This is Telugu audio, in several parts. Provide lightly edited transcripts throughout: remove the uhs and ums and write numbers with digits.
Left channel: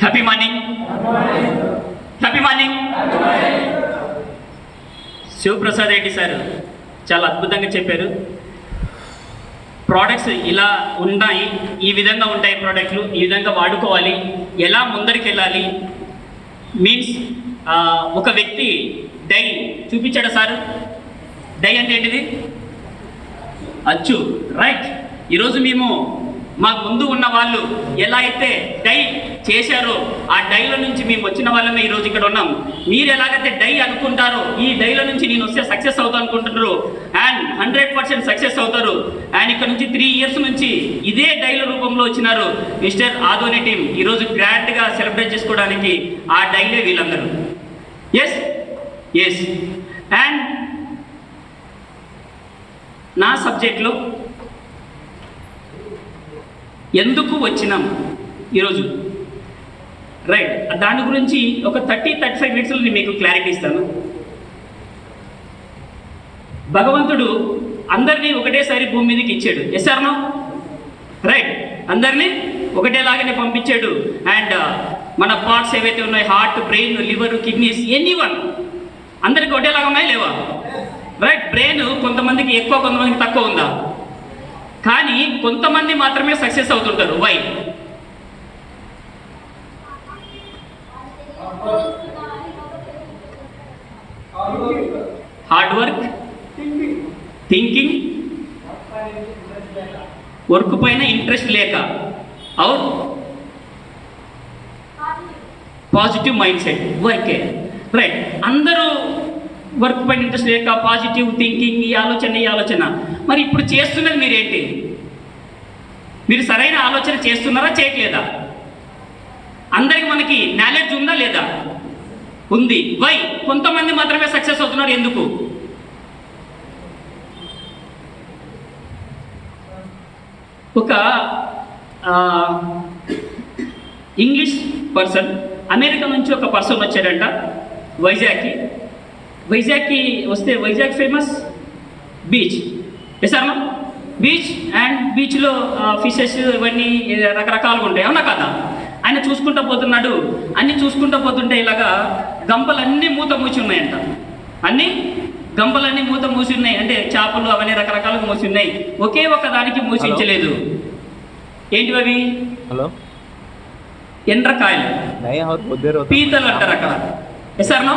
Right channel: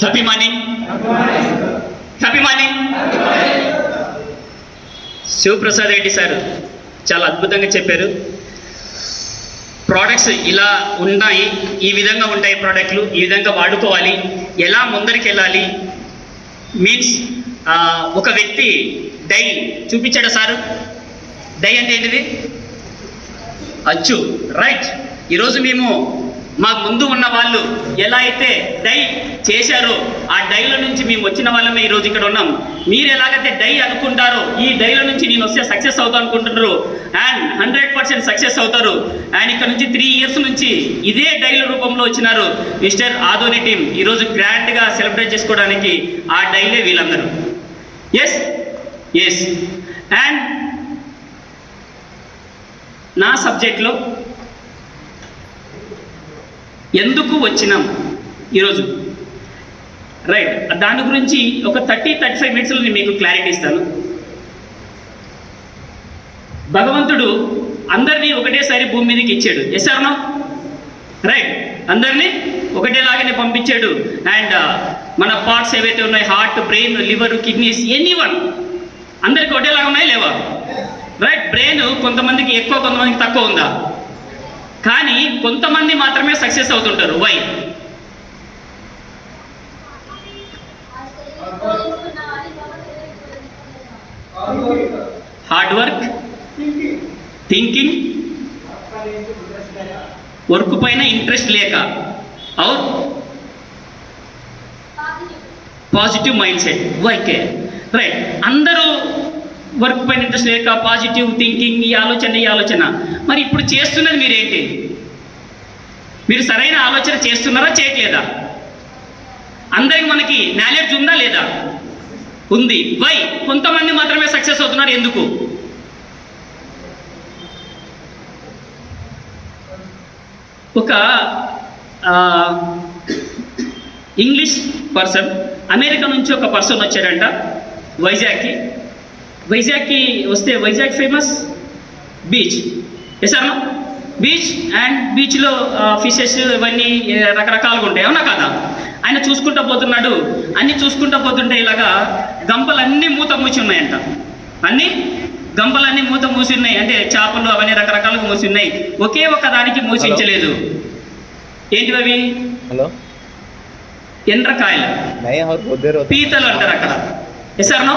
Happy morning. Happy morning. Shivaprasad Reddy sir చాలా అద్భుతంగా చెప్పారు. ప్రోడక్ట్స్ ఇలా ఉన్నాయి, ఈ విధంగా ఉంటాయి ప్రోడక్ట్లు, ఈ విధంగా వాడుకోవాలి, ఎలా ముందరికి వెళ్ళాలి. మీన్స్ ఒక వ్యక్తి డై చూపించాడు సారు. డై అంటే ఏంటిది? అచ్చు. రైట్. ఈరోజు మేము మాకు ముందు ఉన్న వాళ్ళు ఎలా అయితే డై చేశారో ఆ డైల నుంచి మేము వచ్చిన వాళ్ళమే ఈరోజు ఇక్కడ ఉన్నాం. మీరు ఎలాగైతే డై అనుకుంటారో ఈ డైల నుంచి నేను వస్తే సక్సెస్ అవుతా అనుకుంటున్నారు అండ్ 100% సక్సెస్ అవుతారు. అండ్ ఇక్కడ నుంచి 3 years నుంచి ఇదే డైల రూపంలో వచ్చినారు మిస్టర్ ఆదోని టీం. ఈరోజు గ్రాండ్గా సెలబ్రేట్ చేసుకోవడానికి ఆ డైలే వీళ్ళందరూ. Yes yes. అండ్ నా సబ్జెక్ట్లో ఎందుకు వచ్చినాం ఈరోజు, రైట్, దాని గురించి ఒక 30-35 minutesలో నేను మీకు క్లారిటీ ఇస్తాను. భగవంతుడు అందరినీ ఒకటేసారి భూమి మీదకి ఇచ్చాడు. Yes or no? రైట్. అందరినీ ఒకటేలాగానే పంపించాడు. అండ్ మన పార్ట్స్ ఏవైతే ఉన్నాయో, heart, brain, liver, kidneys, anyone అందరికి ఒకటేలాగా ఉన్నాయి లేవా? రైట్. బ్రెయిన్ కొంతమందికి ఎక్కువ, కొంతమందికి తక్కువ ఉందా? కానీ కొంతమంది మాత్రమే సక్సెస్ అవుతుంటారు. Why? Hard work, thinking, work పైన ఇంట్రెస్ట్ లేక, और పాజిటివ్ మైండ్ సెట్. వైకే. రైట్. అందరూ వర్క్ పైన ఇంట్రెస్ట్ లేక, పాజిటివ్ థింకింగ్, ఈ ఆలోచన. మరి ఇప్పుడు చేస్తున్నది మీరేంటి? మీరు సరైన ఆలోచన చేస్తున్నారా, చేయట్లేదా? అందరికి మనకి నాలెడ్జ్ ఉందా లేదా? ఉంది. వై? కొంతమంది మాత్రమే సక్సెస్ అవుతున్నారు. ఎందుకు? ఒక ఇంగ్లీష్ పర్సన్, అమెరికా నుంచి ఒక పర్సన్ వచ్చారంట వైజాగ్కి వస్తే, వైజాగ్ ఫేమస్ బీచ్. ఎసారా? బీచ్. అండ్ బీచ్లో ఫిషెస్ ఇవన్నీ రకరకాలుగా ఉంటాయి, అవునా కదా? ఆయన చూసుకుంటూ పోతున్నాడు. అన్నీ చూసుకుంటూ పోతుంటే ఇలాగా గంపలన్నీ మూత మూసి ఉన్నాయంట. గంపలన్నీ మూత మూసి ఉన్నాయి. అంటే చేపలు అవన్నీ రకరకాలుగా మూసి ఉన్నాయి. ఒకే ఒక్క దానికి మూసించలేదు. ఏంటివి అవి? హలో, ఎండ్రకాయలు, పీతలు అంటారు అక్కడ. ఎసారా?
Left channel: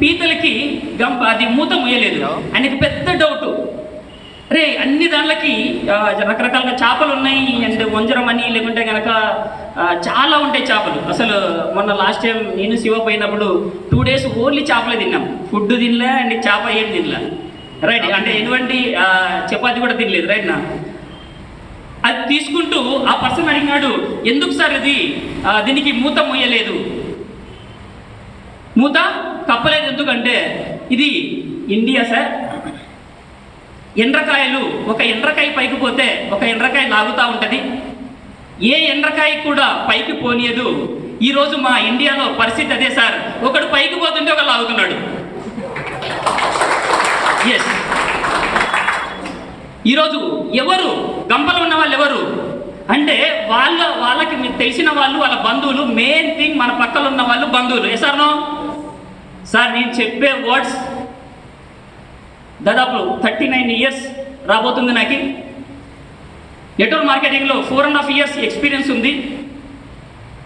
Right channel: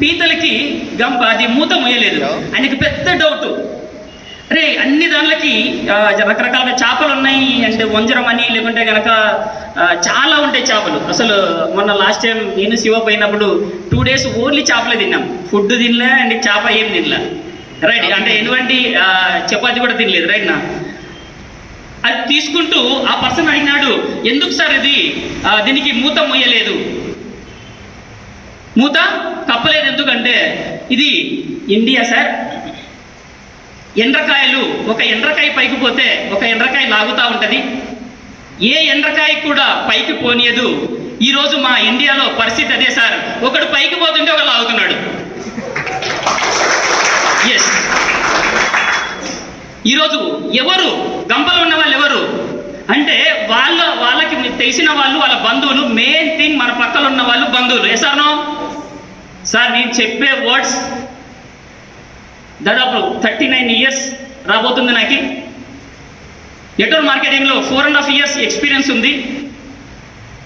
పీతలకి గంప అది మూత మూయలేదు. ఆయనకి పెద్ద డౌట్, అరే అన్ని దానిలకి రకరకాల చేపలు ఉన్నాయి, అంటే వంజరం అని, లేకుంటే కనుక చాలా ఉంటాయి చేపలు. అసలు మొన్న లాస్ట్ టైం నేను శివ పోయినప్పుడు 2 days ఓన్లీ చేపలే తిన్నాం. ఫుడ్ తినలే అండ్ చేప ఏం తినలే. రైట్. అంటే ఎటువంటి చపాతి కూడా తినలేదు. రైట్ నా? అది తీసుకుంటూ ఆ పర్సన్ అడిగినాడు, ఎందుకు సార్ ఇది దీనికి మూత మొయ్యలేదు, మూత కప్పలేదు ఎందుకంటే, ఇది ఇండియా సార్. ఎండ్రకాయలు, ఒక ఎండ్రకాయ పైకి పోతే ఒక ఎండ్రకాయ లాగుతూ ఉంటుంది. ఏ ఎండ్రకాయ కూడా పైకి పోనీయదు. ఈరోజు మా ఇండియాలో పరిస్థితి అదే సార్. ఒకడు పైకి పోతుంటే ఒకడు లాగుతున్నాడు. ఎస్. ఈరోజు ఎవరు గంపలు ఉన్న వాళ్ళు ఎవరు అంటే వాళ్ళకి తెలిసిన వాళ్ళు, వాళ్ళ బంధువులు. మెయిన్ థింగ్ మన పక్కన ఉన్న వాళ్ళు బంధువులు. Yes or no? సార్ నేను చెప్పే వర్డ్స్ దాదాపు 39 years రాబోతుంది నాకు. నెట్వర్క్ మార్కెటింగ్లో 4.5 years ఎక్స్పీరియన్స్ ఉంది.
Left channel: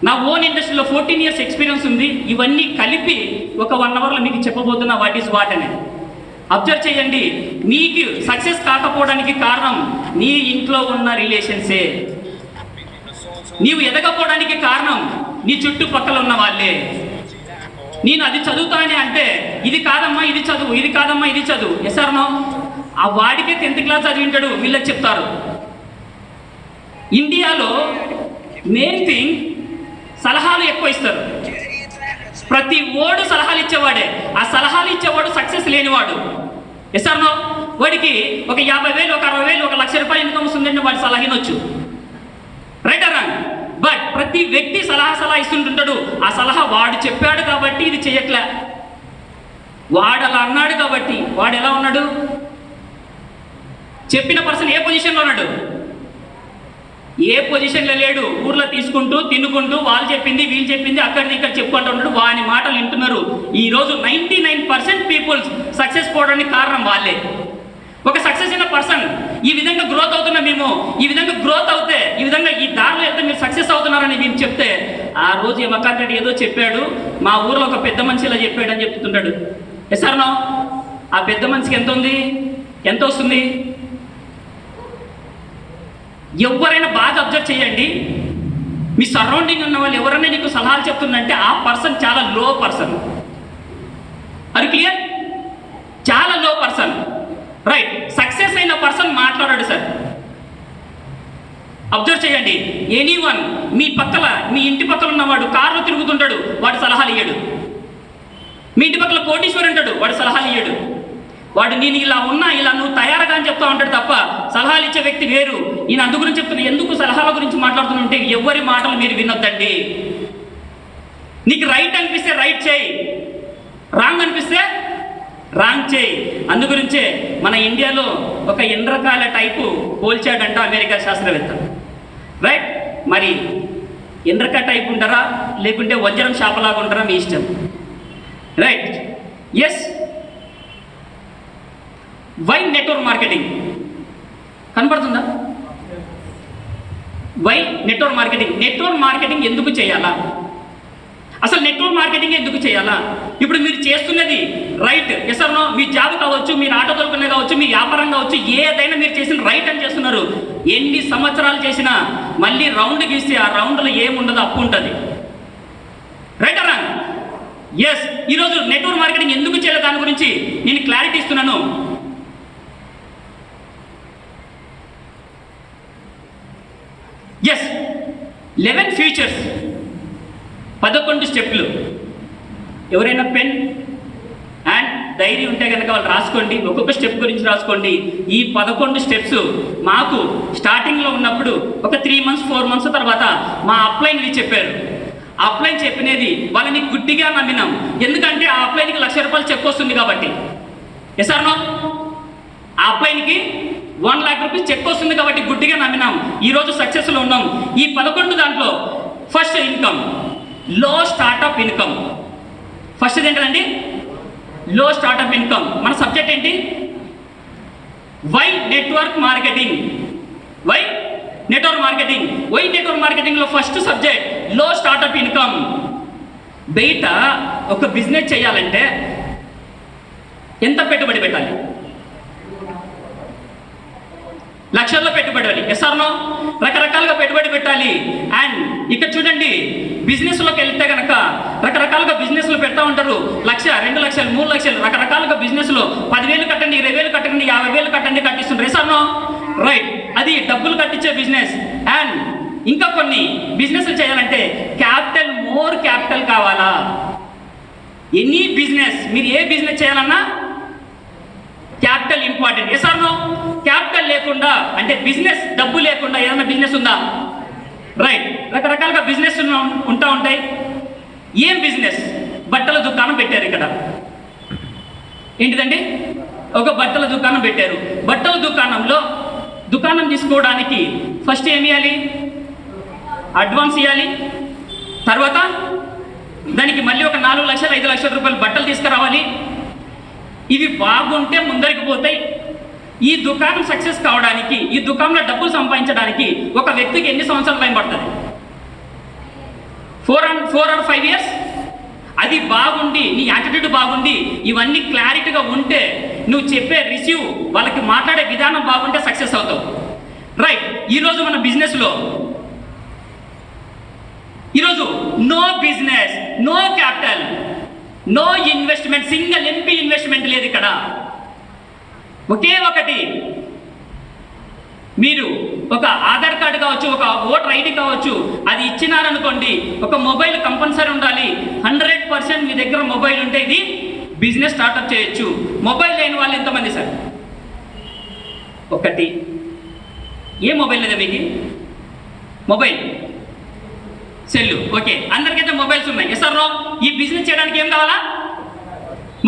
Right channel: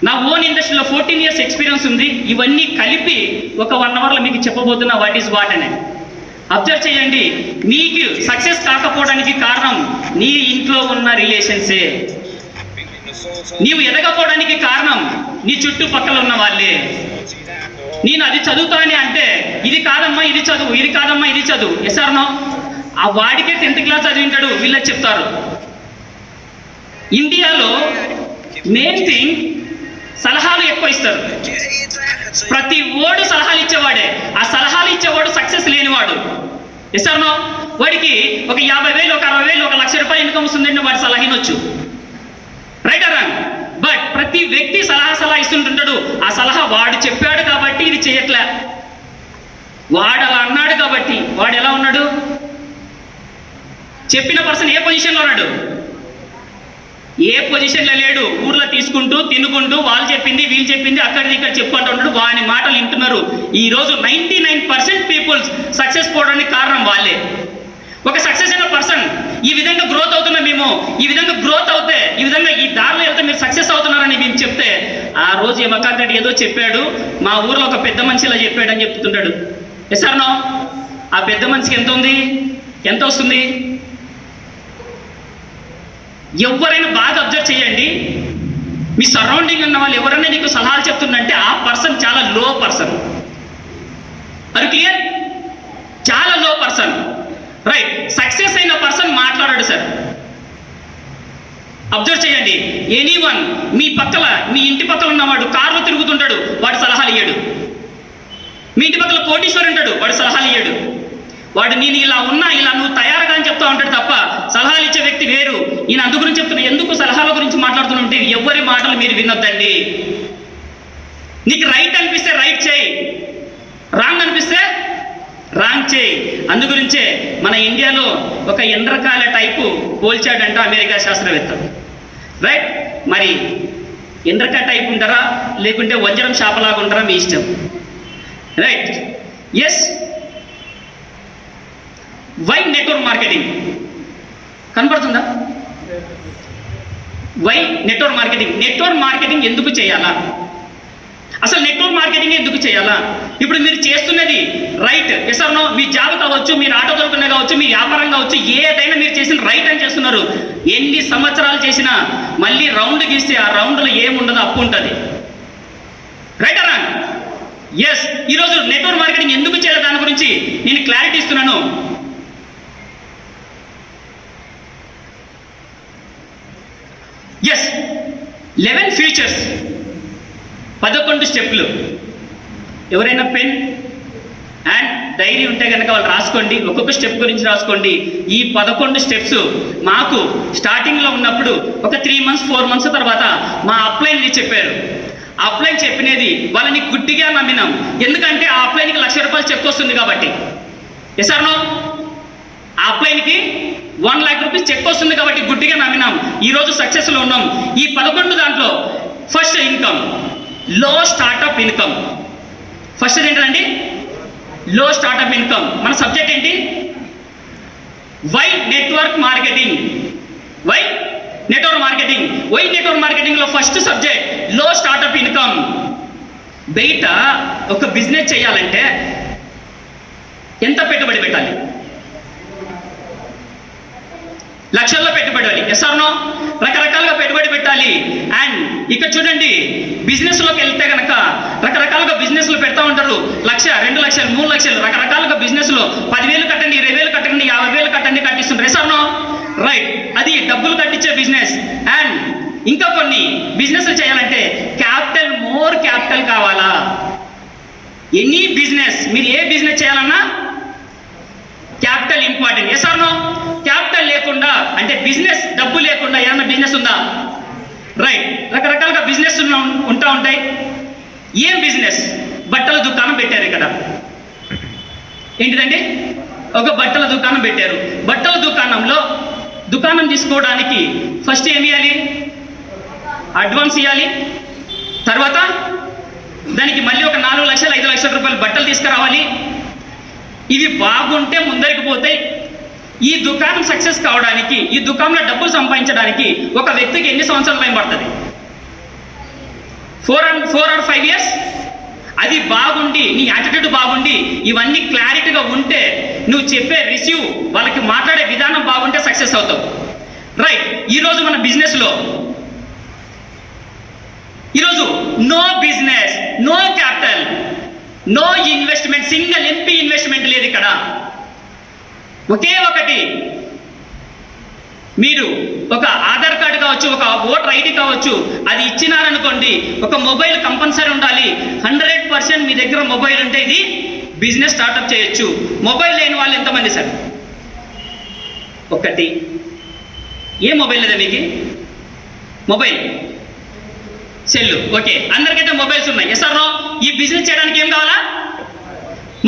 నా ఓన్ ఇండస్ట్రీలో 14 years ఎక్స్పీరియన్స్ ఉంది. ఇవన్నీ కలిపి ఒక 1 hourలో మీకు చెప్పబోతున్నా వాట్ ఈజ్ వాట్ అని. అబ్జర్వ్ చేయండి. నీకు సక్సెస్ కాకపోవడానికి కారణం నీ ఇంట్లో ఉన్న రిలేషన్సే. నీవు ఎదగపోవడానికి కారణం నీ చుట్టుపక్కల ఉన్న వాళ్ళే. నేను అది చదువుతానే అంటే ఇది కాదమ్మా ఇది చదువు, ఇది కాదమ్మా ఇది చదువు. Yes or no? ఆ వాడికే 10th class చదివింటాడు, వీళ్ళకి చెప్తారు. ఇండియాలో మెయిన్ థింగ్ సలహా సలహాలు ఎక్కువ ఇస్తారు. ప్రతి ఓడు సలహాలు ఇచ్చేవాడే. ఆ సలహాలు ఇచ్చేవాడు సక్సెస్ లేనివాడు. ఎస్ఆర్నో వాడికి ఒక 50,000, ఒక 60,000, ఒక ₹1,00,000 ఇన్కమ్ వస్తుందంటే వాడి సలహా ఇనొచ్చు. Right or wrong? బట్ ప్రతి వ్యక్తి సలహా ఇస్తుంటుంటాడు. ఆ సలహా వాడు చెప్పాడు కాబట్టి ఇది చేయట్లే, వాడు అలా అన్నాడు కాబట్టి. వాడు ఎలా ఉన్నాడు? చెప్పిన పర్సన్ ఏ పొజిషన్లో ఉన్నాడు? ఏ పొజిషన్లో లేడు. ఊర్లో తీసుకుంటూ తినుకుంటూ వాళ్ళు చెప్పింది వీళ్ళు చెప్పింది అక్కడిది ఇక్కడ చెప్పుకుంటూ ఉంటాడు. వాని మాటలు వింటున్నారు. ఈరోజు 99% పీపుల్స్ సక్సెస్ పోవడానికి కారణం వాళ్ళే. ఒక సక్సెస్ అయిన పర్సన్ ఈ విధంగా గ్రోత్ అవుతున్నాం మేము, ఈ విధంగా గ్రోత్ అవుతే, ఈ విధంగా ఈ దారిలో వెళ్తే మీరు సక్సెస్ అవుతున్నారని మేము చెప్తే, ఆ రోజు ఏమకాంత్ రెడ్డి ఏదో చెప్పాడు, మా ఊర్లో ఒక పెద్ద మనిషి ఇలా చెప్పాడు అని చెప్తుంటాడు. ఎస్ఆర్నో? ఆ పెద్ద మనిషికి ఎంత ఉంది? ఎంత వస్తుంది? ఎవరైనా బాగా అబ్జర్వ్ చేయండి, మీ సరౌండింగ్ ఉన్న వాళ్ళు ఎవరైనా నీకు సలహాలు చెప్తుందంటే ఆ పర్సన్ చాలా లో పర్సన్. అది క్లియర్? చాలా లో పర్సన్. రైట్. సక్సెస్ అయిన పర్సన్ మాట్లాడాడు సార్. అబ్జర్వ్ చేయండి. ఎనీవన్ మీ పక్కల, మీ ఇంటి పక్కల ఉన్నవాడు కారులో తిరుగుతుంటాడు, వాడు సలహాలు ఇయ్యాడు. మీ ఇంటి పక్కల కోటీశ్వరు ఉంటాడు, వాడు సలహాలు ఇయ్యాడు. వాడు నేను ఇలా ఉన్నా, ఇలా నువ్వు తయారుగా అని చెప్తా ఉంటాడు తప్ప సలహాలు ఇచ్చే వ్యక్తి వేరు. ఈయన అందు గురించి చెప్తున్నా. ఎందుకు సలహాల గురించి మాట్లాడుతుంటే ఎవరి మాటలు మీరు వినొద్దండి. నీకు రైట్ అనిపిస్తే రైట్ చేయి, రాంగ్ అనిపిస్తే రాంగ్ చేయి. అందు గురించే మన ఇండియాలో ఒక ఎండ్రకాయల టైపు పోల్చాడంట అమెరికా శాస్త్రవేత్త. రైట్. మరి ఎండ్రకాయ టైప్ ఉంటారా లేకుంటే వజ్రం షాపలాగా ఉంటారా మీ ఇష్టం. Right. Yes. Why network marketing కనపడుతుందా? Why network marketing? Network marketing ఎందుకు చేయాలా? అసలు నెట్వర్క్ మార్కెటింగ్ ఎందుకు చేయాలా? ఇప్పుడు మీరు చేస్తున్నది రైట్. Yes or no? మీ జాబ్ కావచ్చు, మీరు ఆటో దొరుకునే కావచ్చు, మీ వ్యాపారం కావచ్చు, ఏదైనా మీరు చేసిన రైట్ అని చేస్తున్నారు. ఎన్ని సంవత్సరాలు చేసినా మళ్ళీ రౌండ్ గీస్తే ఆ రౌండ్లో ఏముండదు, అప్పు ఉంటుంది. Right or wrong? ఎస్. ఈరోజు నెట్వర్క్ మార్కెటింగ్ ఎందుకు చేయాలి దాని గురించి నేను క్లారిటీ ఇస్తున్నాను. ఎస్. 11 ఫీచర్స్, 11 స్టెప్లు. ఎవరైనా పెన్ అండ్ డైరీ ఉంటే కనుక వాళ్ళు రాసుకోండి. ఒక్కొక్క స్టెప్ గురించి రాసుకోండి. ఈ 11 స్టెప్స్ మాకు స్టార్టింగ్లో ఉన్నప్పుడు ఒక 3 months 4 months తర్వాత మా అప్లైన్ది చెప్పారు. అప్లైన్ చెప్పినది వాళ్ళని గుడ్డిగా నమ్మినాం. ఎందుకంటే ఆ అప్లైన్కి ₹1,00,000 చెక్ వస్తుంది కాబట్టి. Yes or no? ఆ అప్లైన్కి ₹1,00,000 చెక్ వస్తుంది కాబట్టి గుడ్డిగా నమ్మినాం. ఈరోజు సక్సెస్లో ఉన్నాం. ఈ 11 దాంట్లో first income, low startup income. First ఏంటండి? Low startup income. మన సబ్జెక్ట్ ఏంటి? Why network marketing. Why network marketing. Why network మార్కెటింగ్లో first subject low startup income. బయట ఒక బిజినెస్ చేయాలంటే ఎంత పెట్టుబడి పెట్టాలి? లక్షల్లో పెట్టుబడి. Yes or no? రకరకాలుగా పెట్టుబడి పెట్టాలి. అండ్ ఇక్కడ చూడండి, బిజినెస్లోకి వెళ్తే కనుక రకరకాలుగా బిజినెస్లు పెడతా ఉంటారు. 1,00,000, 2,00,000, 3,00,000 రకరకాలుగా బిజినెస్లో 10,000 కట్టండి, 20,000 కట్టండి, 50,000 కట్టండి కట్టిస్తుంటారు. Yes or no? రైట్. అది డబ్బులు కట్టించే బిజినెస్. అండ్ ఇంకా కొన్ని బిజినెస్లు చేయాలంటే క్యాపిటల్, మోర్ క్యాపిటల్ కావాలా? ఎనీ బిజినెస్, మీరు ఏ బిజినెస్ చేయాలన్నా capital important. Yes or no? Capital లేకుండా అంటే బిజినెస్ డబ్బు లేకుండా ఏదైనా బిజినెస్ ఉందా? రైట్. రకరకాలుగా బిజినెస్ ఉంటా ఉంటాయి. ఏం బిజినెస్? బట్టల దుకాణం పెట్టారు. ఇక్కడ ఏంటిదండి? ఒక బట్టల దుకాణం పెట్టారు. బట్టల దుకాణంలో దుకాణం తీసుకోవడానికి ఫస్ట్ ఏమి ఇవ్వాలి? అడ్వాన్స్ ఇవ్వాలి. తర్వాత దానికి మళ్ళీ ఒక 4,00,000, 5,00,000 రూపాయలు బట్టలు తీసుకురావాలి. ఇవి బాగుంటే ముందరికి పోతాయి. ఈ దుకాణం సక్సెస్ కావడానికి, ఈ దుకాణంలో డబ్బులు సంపాదించడానికి ఒక వ్యక్తికి ఎన్ని సంవత్సరాల టైం పడుతుంది? 4 or 5 years. అది బాగుండి, నీ యాటిట్యూడ్ బాగుండి, ఇవన్నీ క్లారిటీగా ఉంటే, నువ్వు చెప్పే రిసీవ్, వాళ్ళకి మాట్లాడే విధానం బాగుంటే సక్సెస్ అవుతావు. రైట్. ఈరోజు మన బిజినెస్లో ఈరోజు no business, no capital, no investment, single ఎంపీ ఇన్వెస్ట్మెంట్ లేదు ఇక్కడ. ఒకే ఒకటి, మీరు ఒక ఆధార్ కార్డు కావచ్చు, ఒక ఓటర్ ఐడి కావచ్చు, అది ఇచ్చినారనుకోండి, ఒక మొబైల్ కంపల్సరీ ఉండాలి. 100% మీ దగ్గర మొబైల్ ఉంటే ఇది బిజినెస్ స్టార్ట్అప్ చేయొచ్చు. మొబైల్ లేని వాళ్ళు ఎంతమంది సార్? ఒకటి. ఏ మొబైల్ లేదా మీకు? Mobile cell. ఓకే, అందరికైతే మొబైల్స్ ఉన్నాయి. Yes or no? ఈ బిజినెస్ చేయడానికి ఏం కావాలా?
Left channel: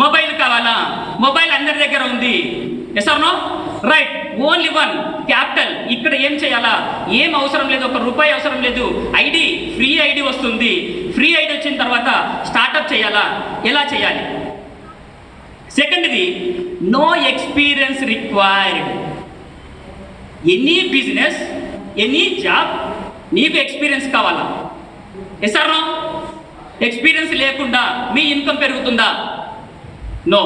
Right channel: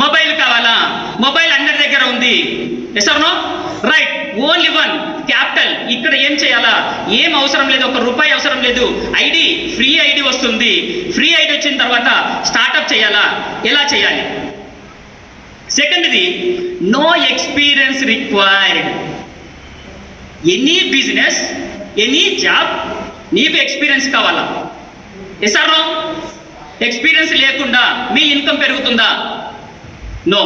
మొబైల్ కావాలా? మొబైల్ అందరి దగ్గర ఉంది. Yes or no? Right. Only one capital. ఇక్కడ ఏం చేయాలా? ఏం అవసరం లేదు, 1 రూపాయి అవసరం లేదు. ఐడి, ఫ్రీ ఐడి వస్తుంది. ఫ్రీ ఐడి వచ్చిన తర్వాత స్టార్ట్అప్ చేయాలా? ఎలా చేయాలి? సెకండ్ది, no experience required. Any business, any job, నీకు ఎక్స్పీరియన్స్ కావాలా? Yes or no? ఎక్స్పీరియన్స్ లేకుండా మీ ఇన్కమ్ పెరుగుతుందా? నో.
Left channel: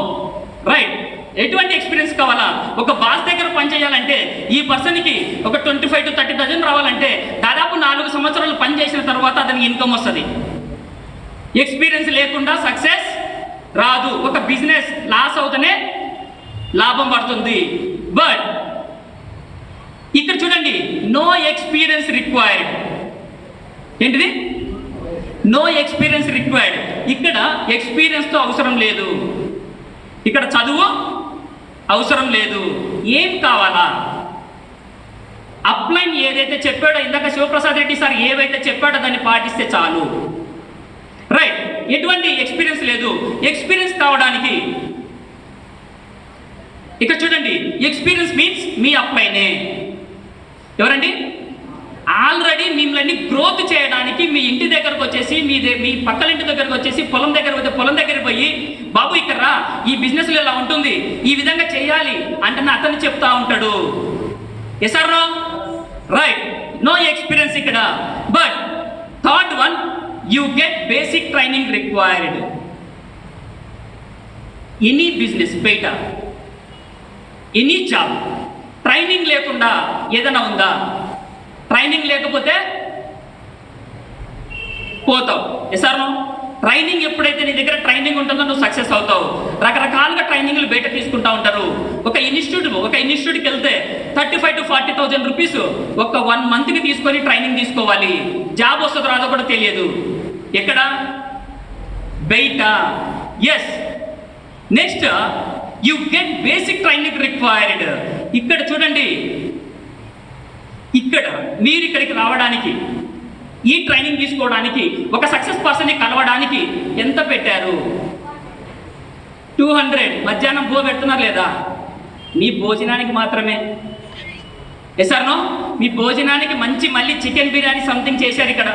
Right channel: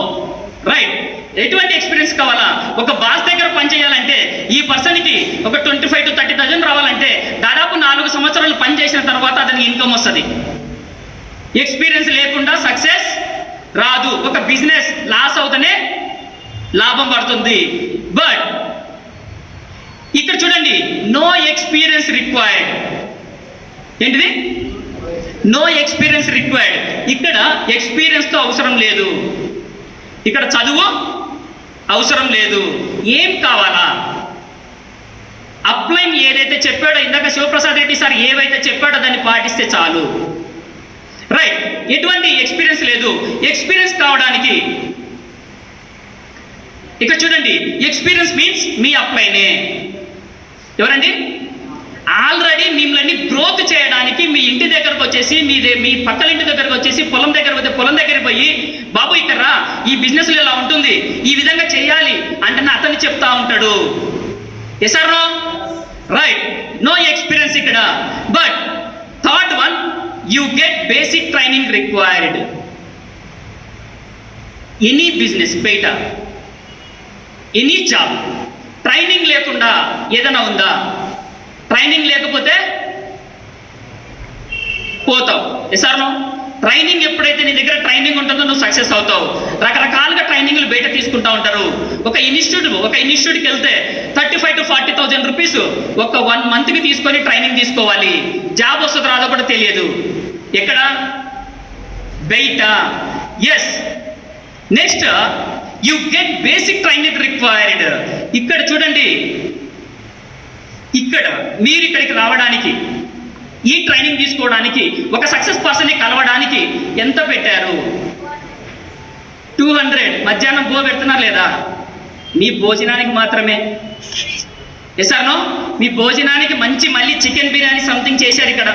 రైట్. ఎటువంటి ఎక్స్పీరియన్స్ కావాలా? ఒక బాస్ దగ్గర పనిచేయాలంటే ఈ పర్సన్కి ఒక 25,000 to 30,000 రావాలంటే దాదాపు 4 సంవత్సరాలు పనిచేసిన తర్వాత అతనికి ఇన్కమ్ వస్తుంది. ఎక్స్పీరియన్స్ లేకుండా సక్సెస్ రాదు. ఒక బిజినెస్ లాస్ అవుతూనే లాభం పడుతుంది. బట్ ఇక్కడ చూడండి, నో ఎక్స్పీరియన్స్ రిక్వైర్డ్. ఏంటిది? No experience required. ఇక్కడ ఎక్స్పీరియన్స్తో అవసరం లేదు. ఇక్కడ చదువు అవసరం లేదు. ఏం కావాలా? అప్లైన్ ఏదైతే చెప్పాడో ఇందాక శివప్రసాద్ రెడ్డి సార్ ఏవైతే చెప్పాడో దాన్ని పాటిస్తే చాలు. రైట్. ఎటువంటి ఎక్స్పీరియన్స్ లేదు. ఎక్స్పీరియన్స్ కావడానికి ఇక్కడ చూడండి, ఎక్స్పీరియన్స్ మీన్స్ మీ అప్లైనే. ఎవరండి? ఆల్రెడీ మిమ్మల్ని గ్రోత్ చేయడానికి మీ ఇంటి దగ్గరకు వచ్చేసి, మీ పక్కల ఇంటి దగ్గరకు వచ్చేసి, పొలం దగ్గర పోతే పొలం దగ్గరికి పోయి, బాబు ఇక్కడ రా, ఈ బిజినెస్లో ఇలా ఉంటుంది, ఈ విధంగా చేయాలి అంటే అతన్ని చెప్తా ఉంటాడు. Yes or no? Right. No experience ఇక్కడ. But third one, you get basic training required. Any business బయట, ఎనీ జాబ్, ట్రైనింగ్ లేకుండా ఏదైనా ఉందా? ట్రైనింగ్ లేకపోతే పోతావు. Yes or no? ట్రైనింగ్ ఎప్పుడైతే నీ దగ్గర ట్రైనింగ్ ఉంటుందో నువ్వు సక్సెస్ అవుతావు. రకరకాలుగా ట్రైనింగ్లు బయట తీసుకుంటూ ఉంటారు. ఒక ఇన్స్టిట్యూట్కి వెళ్తే 35,000 to 40,000 రూపీస్ ఒక 1 monthకి తీసుకొని ట్రైనింగ్ తీసుకోవాలి. జాబ్ వస్తుందో రాదో కూడా తెలియదు. ఎక్కడ? బయట. Yes. Next, you get basic training required. ఇక్కడ చూడండి, ఇక్కడ మీరు ఇక్కడికి రావడానికి, ఈ ట్రైనింగ్ తీసుకోవడానికి, ఒక సక్సెస్ పర్సన్ని కలవడానికి ఎంత పెట్టారు? 200. మధ్యాహ్నం పెడుతున్నారు లేదా? మీ భోజనానికి మాత్రమే. Yes or no? మీ భోజనానికి మంచి మళ్ళీ చికెన్ బిర్యానీ సంథింగ్ చేశారు ఇక్కడ.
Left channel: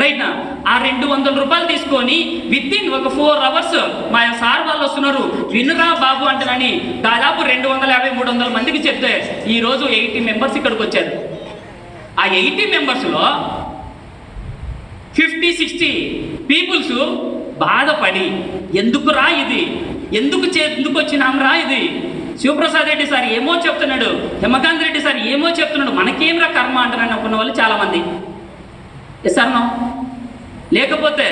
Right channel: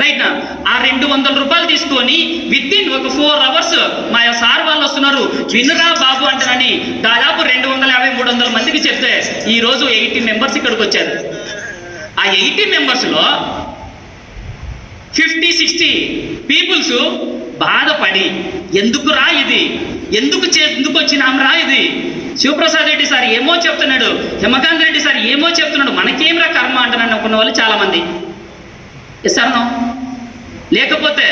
రైట్ నా? ఆ 200 రూపాయలు తీసుకొని వితిన్ ఒక 4 hours మా సార్ వాళ్ళు వస్తున్నారు, వినురా బాబు అంటారని దాదాపు 250-300 మందికి చెప్తే ఈరోజు 80 మెంబర్స్ ఇక్కడికి వచ్చారు. ఆ 80 మెంబర్స్లో 50-60 పీపుల్స్ బాధపడి, ఎందుకు రా ఇది, ఎందుకు వచ్చినాం రా ఇది, శివప్రసాద్ రెడ్డి సార్ ఏమో చెప్తున్నాడు, హేమకాంత్ రెడ్డి సార్ ఏమో చెప్తున్నాడు, మనకేంరా కర్మ అంటారని అనుకున్న వాళ్ళు చాలామంది. Yes or no? లేకపోతే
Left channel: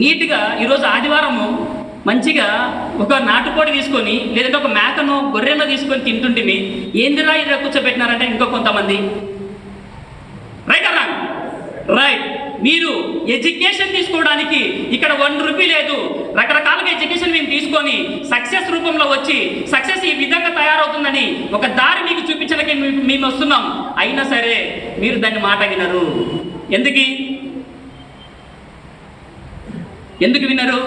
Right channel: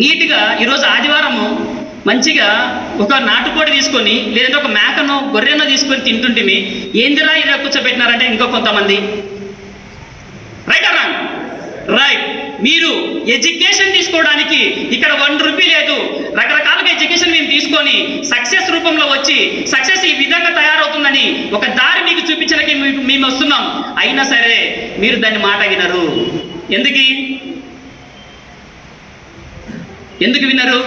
నీట్గా ఈరోజు ఆదివారము మంచిగా ఒక నాటుకోడి తీసుకొని, లేదంటే ఒక మేకనో గొర్రెనో తీసుకొని తింటుంటిమి, ఏందిరా ఇలా కూర్చోబెట్టినారంటే ఇంకో కొంతమంది. Right or wrong? రైట్. మీరు ఎడ్యుకేషన్ తీసుకోవడానికి ఇక్కడ 1 రూపీ లేదు. రకరకాలుగా ఎడ్యుకేషన్ మేము తీసుకొని సక్సెస్ రూపంలో వచ్చి సక్సెస్ ఈ విధంగా తయారవుతుందని ఒక దారి మీకు చూపించడానికి మేము వస్తున్నాం. అయినా సరే మీరు దాన్ని మాట వినరు. ఎందుకు వినరు?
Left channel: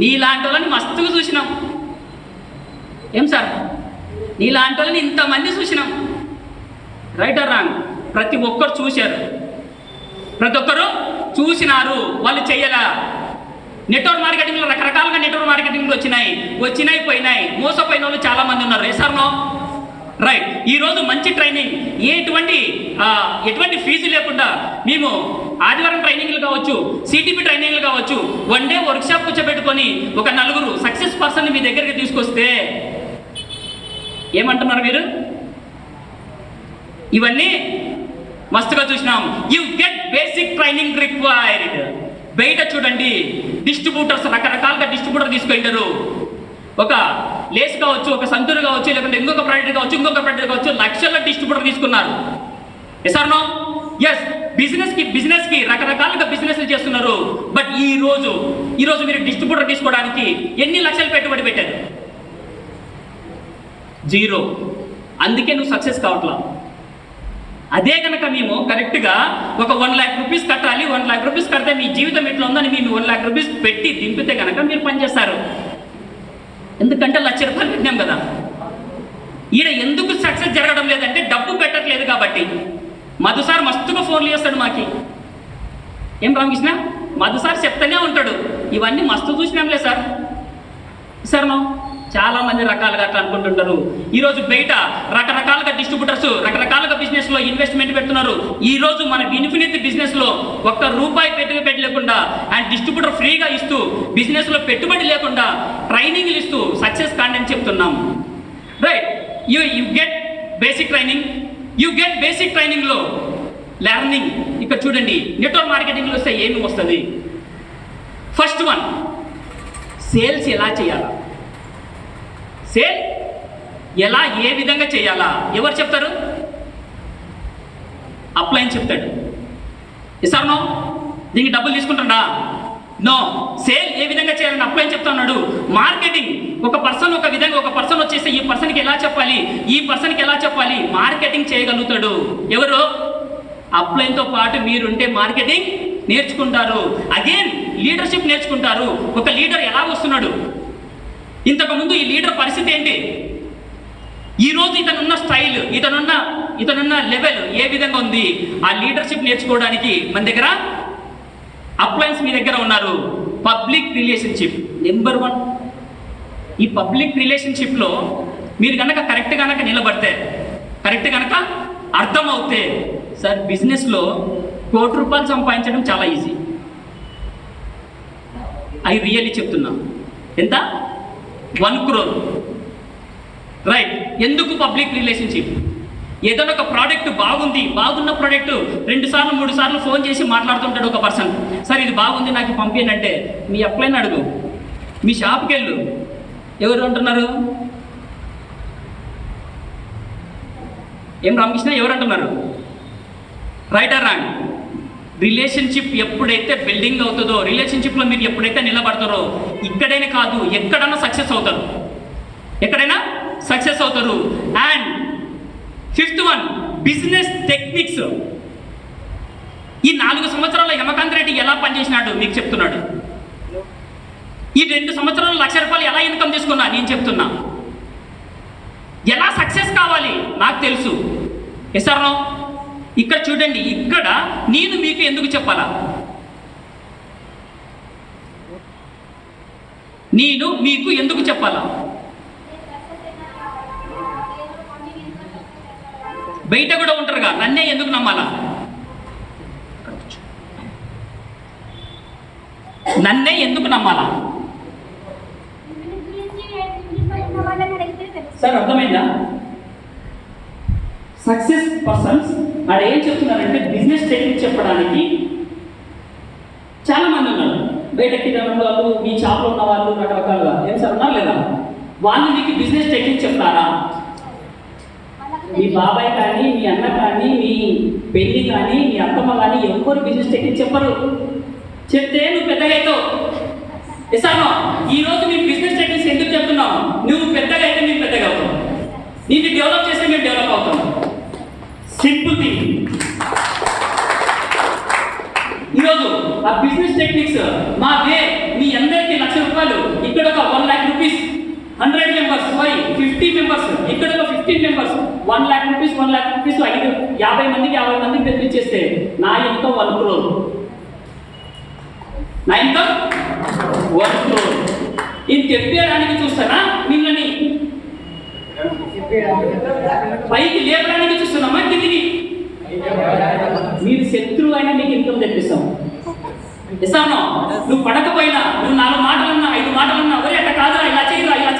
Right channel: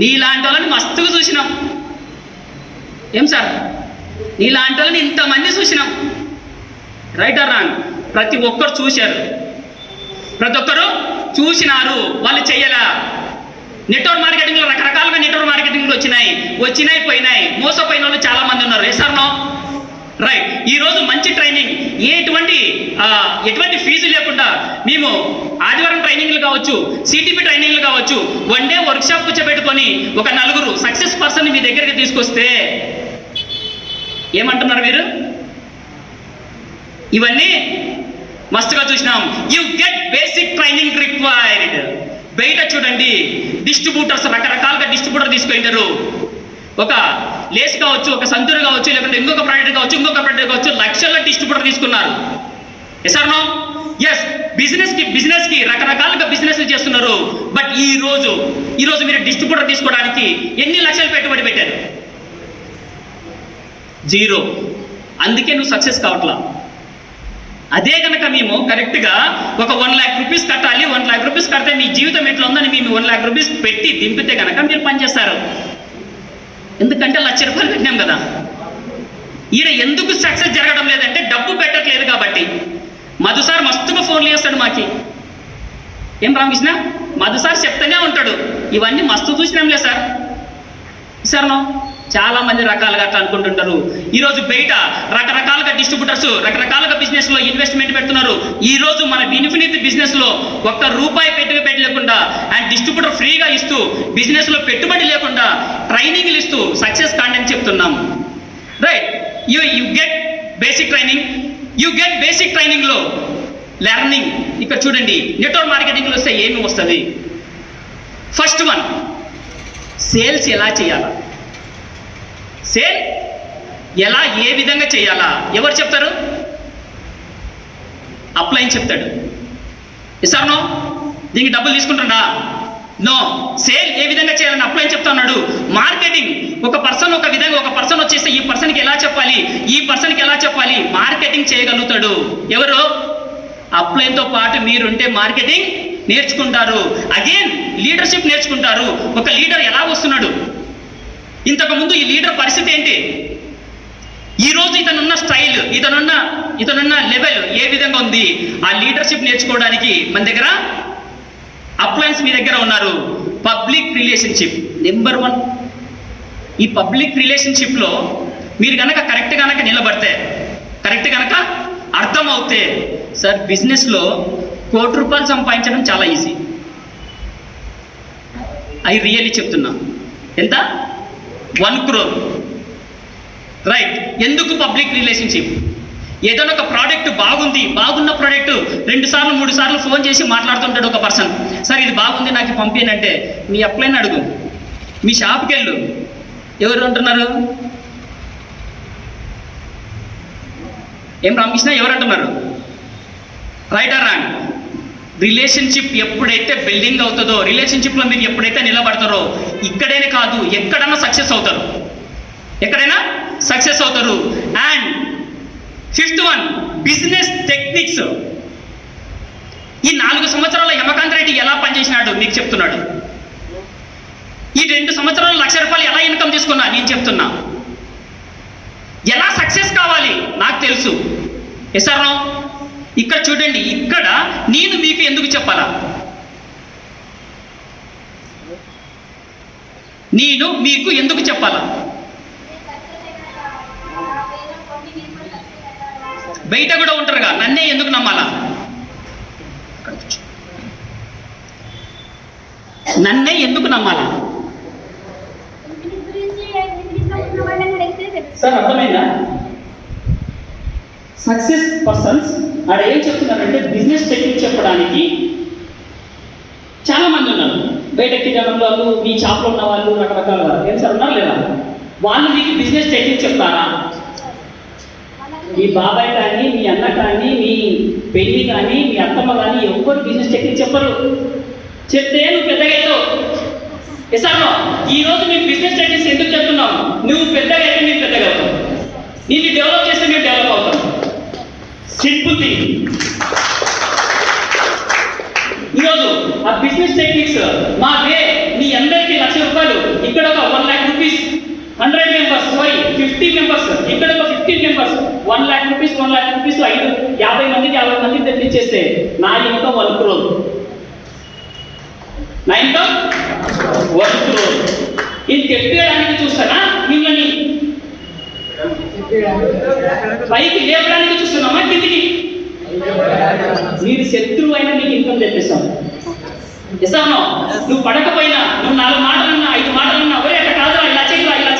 నీలాంటి వాళ్ళని మస్తుగా చూసినాం. ఏం సార్? నీలాంటి వాళ్ళని ఇంతమంది చూసినాం. Right or wrong? ప్రతి ఒక్కరు చూశారు, ప్రతి ఒక్కరు చూసినారు, వాళ్ళు చెయ్యలా. నెట్వర్క్ మార్కెటింగ్లో రకరకాలుగా నెట్వర్క్ మార్కెటింగ్లు వచ్చినాయి పోయినాయి, మోసపోయిన వాళ్ళు చాలామంది ఉన్నారు. Yes or no? రైట్. ఈరోజు మంచి ట్రైనింగ్, ఎటువంటి ఫీజు లేకుండా మేము ఆదివారం ట్రైనింగ్లు కావచ్చు, సిటిపి ట్రైనింగ్లు కావచ్చు, 1 day వర్క్షాప్ కూర్చోబెట్టుకొని ఒక 4 సక్సెస్ పర్సన్ని మీ దగ్గరికి తీసుకొస్తే ఏమంటున్నారు మీరు? ఇవన్నీ మస్తుగా చూసినాం. You get basic training required. బయట చూడండి, డిస్ట్రిబ్యూటర్స్ రకరకాలుగా డిస్ట్రిబ్యూటర్ తీసుకుంటారు. ఒక లేస్ కావచ్చు, ఒక సంతూరు కావచ్చు, లేకుంటే ఇంకొక ప్రోడక్ట్ కావచ్చు, లక్షల డిస్ట్రిబ్యూటర్ తీసుకున్నారు. Yes or no? ఎస్. బిజినెస్కి రకరకాలుగా బిజినెస్లు చేస్తున్నారు. బట్ ఈ రోజు మీరు డిస్ట్రిబ్యూటర్ తీసుకోవడానికి ఎన్ని లక్షలు పెట్టుబడి పెట్టారు? 0. అందుకే నువ్వు సక్సెస్ కావట్లా. అదే కనుక మేము కరెక్ట్గా ఒక 1 lakh రూపీస్ కట్టాలి, 1 lakh రూపీస్ కడితే మీ జీవితం ఎట్లా ఉందని మేము 1 lakh రూపీస్ పెట్టి దింపితే కనుక మీరు పనిచేస్తారు. ఎందుకంటే 1,00,000 రూపాయలు పెట్టినాం కదా. ఈడ ఎందుకు సక్సెస్ జరగడం లేదంటే డబ్బు పెట్టట్లేదు కాబట్టి. మధు సార్ మస్తుగా ఫోన్లు చేస్తాడు మాకి. ఏం రామకృష్ణ, మధు సార్ చెప్తూనే ఉంటాడు, ఇవన్నీ మస్తు చూసినాంలే సార్. సార్ నో చాలా మంది రకాలుగా అట్లా అనుకుంటుంటారు. ఈరోజు బయట రకరకాలుగా డిస్ట్రిబ్యూటర్స్ రకరకాలుగా బిజినెస్లో ఇన్వెస్ట్మెంట్ పెడుతున్నారు. ఈరోజు మన ఇన్ఫినిట్ బిజినెస్లో ₹1 పెట్టలేకుండా అండ్ డిస్ట్రిబ్యూటర్ ఫ్రీగా ఇస్తూ బిజినెస్లో పెట్టుబడి లేకుండా ట్రైనింగ్లు ఇస్తూ సక్సెస్ కాండని చెప్తున్నాం. రైట్. యూ గెట్ బేసిక్ ట్రైనింగ్లో లెర్నింగ్. ఇక్కడ చూడండి, నెట్వర్క్ మార్కెటింగ్లో వస్తే ఏమి వస్తుంది? ఫస్ట్ వన్, సేల్స్ ఎలా చేయాలా, ఏ విధంగా చేయాలా ఎవరు చెప్తారు? అప్లైన్ చెప్తాడు. ఇస్తాను నో? దీనికి డబ్బులు తీసుకుంటున్నా? నో. సేల్ ఏ విధంగా చేయాలని అప్లైన్ చెప్తా ఉన్నాడు. మార్కెటింగ్ ఒక పర్సన్ వచ్చేస్తే ఈ పర్సన్కి ఎలా చెప్పాలి, మార్కెటింగ్ చేయగలుగుతాడు. ఎవరు? అప్లైన్తో పాటు మీరుంటే మార్కెటింగ్ నేర్చుకుంటారు. అగైన్ లీడర్షిప్ నేర్చుకుంటారు. ఒక లీడర్ ఎలా వస్తున్నాడు, ఇంతకుముందు ఈ లీడర్ పరిస్థితి ఏంటి, ఈరోజు ఇతనున్న స్టైల్, ఇతనున్న లెవెల్ ఏ విధంగా ఉంది, ఆ లీడర్షిప్ నేర్చుకోవడానికి మన దగ్గర అప్లయన్స్ మీ దగ్గర ఉన్నారు. Public relationship number 1. ఈ పబ్లిక్ రిలేషన్షిప్లో మీరు కనుక కరెక్ట్ నిలబడితే, కరెక్ట్ కనుక అర్థమవుతే, సార్ బిజినెస్లో ₹1,00,00,000 సంపాదించడం చాలా ఈజీ. ఐ రియల్లీ చెప్తున్నా. ఎంత? 1 crore. రైట్. ఎందుకు పబ్లిక్ రిలేషన్షిప్? ఏదైనా ఒక ప్రోడక్ట్ బాగున్న ప్రోడక్ట్ 2 సార్లు 3 సార్లు ఫోన్ చేసి మాట్లాడుతుంటాడు ఒక పర్సన్. సార్ ఇది బాగుంది, నాకు పంపేనంటే మీ అప్లైన్ అడుగు, మీ షాప్కి వెళ్ళు, ఎవరు అంటున్నారు? ఏం రామకృష్ణ, ఎవరు అంటున్నారు? Right or wrong? రిలేషన్షిప్ ఎప్పుడైతే బిల్డింగ్ అవుతుందో, రిలేషన్షిప్లో మీరు ఎప్పుడైతే నిలబడతారో, ఇక్కడైనా కాదు ఎక్కడైనా సక్సెస్ అవుతారు. And 5th one, business techniques. ఈ 4 సంవత్సరాల హేమకాంత్ రెడ్డి ఎలా పనిచేసినాడు మీకు చెప్తున్నాడు. ఈ 2 సంవత్సరాలు ₹1,00,000 ఎలా ఇన్కమ్ చేసుకున్నా నేను చెప్తున్నా. ఎలా సక్సెస్ కావాలి నాకు తెలుసు. Yes or no? ఇక్కడ చూడండి, ఇక్కడ నేను మీకు ఎందుకు చెప్పాలా, బయట కూడా ఉంటారుగా, నన్నే ఎందుకు నమ్మాలా? సార్ అర్థమైందా? సక్సెస్ పర్సన్స్ అక్కడ ఏం చెప్తున్నారంటే బిజినెస్ టెక్నిక్ చెప్పడానికి చాలా మంది ఉన్నారు. బయట కిరాణం వాళ్ళు, మీ షాప్లో ఉన్న వాళ్ళు రకరకాలుగా ఏం సార్ ఉన్నారు లేదా? వాళ్ళు మీకు బిజినెస్ టెక్నిక్ చెప్తారా? మీ బాబాయ్ కానీ, మీ అన్న కానీ, మీ పెళ్ళి కానీ, మీ అత్తమ్మ కానీ ఎవ్వరు బిజినెస్ టెక్నిక్ చెప్పరు. చెప్తే నువ్వు పెద్దగా అవుతావు. ఎసానో ఈరోజు మీకు బిజినెస్ టెక్నిక్స్ ఎందుకు చెప్తున్నావు? నువ్వు పెద్దగా అయితే నేను పెద్దగా అవుతావు, నీకు డెవలప్ చేస్తే మేము డెవలప్ అవుతాం. Simple thing. ఈరోజు ఆ బిజినెస్ టెక్నిక్స్ మా మీ అందరికీ ₹1,00,000, ఇక్కడ ఒక 1 lakh rupees, 100 members, 50 members, ఇక్కడ ఒక 15 members, 1 lakh rupees 50 మందికి తెప్పించేస్తే నా ఇన్కమ్ 1 crore. నా ఇన్కమ్ 1 crore. ఇది తెప్పేయడానికి చూస్తానా మిమ్మల్ని పైకి లేపడానికి చూస్తున్నామా కిందికి? మీరు శత్రువు అయినా నీకు ఇన్కమ్ తెప్పిస్తాం. ఇస్తాను. నువ్వు పడకపోయినా, నువ్వు 4 మాటలన్నా 5 మాటలన్నా, ఒరే అట్లా కాదురా, ఇలా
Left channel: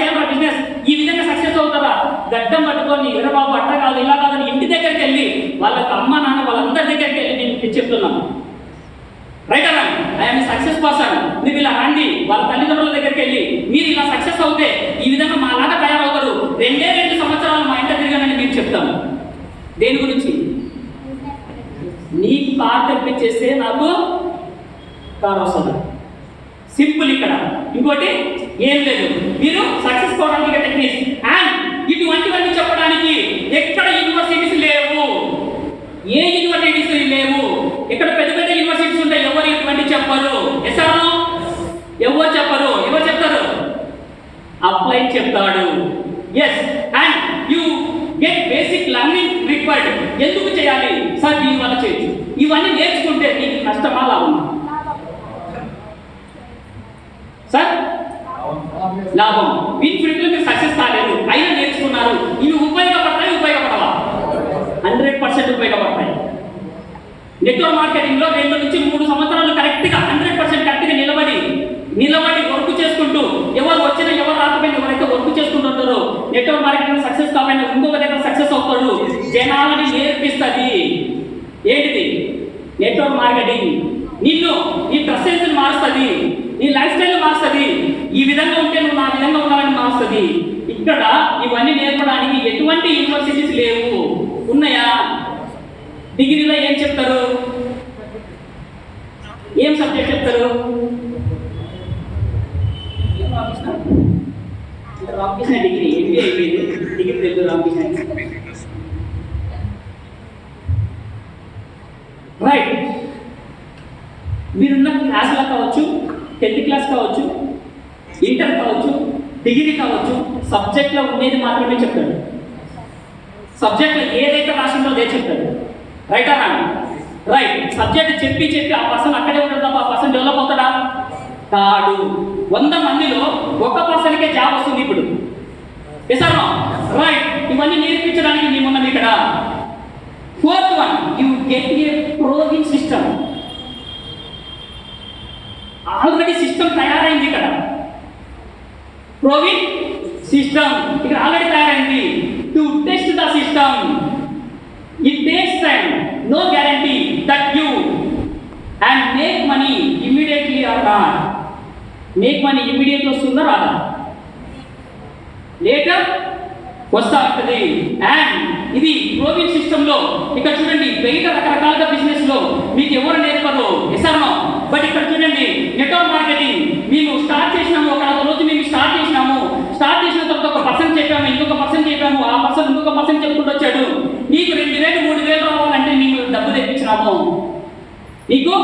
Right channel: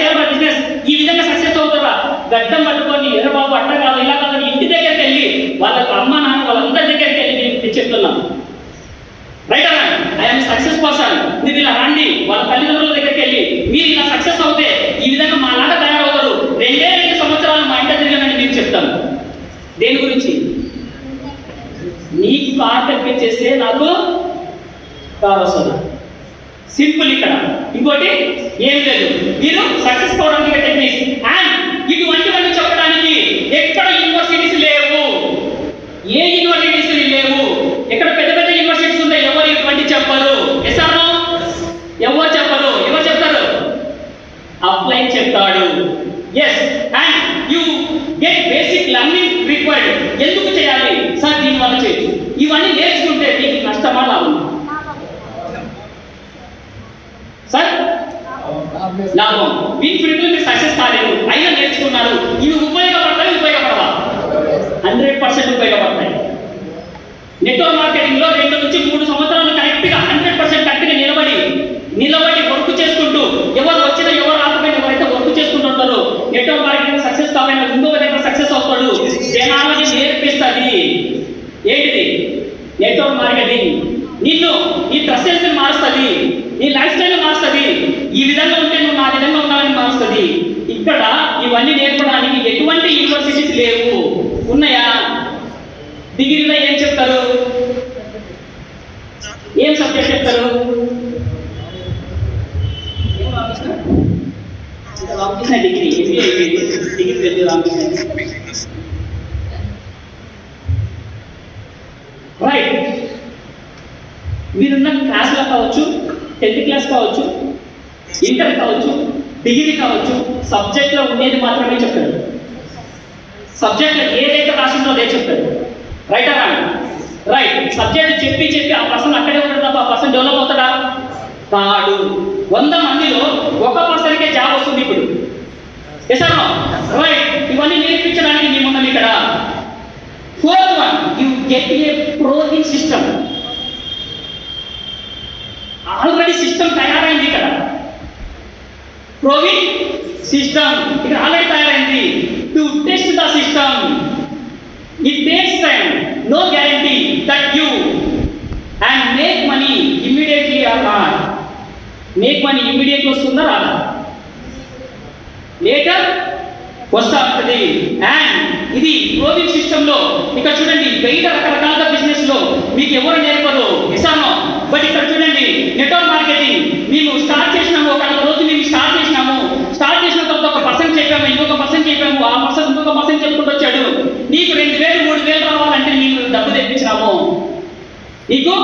చేయరా బిజినెస్, ఈ విధంగా సక్సెస్ అవుతారా, గడ్డం పట్టుకొని ఎర్ర బాబు అట్లా కాదు ఇలా కాదని ఇంటి దగ్గరికి వెళ్ళి వాళ్ళకి అమ్మ నాన్న వాళ్ళందరి దగ్గరికి వెళ్ళి నేను చెప్తున్నాను. రైట్ అలా ఐఎమ్ సక్సెస్ పర్సన్, మీరు ఇలా రండి, వాళ్ళ తల్లిదండ్రుల దగ్గరికి వెళ్ళి మీరు ఇలా సక్సెస్ అవుతే ఈ దేని గురించి? నీకు కార్ తెప్పించేస్తే నాకు కార్ వస్తుంది. సింపుల్. ఇక్కడ ఇంకోటి ఏం లేదు. మీరు సక్సెస్ కావడానికి టెక్నిక్స్ అండ్ ఇటువంటివన్నీ చెప్పడానికి ఎక్కడ యూనివర్సిటీస్ లేవు, ఏ యూనివర్సిటీస్ లేవు. ఎక్కడ పెద్ద పెద్ద యూనివర్సిటీస్ ఉంటాయి, ఎవరు ఇటువంటి చెప్పరు. ఎసానో ఎవరు చెప్పరు. ఎవరు చెప్తారు? అప్లై చెప్తాడు. Yes and you get basic learning required. ఎందుకు చేయాలి సార్? దీనివల్ల చేయొచ్చు. ఇవన్నీ నేర్చుకుంటే మీకు నష్టమా లాభం? సార్ లాభం. వీటి ఫీల్డ్లో మీరు సక్సెస్ కాలేదు, అయినా నేర్చుకున్నారు. ఇవి ఉపయోగపడతాయి, ఉపయోగపడవా? 100% ఉపయోగపడతాయి. నెట్వర్క్ మార్కెటింగ్లో 2 నుంచి 3 సంవత్సరాలు కరెక్ట్గా 100% కరెక్ట్గా నిలబడి వర్క్ చేసుకుంటూ, ఎవరు వచ్చినా ఎవరు రాకపోయినా ఎవరైతే వర్క్ చేసుకుంటుంటారో నెట్వర్క్ మార్కెటింగ్ సక్సెస్ కాకపోయినా ఇంకొక దగ్గర సక్సెస్ అవుతాడు. జనాలని నేర్పిస్తుంది. ఏంటిది? Network marketing. నిన్ను నీ డ్రెస్ సెన్స్ మారుస్తుంది, నీ లైఫ్ స్టైల్ మారుస్తుంది. ఈ విధంగా ఉంటే నువ్వు నా విధంగా ఉండాలని మారుస్తుంది. ఇక్కడ ఇవన్నీ నేర్పడానికి ఎటువంటి యూనివర్సిటీస్ లేవు. ఉన్నాయా? డిగ్రీలో ఏం చెప్తారు? ఏం సబ్జెక్ట్ చెప్తారు? రామకృష్ణ డిగ్రీ, ఎంబీఏ అయిపోయింది. డిగ్రీ తెలుగు రామకృష్ణ. రైట్. మీరున్న క్లాసులో కావచ్చు, 10th క్లాస్ కావచ్చు, ఇంటర్ కావచ్చు, డిగ్రీ కావచ్చు, సబ్జెక్ట్లో ఉండేది మాత్రమే చెప్తాడు. సబ్జెక్ట్లో ఏదైతే రాసిందో అదే చెప్తాడు. రైటా రాంగ్? రైట్. సబ్జెక్ట్ చెప్పి ఆ పర్సన్ అక్కడే ఉంటాడు తప్ప ఆ పర్సన్ డెవలప్ అవుతాడా? కాడు. 100 మందిలో 1%కే జాబ్ వస్తుంది ఇప్పుడు. ఎసానో? రైట్. ఇవన్నీ నేర్పించడానికి మేమున్నాం ఇక్కడ. 4th one, you get a proving system. Already system తయారైంది ఇక్కడ. ప్రోవింగ్ సిస్టమ్ ఇక్కడ ఆల్రెడీ తయారైంది. To test the system it takes time, no guarantee that you and make money immediately or not. Make money immediately వస్తుందా రాదా? లేటర్ వస్తా ఉంటుంది. అండ్ ఇది ప్రోవింగ్ సిస్టంలో ఇక్కడ చూడండి, బయట రకరకాల బిజినెస్ లో మీకు ఎవరు నేర్పరు. ఎసానో? బట్ ఇక్కడ చూడండి, నెట్వర్క్ మార్కెటింగ్ మేము స్టార్ట్ చేసినాము. ఒక రోజు మేము స్టార్ట్ చేసిన తర్వాత ఒక పర్సన్ చెప్పాము, ఇంకొక పర్సన్ చెప్పాము, ఆ పర్సన్ ఇంకొక పర్సన్ చెప్పుకుంటూ వచ్చాడు. నీకు 2000 3000 రావాలంటే మేము డబ్బు తెప్పించినాము. నీకు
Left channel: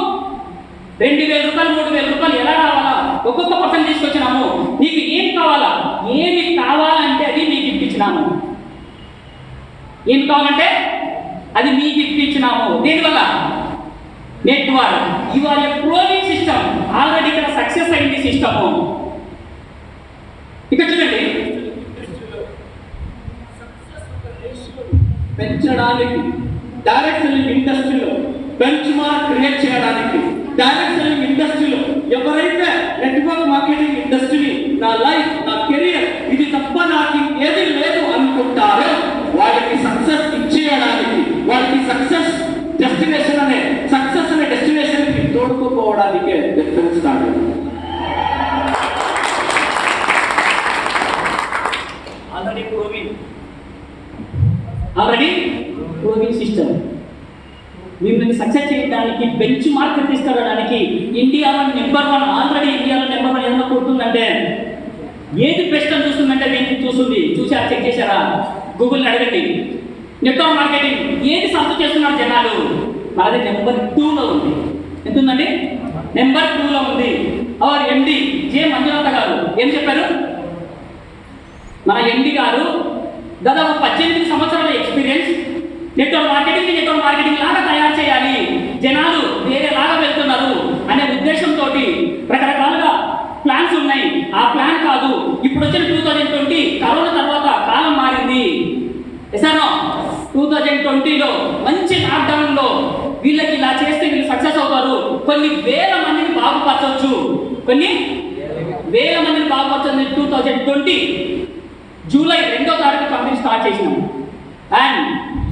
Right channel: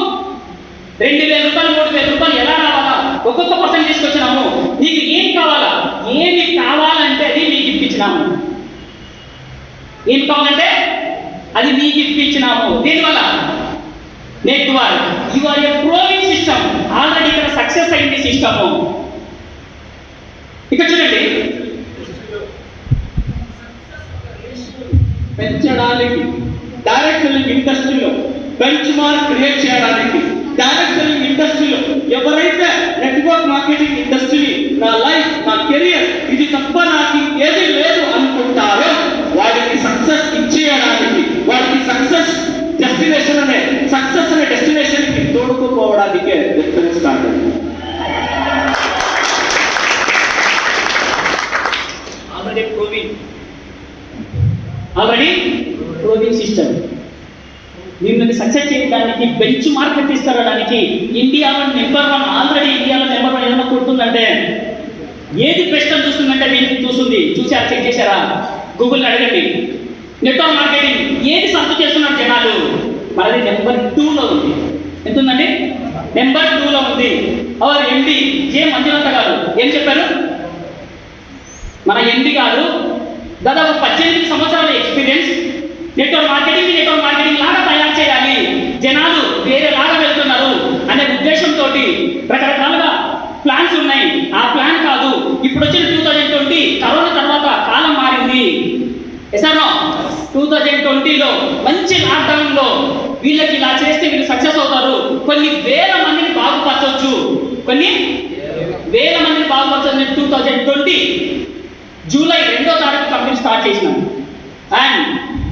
2000 రూపాయలు 3000 రూపాయలు ఎలా రావాలా? ఒక్కొక్క పర్సన్ తీసుకొచ్చినాము. నీకు ఏం కావాలా? ఏమి కావాలంటే అది నీకు ఇప్పించినాము. ఏం కావాలంటే అది నీకు ఇప్పించినాము. దేనివల్ల? Network. Your a proving system. Already ఇక్కడ సక్సెస్ అయింది సిస్టము. ఇక్కడ చూడండి, పెంచడానికి డైరెక్ట్ సెల్లింగ్ ఇండస్ట్రీలో బెంచ్ మార్క్ క్రియేట్ చేయడానికి డైరెక్ట్ సెల్లింగ్ ఇండస్ట్రీలో ఎవరైతే నెట్వర్క్ మార్కెటింగ్ ఇండస్ట్రీ నా లైఫ్, నా కెరియర్ ఇది తప్ప నాకు ఏది లేదు అనుకుంటారో వాడికి సక్సెస్ ఇచ్చేయడానికి, వాడికి సక్సెస్ డెస్టినేషన్ అనే డెస్టినేషన్ కి తోడుకుపోవడానికే స్టార్ట్. ఆల్రెడీ ప్రోవింగ్ సిస్టమ్ మిమ్మల్ని సక్సెస్ చేయడానికి, బెంచ్ మార్క్ తీసుకురావడానికి ఇండియాలో నెంబర్ 1, ఆల్రెడీ ఇండియాలో నెంబర్ 1 ఏదైనా కొడుతుందంటే ఏది బెస్ట్ అని చూస్తుందంటే వీటిని చూస్తుంది. చూసారా? చెక్ చేశారా? గూగుల్ని అడగండి. నెట్వర్క్ మార్కెటింగ్ ఏది సర్చ్ చేస్తున్నారు జనాలు? మనది నెంబర్ 2లో ఉంది. ఎంత ఉందండి? నెంబర్ 2లో ఉంది. అవర్ ఎండి జే మంజునాథ గారు ఏం చెప్పారు? మన ఎండి గారు దాదాపు 18 సంవత్సరాల ఎక్స్పీరియన్స్. నెట్వర్క్ మార్కెటింగ్ లాగా తయారు చేయాలి, జనాలు వేరేలాగా వెళ్తున్నారు అనే ఉద్దేశంతో రకరకాలుగా ప్లాన్స్ ఉన్నాయి. ఆ ప్లాన్ కాదు, ఇప్పుడు వచ్చిన 2020 కరోనా తర్వాత కాలం మారింది. ఎసానో? 2020లో మంచి లాక్డౌన్లో వీళ్ళకి ఇలా చేస్తే వీళ్ళు సక్సెస్ అవుతారు. కొన్ని వేల మందిని బాగుపరచవచ్చు. 2020 జూలై 2వ తారీఖు కంపెనీ స్టార్ట్ చేసినాం. And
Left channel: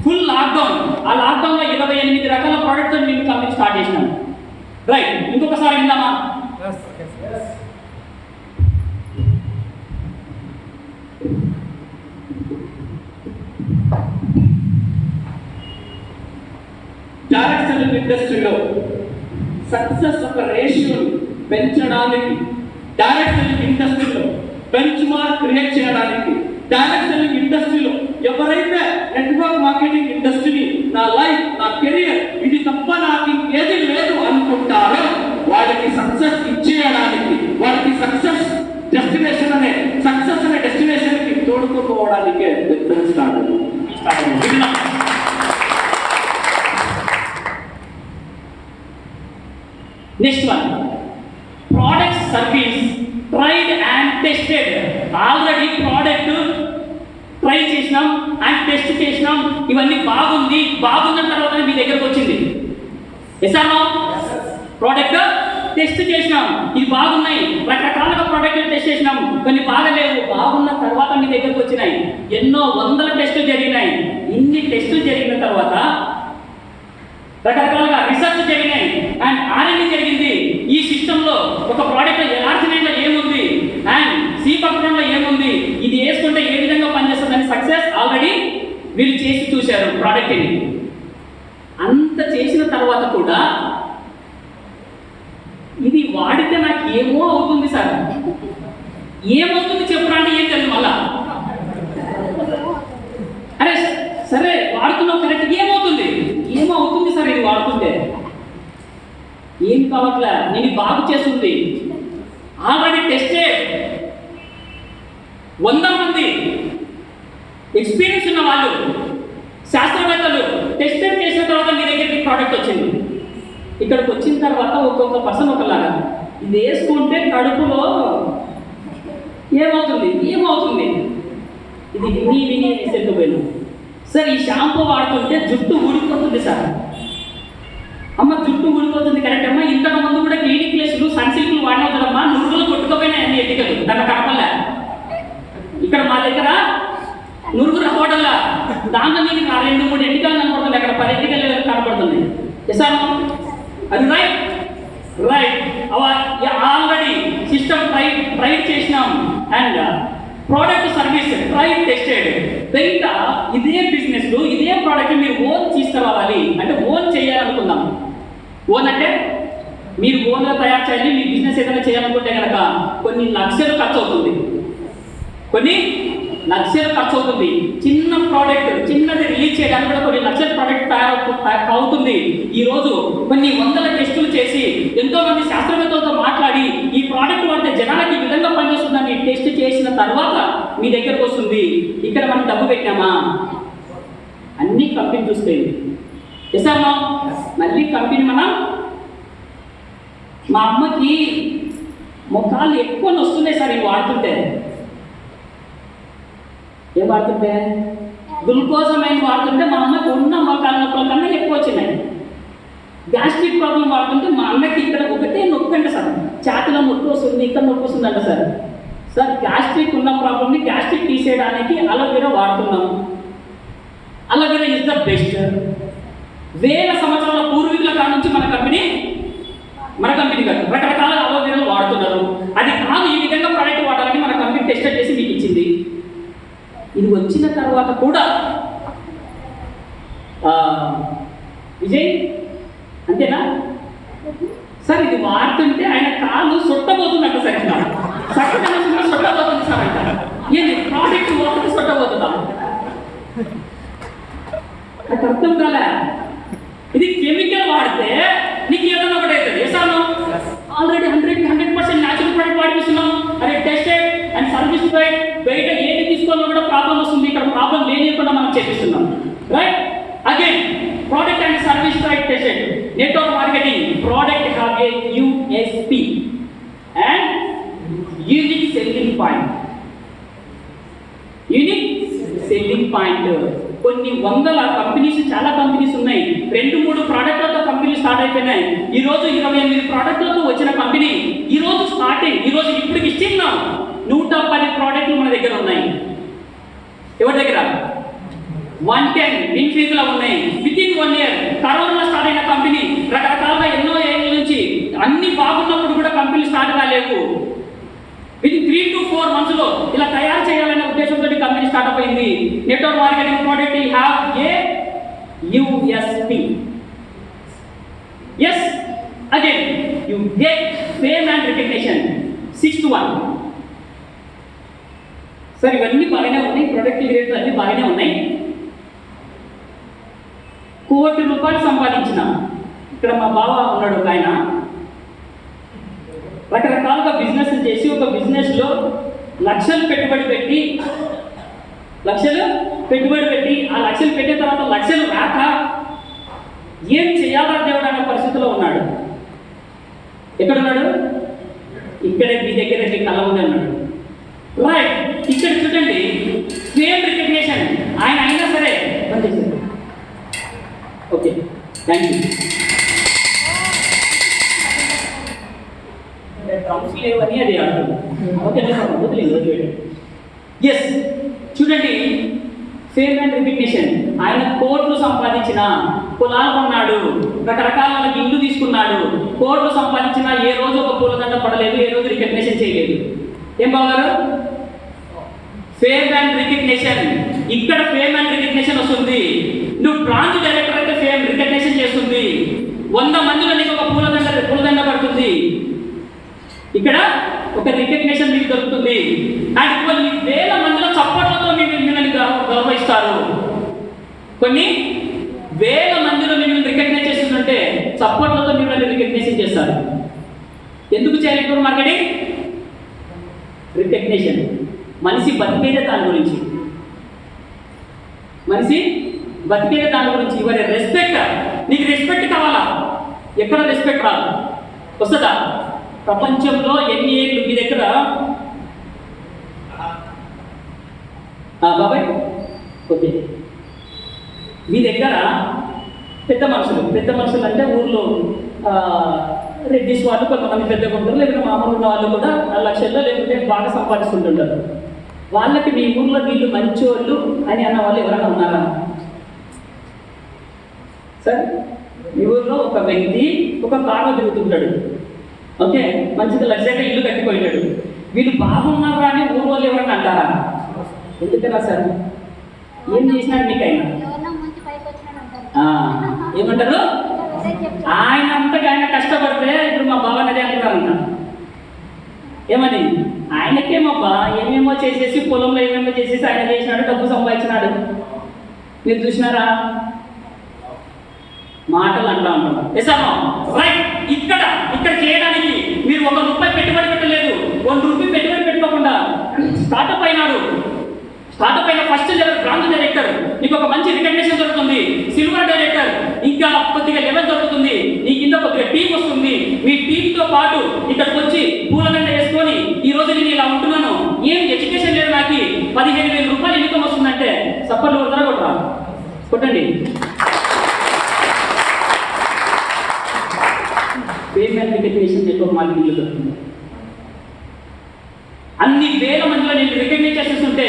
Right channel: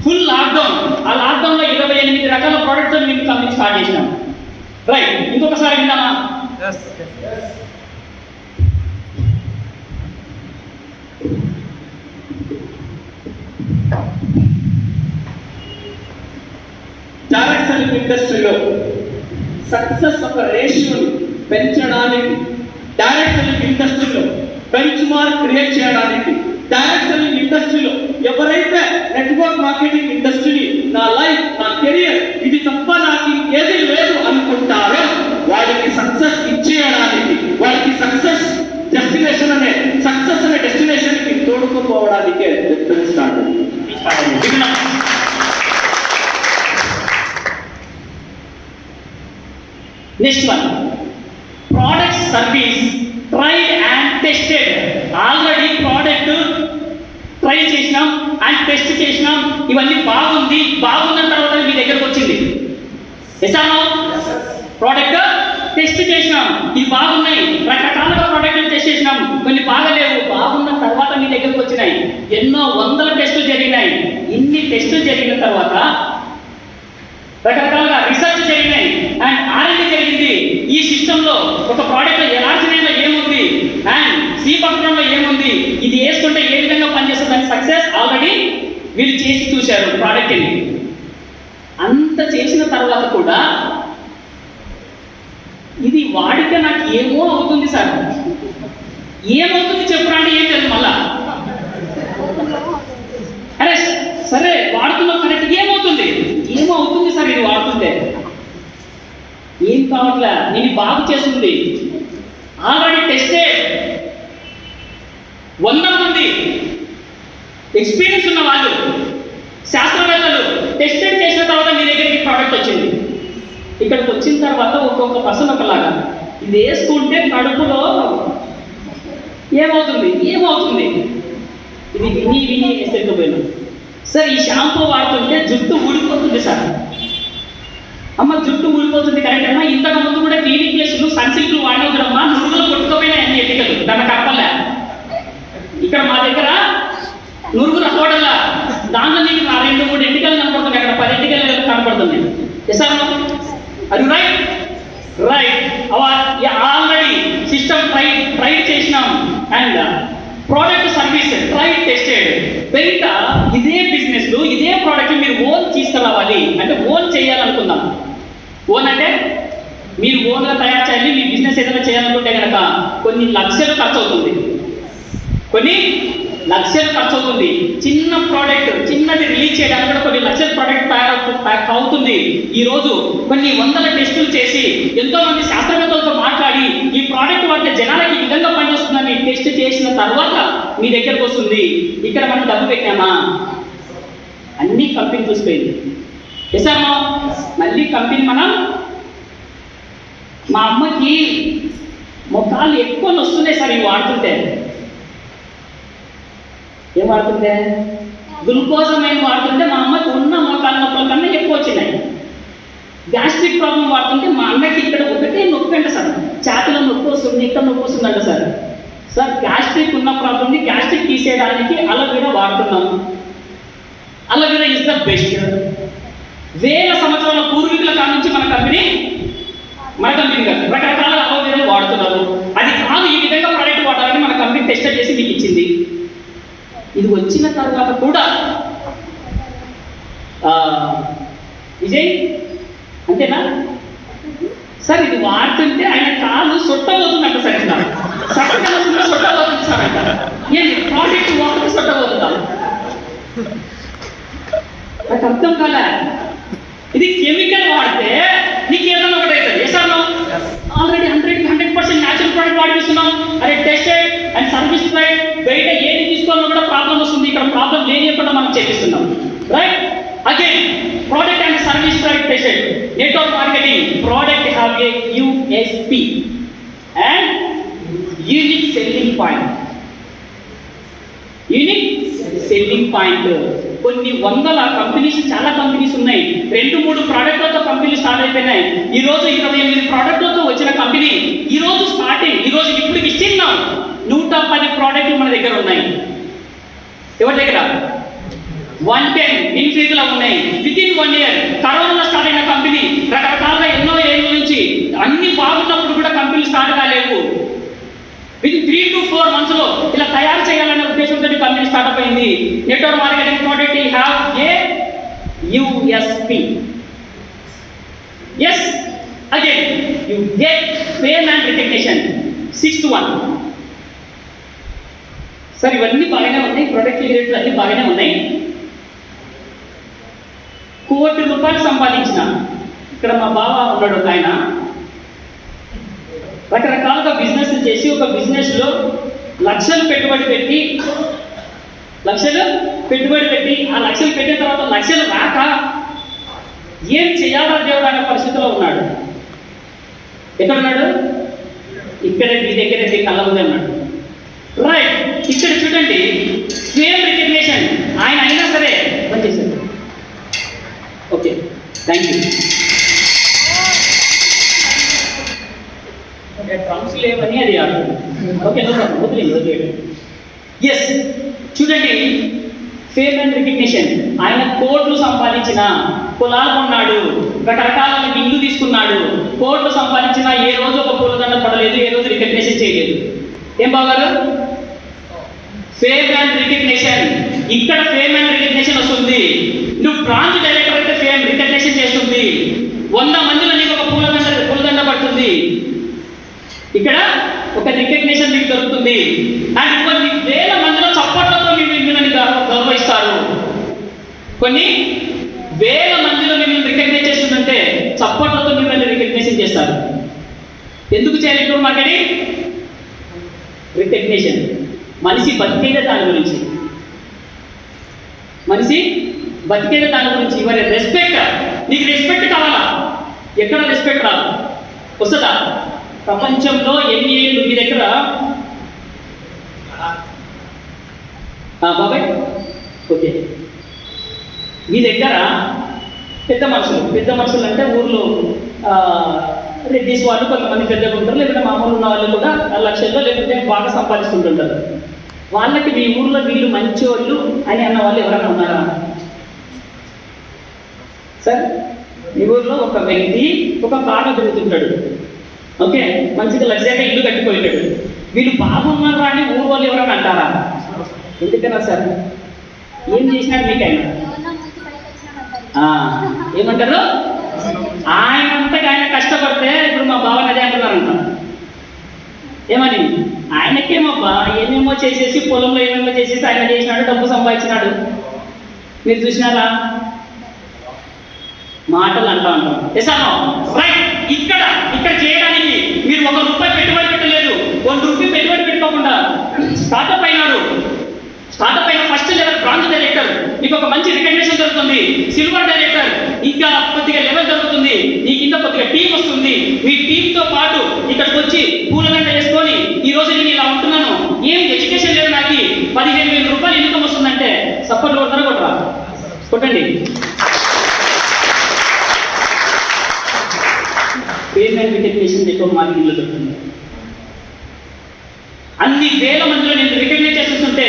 full lockdown. ఆ లాక్డౌన్లో 28 రకాల ప్రోడక్ట్తో మేము కంపెనీ స్టార్ట్ చేసినాం. రైట్. ఇంకొకసారి విందామా? సక్సెస్ ఒక రేషియోని పెంచడానికి, డైరెక్ట్ సెల్లింగ్ ఇండస్ట్రీలో బెంచ్ మార్క్ క్రియేట్ చేయడానికి, డైరెక్ట్ సెల్లింగ్ ఇండస్ట్రీలో ఎవరైతే నెట్వర్క్ మార్కెటింగ్ ఇండస్ట్రీని నా లైఫ్, నా కెరియర్ ఇది తప్ప నాకు ఏది లేదు అనుకుంటారో వాళ్ళకి సక్సెస్ ఇచ్చేయడానికి, వాళ్ళకి సక్సెస్ డెస్టినేషన్ అనే డెస్టినేషన్ కి తోడుకుపోవడానికే start. Next one, product service tried and tested. Already product try చేసినాం అండ్ టెస్ట్ చేసినాం, ఇవన్నీ బాగుందన్న తర్వాత మీ దగ్గరకు వచ్చింది. ఎసామా ప్రోడక్ట్ టెస్ట్ చేసినాం, ఇది బాగున్నాయి, రకరకాలుగా ప్రోడక్ట్లు టెస్ట్ చేసినాం, కొన్ని బాగలేవు, బాగున్న తర్వాత మీ దగ్గరకు వచ్చినాయి. ఎన్నో వందల టెస్టులు జరిగినాయి. ఇన్ని టెస్టులు జరిగిన తర్వాత రకరకాలుగా రీసెర్చ్ జరిగినాయి అండ్ R&D జరిగింది. ఈ సిస్టంలో ఒక ప్రోడక్ట్లో ఎలార్జినైన్లో ఏముంది అండ్ సి పట్టణంలో ఏముంది, ఇది వేసుకుంటే ఏ విధంగా పనిచేస్తుందని సక్సెస్ ఆల్రెడీ వీళ్ళు చేసి చూశారు ప్రోడక్ట్ని. అంత చేసిన తర్వాత కూడా ఇది వాడితే నాకు ఏమో అవుతుంది సార్, ఏమవుతుంది చెప్పురా అంటే ఏం తెలియదు. మళ్ళా అరే సరే వాడుతున్నావు కరెక్ట్, ఏమో అవుతుంది సార్ ఇది వాడుతుంటే, ఏం కావట్లే, నేను బాగు చేస్తుంది. ఆల్రెడీ టెస్టెడ్ 100 మంది ఎక్స్పీరియన్స్ ఉన్న వాళ్ళు శాస్త్రవేత్తలు టెస్టెడ్ చేసిన తర్వాత మీ దగ్గరికి ప్రోడక్ట్ వచ్చింది. ఇక్కడికి వచ్చిన తర్వాత ఒక్కొక్క పర్సన్ ఒకలాగా, ఇది వేసుకుంటే కడుపులో ఏమవుతుంది, ఇది విని వేసేకపోయాను సార్. ఈ షాంపూ వాడుతుంటే జుట్టు ఊడిపోతుంది సార్. అమ్మ జుట్టు ఊడిపోతుంది కరెక్ట్ అమ్మా, ఇంతకు ముందు కూడా క్లినిక్ ప్లేస్లు సన్సిల్క్లు వాడినా చూడమ్మా, నురుగులు కొట్టుకుపోయినాయి అన్ని ఎన్నికలు, దాన్ని కనపడలే. ఇక్కడ మా దగ్గర నురుగు రావడంలా దాంట్లో నీకు 2-3 ఎంటికలు కనపడుతుంది, అక్కడ 10 ఎంటికలు కనపడుతుంది. సార్ అది రైట్ ఆల్రెడీ సిస్టమ్ ట్రై చేసినాం and product service tried tested. బయట ఇదే బిజినెస్లు ఇదే ప్రోడక్ట్ మీరు ఓన్ తీసుకురావాలి అంటే ఓన్ చేయాలనుకుందాం. ఓన్ అంటే మీరు ఓన్గా తయారు చేయాలి. మీ బిజినెస్ ఏదైనా చేయాలనుకుంటే కనుక కొన్ని లక్షలు ఖర్చు అవుతుంది. చిన్న ప్రోడక్ట్ చిన్నది రిలీజ్ చేయడానికి కూడా కొన్ని లక్షల ప్రోడక్ట్ తయారు అవుతుంది. ఈరోజు కొన్ని వందల టెస్టులు చేసి ఎంతోమంది శాస్త్రవేత్తలతో మాట్లాడి ఈ ప్రోడక్ట్ వాడితే జనాలకి ఈ విధంగా పనిచేస్తుందని టెస్ట్ చేసిన తర్వాత మీ దగ్గరకు వస్తుంది. ఇక్కడ మనం డబ్బు పెట్టామా, అన్ని కంపెనీ చూసిపోయింది. ఎసామా మళ్ళీ కంపెనీ మనం, మా అమ్మకి మొక్కలు ఎక్కువ వస్తున్నాయి సార్ ఇవి వాడుతుంటే. ఏం వాడుతుంటే గ్లూకోజమైన్ వాడుతుంటే మా అమ్మకి ఉన్న మొక్కల నొప్పుల కన్నా ఎక్కువ వచ్చినాయి. గ్యాస్ట్రిక్ ప్రాబ్లం వాడుతుంటే మా అమ్మకి ఇక్కడ ఒకటే నొప్పి అంట సార్, ఛాతీలో నొప్పి వస్తుంది, ఇక్కడ నొప్పి వస్తుందంట సార్. గ్యాస్ట్రిక్ ఉన్న ప్రాబ్లమ్ని గ్యాస్ట్రిక్ తీసేయడానికి అలోవెరా వాడుతున్నాం. Aloe vera is the best. వేల సంవత్సరాల పూర్వీకుల కాడ నుంచి మన కంపెనీ కాదు రకరకాల అలోవెరాలు వాడుతున్నారు. అది కాదు ఈ విధంగా ప్రోడక్ట్ వాడాలని మన కంపెనీ టెస్ట్ చేసి మీకు ఇచ్చింది. ఇది వచ్చిన తర్వాత కూడా విజయ్ అంతేనా సార్, ఇది వాడుతుంటే ఆయన కాలు సొట్టబోతుందంట సార్, ఇక్కడ సొట్టబోతుంది సార్ అంట. ఏంటి ప్రోడక్ట్ వాడితే సొట్టబోతుందా? నాకు అర్థం కాలే. ఇది కెమికల్ వాడితే నీకు ఏదైనా ఒకటి అవుతుంది. ఎసాను ఆల్రెడీ 100% న్యాచురల్ ప్రోడక్ట్ వాడిస్తున్నాం. అదే టెస్టెడ్ అండ్ సర్వీస్ ట్రైడ్. బయట ఏది తీసుకోవాలో కూడా ప్రాబ్లం వస్తుంది, ఇక్కడ ప్రాబ్లం లేనియకుండా మనం చేపిస్తున్నాం. Right again product and service tried tested. Network marketing product have a USP and unique selling point. కొన్ని వందల కంపెనీస్, చాలా కంపెనీస్ ఉన్నాయి. 2-3 ప్రోడక్ట్లతో కంపెనీలు స్టార్ట్ అయిపోయినాయి. ఈరోజు 28 ప్రోడక్ట్లతో వచ్చిన కంపెనీ ఈరోజు స్టార్టింగ్. ఈరోజు ఇప్పటికి ఇస్తున్నాం 110 ప్రోడక్ట్లు మన దగ్గర ఉన్నాయి. ఎవరి దగ్గర 110 ఇన్ఫీజ్లో ఉన్నాయి. వితిన్ 1 year కరోనాలో స్టార్ట్ అయిన కంపెనీ రకరకాలుగా ఎన్నో ఏళ్ళ నుంచి అన్ని బాగున్నప్పుడు కూడా కంపెనీలు స్టార్ట్ కాలేవు. వితిన్ 3 to 4 months ఇలా తయారు చేయాలనే ఉద్దేశంతో కంపెనీ స్టార్ట్అప్ అయింది. Network marketing product have a USP. Yes again you get fame and recognition. 6th one. Sir ఇవన్నీ బాగానే ఉన్నాయి, ప్రొడక్ట్ రేట్లు అన్నీ బాగానే ఉన్నాయి. ₹1,00,00,000 సంపాదించిన ఇక్కడ మా బావ ఉన్నాడు ఒక ఆయన, రకరకాలుగా బిజినెస్ చేసి ఒక బిజినెస్లో లక్షలు పెట్టుబడి పెట్టి ఆ లక్షలు పెట్టిన తర్వాత లక్షలు రాక ఏం చేయాలా దేవుడు అనే పరిస్థితిలో ఉన్నాడు. ఎక్కడున్నాడు? ఇక్కడే మీ దగ్గరే మీ కళ్ళ ముందే ఉన్నాడు. రైట్, ఇక్కడ చూడండి, ఫేమ్ రికగ్నిషన్ ఆయన అయినా సరే పనిచేశారు. Okay, thank you. డ్రమ్స్ లేవని అది ఆడుతుంది. ఓకే, వదిలేదు. ఎస్, చూడండి, ఫేమ్ అండ్ రికగ్నిషన్. ఆయన కోట్లు సంపాదించిన, పొలాలు కొన్నాడు, రకరకాల ఇల్లు తీసుకున్నాడు, కోట్లు సంపాదించిన ఏ రోజు ఒక పూలదండ పడలేదు, ఏ రోజు రికగ్నిషన్ చేయలేదు. ఏం బాగారు? Fame and recognition. ఇక్కడ ఫేమ్ అండ్ రికగ్నిషన్ వస్తుంది. నువ్వు బ్రాంచ్ డైరెక్టర్ అయితే ఫేమ్ రికగ్నిషన్ చేస్తుంది. 100 మందిలో నీకు ఒక పూలదండ పడుతుంది. ఇక్కడ ఒక రికగ్నిషన్ మీకు దొరుకుతుంది. అండ్ కొన్ని వేల మందిలో చప్పట్లతో మిమ్మల్ని గౌరవిస్తారు. కొన్ని వేల మందిలో మిమ్మల్ని రికగ్నైజ్ చేస్తుందంటే చప్పట్లతో మిమ్మల్ని రికగ్నిషన్ చేస్తారు. ఎందుకు చేయాలి నెట్వర్క్ మార్కెటింగ్? రికగ్నిషన్. మనిషి బతికేదే దాని గురించి. Your respect. నీకు రెస్పెక్ట్ కావాలా? ఎక్కడ రెస్పెక్ట్ రాదు, వస్తుందా? ప్రపంచంలో ఎన్ని ఏళ్ళు మీ దగ్గర బాబాయ్, ఓకే, మీ దగ్గర పెద్ద మనుషులు అంటే ఊర్లో రెడ్డిస్ వాళ్ళు కొంతమంది పెద్దగా ఉంటారు, లేకపోతే మామూలు ఉన్న వాళ్ళు కూడా లక్షల్లో లేకపోతే బాగా సంపాదిస్తుంటుంటారు. వాళ్ళకి మీ ఊర్లో వీళ్ళు మంచోళ్ళు అని అన్న వాళ్ళు ఎవరైనా ఉన్నారా సార్? మీ ఊర్లో ఒక వ్యక్తి ఒక కారులో తిరుగుతుంటాడు, ఓకే, మంచిగా లగ్జరీగా ఇల్లు కట్టిపోయినాడు. వీళ్ళు బాగున్నారా అని ఊరు వాళ్ళు ఎవరైనా అంటారా? ఎందుకన్నా సార్? ఏం చేసినాడు మీకైనా? ఏమంటారు? ఆయన అంతగా ఆయన కష్టపడితే ఇప్పుడు మా బావ అదే అంటున్నారంట. ఏమని? ఆయనకేమబ్బా ఏమేమో చేసేసి పొలంలో ఏమేమో చేసేసి ఆయన చేసినాడు, డబ్బు సంపాదించినాడు. మీరు చూసినారా? మాటలు అంటూ ఉంటాం. ఎసానో రైట్. ఇక్కడ చేయడానికి మీరు ₹1 పెట్టుబడి పెట్టలేదు, ₹1 పెట్టుబడి పెట్టుకోకుండా స్టార్ట్అప్ అయిన ఫస్ట్ లెవెల్ బ్రాంచ్ డైరెక్టర్, నీకు ఒక మంచి రికగ్నిషన్ దొరుకుతుంది. సిల్వర్ డైరెక్టర్, ఇంకా కొద్దిగా లెవెల్ దొరుకుతుంది. నీ కింద కొద్దిగా టీం వస్తుంది. మీ టీంతో పాటు ఇక్కడికి వచ్చి పూలగంట వేసుకొని ఈ రోజు నేను ఇలా ఉంటున్నాను, ఏం ఎడ్యుకేషన్ లేదు, నాకు ₹15,000 ఇన్కమ్ వస్తుందంటే సప్పట్లు కొట్టరా? కొట్టండి. ఫేమ్ అండ్ రికగ్నిషన్ నెట్వర్క్ మార్కెటింగ్లో దొరుకుతుంది. అన్ని వేల మందిలో నేను రికగ్నైజ్ చేస్తుంటే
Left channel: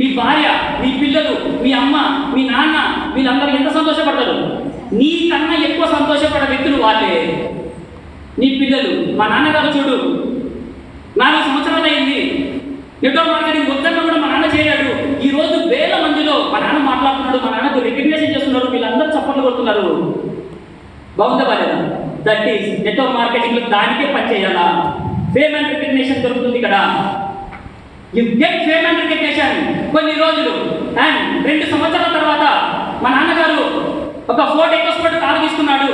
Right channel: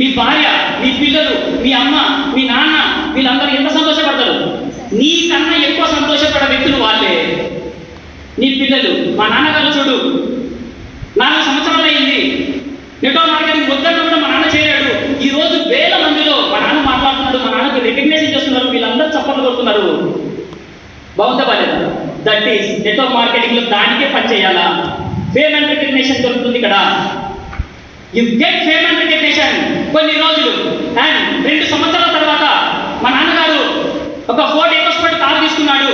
మీ భార్య, మీ పిల్లలు, మీ అమ్మ, మీ నాన్న, వీళ్ళందరూ ఎంత సంతోషపడతారు? నీకన్నా ఎక్కువ సంతోషపడే వ్యక్తులు వాళ్ళే. నీ పిల్లలు, మా నాన్నగారు చూడు 4 సంవత్సరాలు అయింది, నెట్వర్క్ మార్కెటింగ్ వద్దన్నా కూడా మా నాన్న చేయలేడు. ఈ రోజు వేల మందిలో మా నాన్న మాట్లాడుతున్నాడు, మా నాన్నకు రికగ్నైజేషన్ చేస్తున్నారు, వీళ్ళందరూ చప్పట్లు కొడుతున్నారు. బాగుందా బాలేదా? దట్ ఈస్ నెట్వర్క్ మార్కెటింగ్లో దానికే పని చేయాలా? ఫేమ్ అండ్ రికగ్నిషన్ దొరుకుతుంది ఇక్కడ. You get fame and recognition. కొన్ని రోజులు అండ్ 2 సంవత్సరాల తర్వాత మా నాన్నగారు ఒక ఫోర్డ్ ఎకోస్పోర్ట్ కారు తీసుకున్నాడు.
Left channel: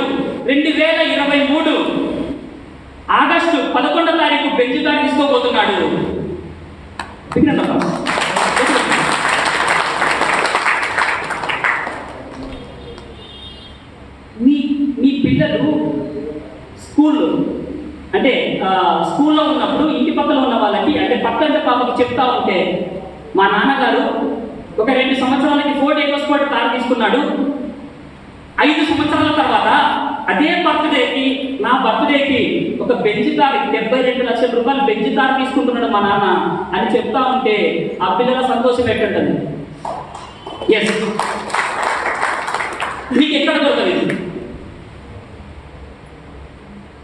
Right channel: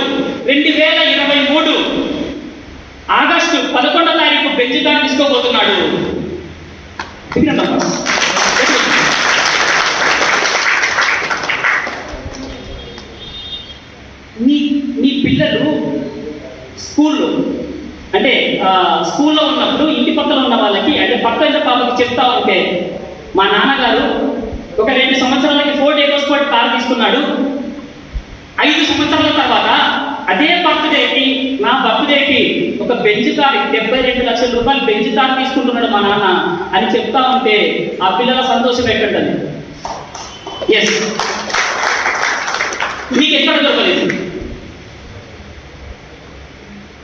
2023 ఆగస్టు 11వ తారీఖు బెంజ్ కారు తీసుకోబోతున్నాడు. మీ పిల్లలు స్కూల్లో ఉన్నప్పుడు ఇంటి పక్కన ఉన్న వాళ్ళకి, అంటే పక్కన పాపకి చెప్తా ఉంటే, మా నాన్నగారు ఒక 2 సంవత్సరాలకి ఫోర్డ్ ఎకోస్పోర్ట్ కారు తీసుకున్నాడు. 5 సంవత్సరాల తర్వాత అదే బర్త్డేకి, నా బర్త్డేకి ఒక బెంజ్ కారు, ₹72 లక్షల బెంజ్ కారు తీసుకుంటున్నాడు మా నాన్న అని చెప్తా ఉంటే ఆ పిల్లల సంతోషం ఎక్కడుంటుంది? ఎస్, మీకు ఎక్కడ దొరకలేదు.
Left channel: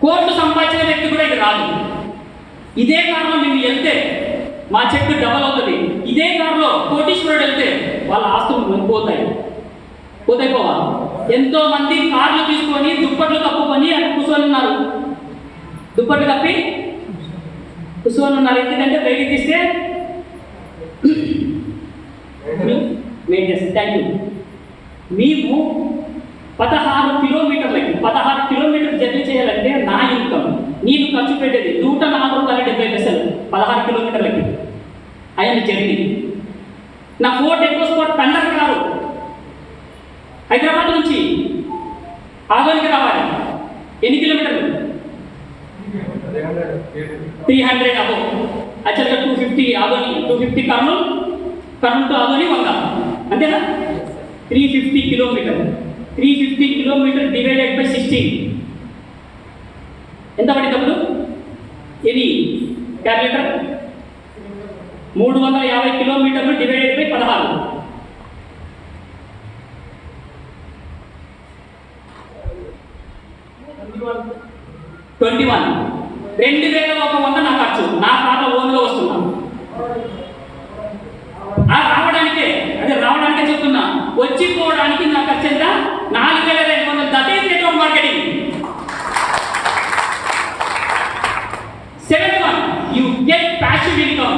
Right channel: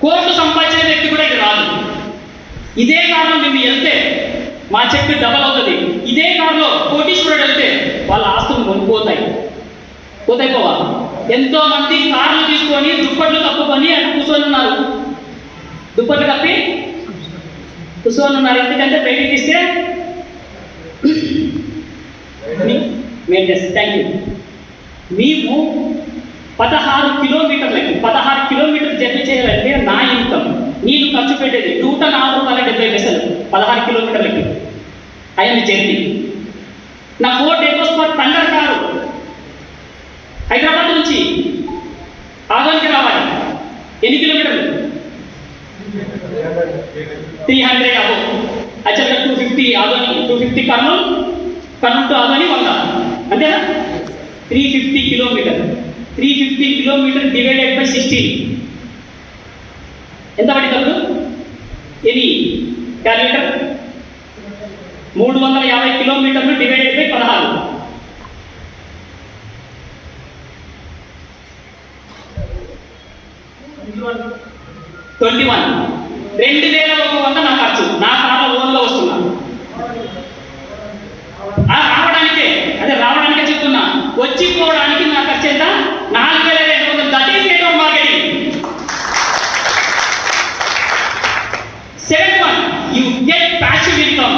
కోట్లు సంపాదించిన వ్యక్తి కూడా ఇది రాదు. ఇదే కారులో మేము వెళ్తే మా చెక్ డబల్ అవుతుంది. ఇదే కారులో కోటీశ్వరుడు వెళ్తే వాళ్ళ ఆస్తులు పోతాయి. పోవా? ఎంతో మంది కార్లు తీసుకొని దుప్పట్లు కప్పుకొని అక్కడ కూర్చొని ఉన్నారు. దుప్పట్లు కప్పి కూర్చొని ఉన్నారు. ఎందుకంటే బయటికి తీస్తే మెయింటెనెన్స్. Thank you. మేము 16 కిలోమీటర్ జర్నీ చేయాలంటే నా ఇన్కమ్ నేను ఖర్చు పెట్టేది 104.70 16 కిలోమీటర్లకి. I'm journey. నా Ford EcoSport Thunder car Hyderabad నుంచి ఆదోనికి రావాలి. ఎన్ని కిలోమీటర్లు? 300 అబో. యాక్చువల్గా 250 ఆదోని, 250 కర్నూలు టు ఆదోని 100, అంతేనా? 350 కిలోమీటర్. 350 కిలోమీటర్ డివైడెడ్ బై 16 ఎంత పడినప్పుడు? ఎన్ని క్యాలిక్యులేటర్? 350 కిలోమీటర్లు డివైడెడ్ బై 16. 21. 2100 నా ఖర్చు. నా కార్లో ఓన్గా వస్తున్నా. రావడానికే చెప్తున్నా. వచ్చిపోవడానికి నా ఖర్చు ఎంత? 4200. That is network marketing. 7th one, you get passive income.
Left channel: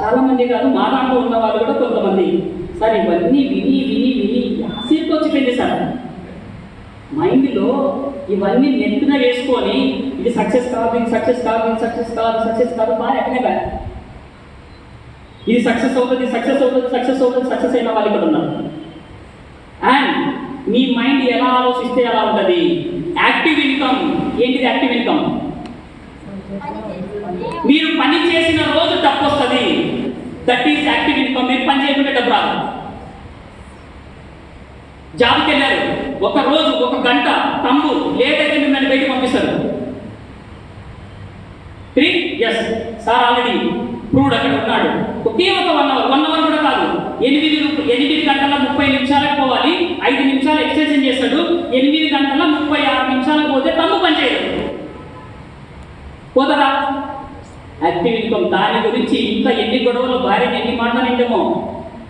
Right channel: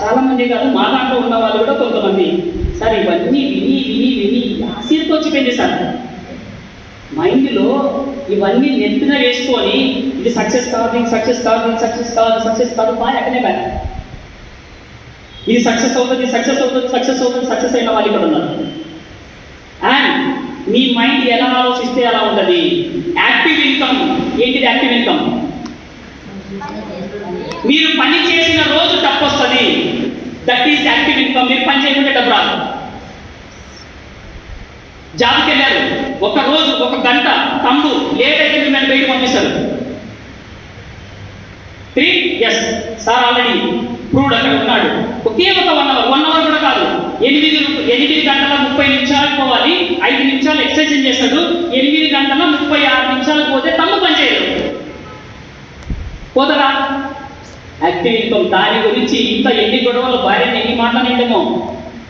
చాలా మంది కాదు, మా దాంట్లో ఉన్న వాళ్ళు కూడా కొంతమంది సార్ ఇవన్నీ విని ఆశీర్కి వచ్చిపోయింది సార్. మైండ్లో ఇవన్నీ నెత్తిన వేసుకొని ఇది సక్సెస్ కాదు, ఇది సక్సెస్ కాదు, ఇది సక్సెస్ కాదు, సక్సెస్ కాదు, బాగా ఎక్కడే కాదు. ఇది సక్సెస్ అవుతుంది, సక్సెస్ అవుతుంది, సక్సెస్ అవుతుంది, సక్సెస్ అయిన వాళ్ళు ఇక్కడ ఉన్నారు. అండ్ మీ మైండ్ ఎలా ఆలోచిస్తే ఎలా ఉంటుంది? Active income. ఏంటిది యాక్టివ్ ఇన్కమ్? మీరు పని చేసిన రోజు డబ్బు వస్తుంది. That is active income. మీరు పని చేయకుంటే డబ్బు రాదు. జాబ్కి వెళ్ళారు, ఒక రోజు 1 గంట తమ్ము లేట్ అయితే మిమ్మల్ని బయట పంపిస్తారు. 3 ఎస్ సార్ ఆల్రెడీ ప్రూవ్డ్ అక్కడ ఉన్నాడు. ఒకే ఒక 1 అవర్ కూడా కాదు. 8 గంటల 30 నిమిషాలకు పోవాలి. 5 నిమిషాలు ఎక్సర్సైజ్ చేస్తాడు. 8 గంటల 36 నిమిషాలకు పోతే తమ్ము పని చేయదు. పోతరా? Active income. దాని గురించి ఇంకా ఎన్ని గొడవలు, భార్యని ఎన్ని మాటలు నిండమో,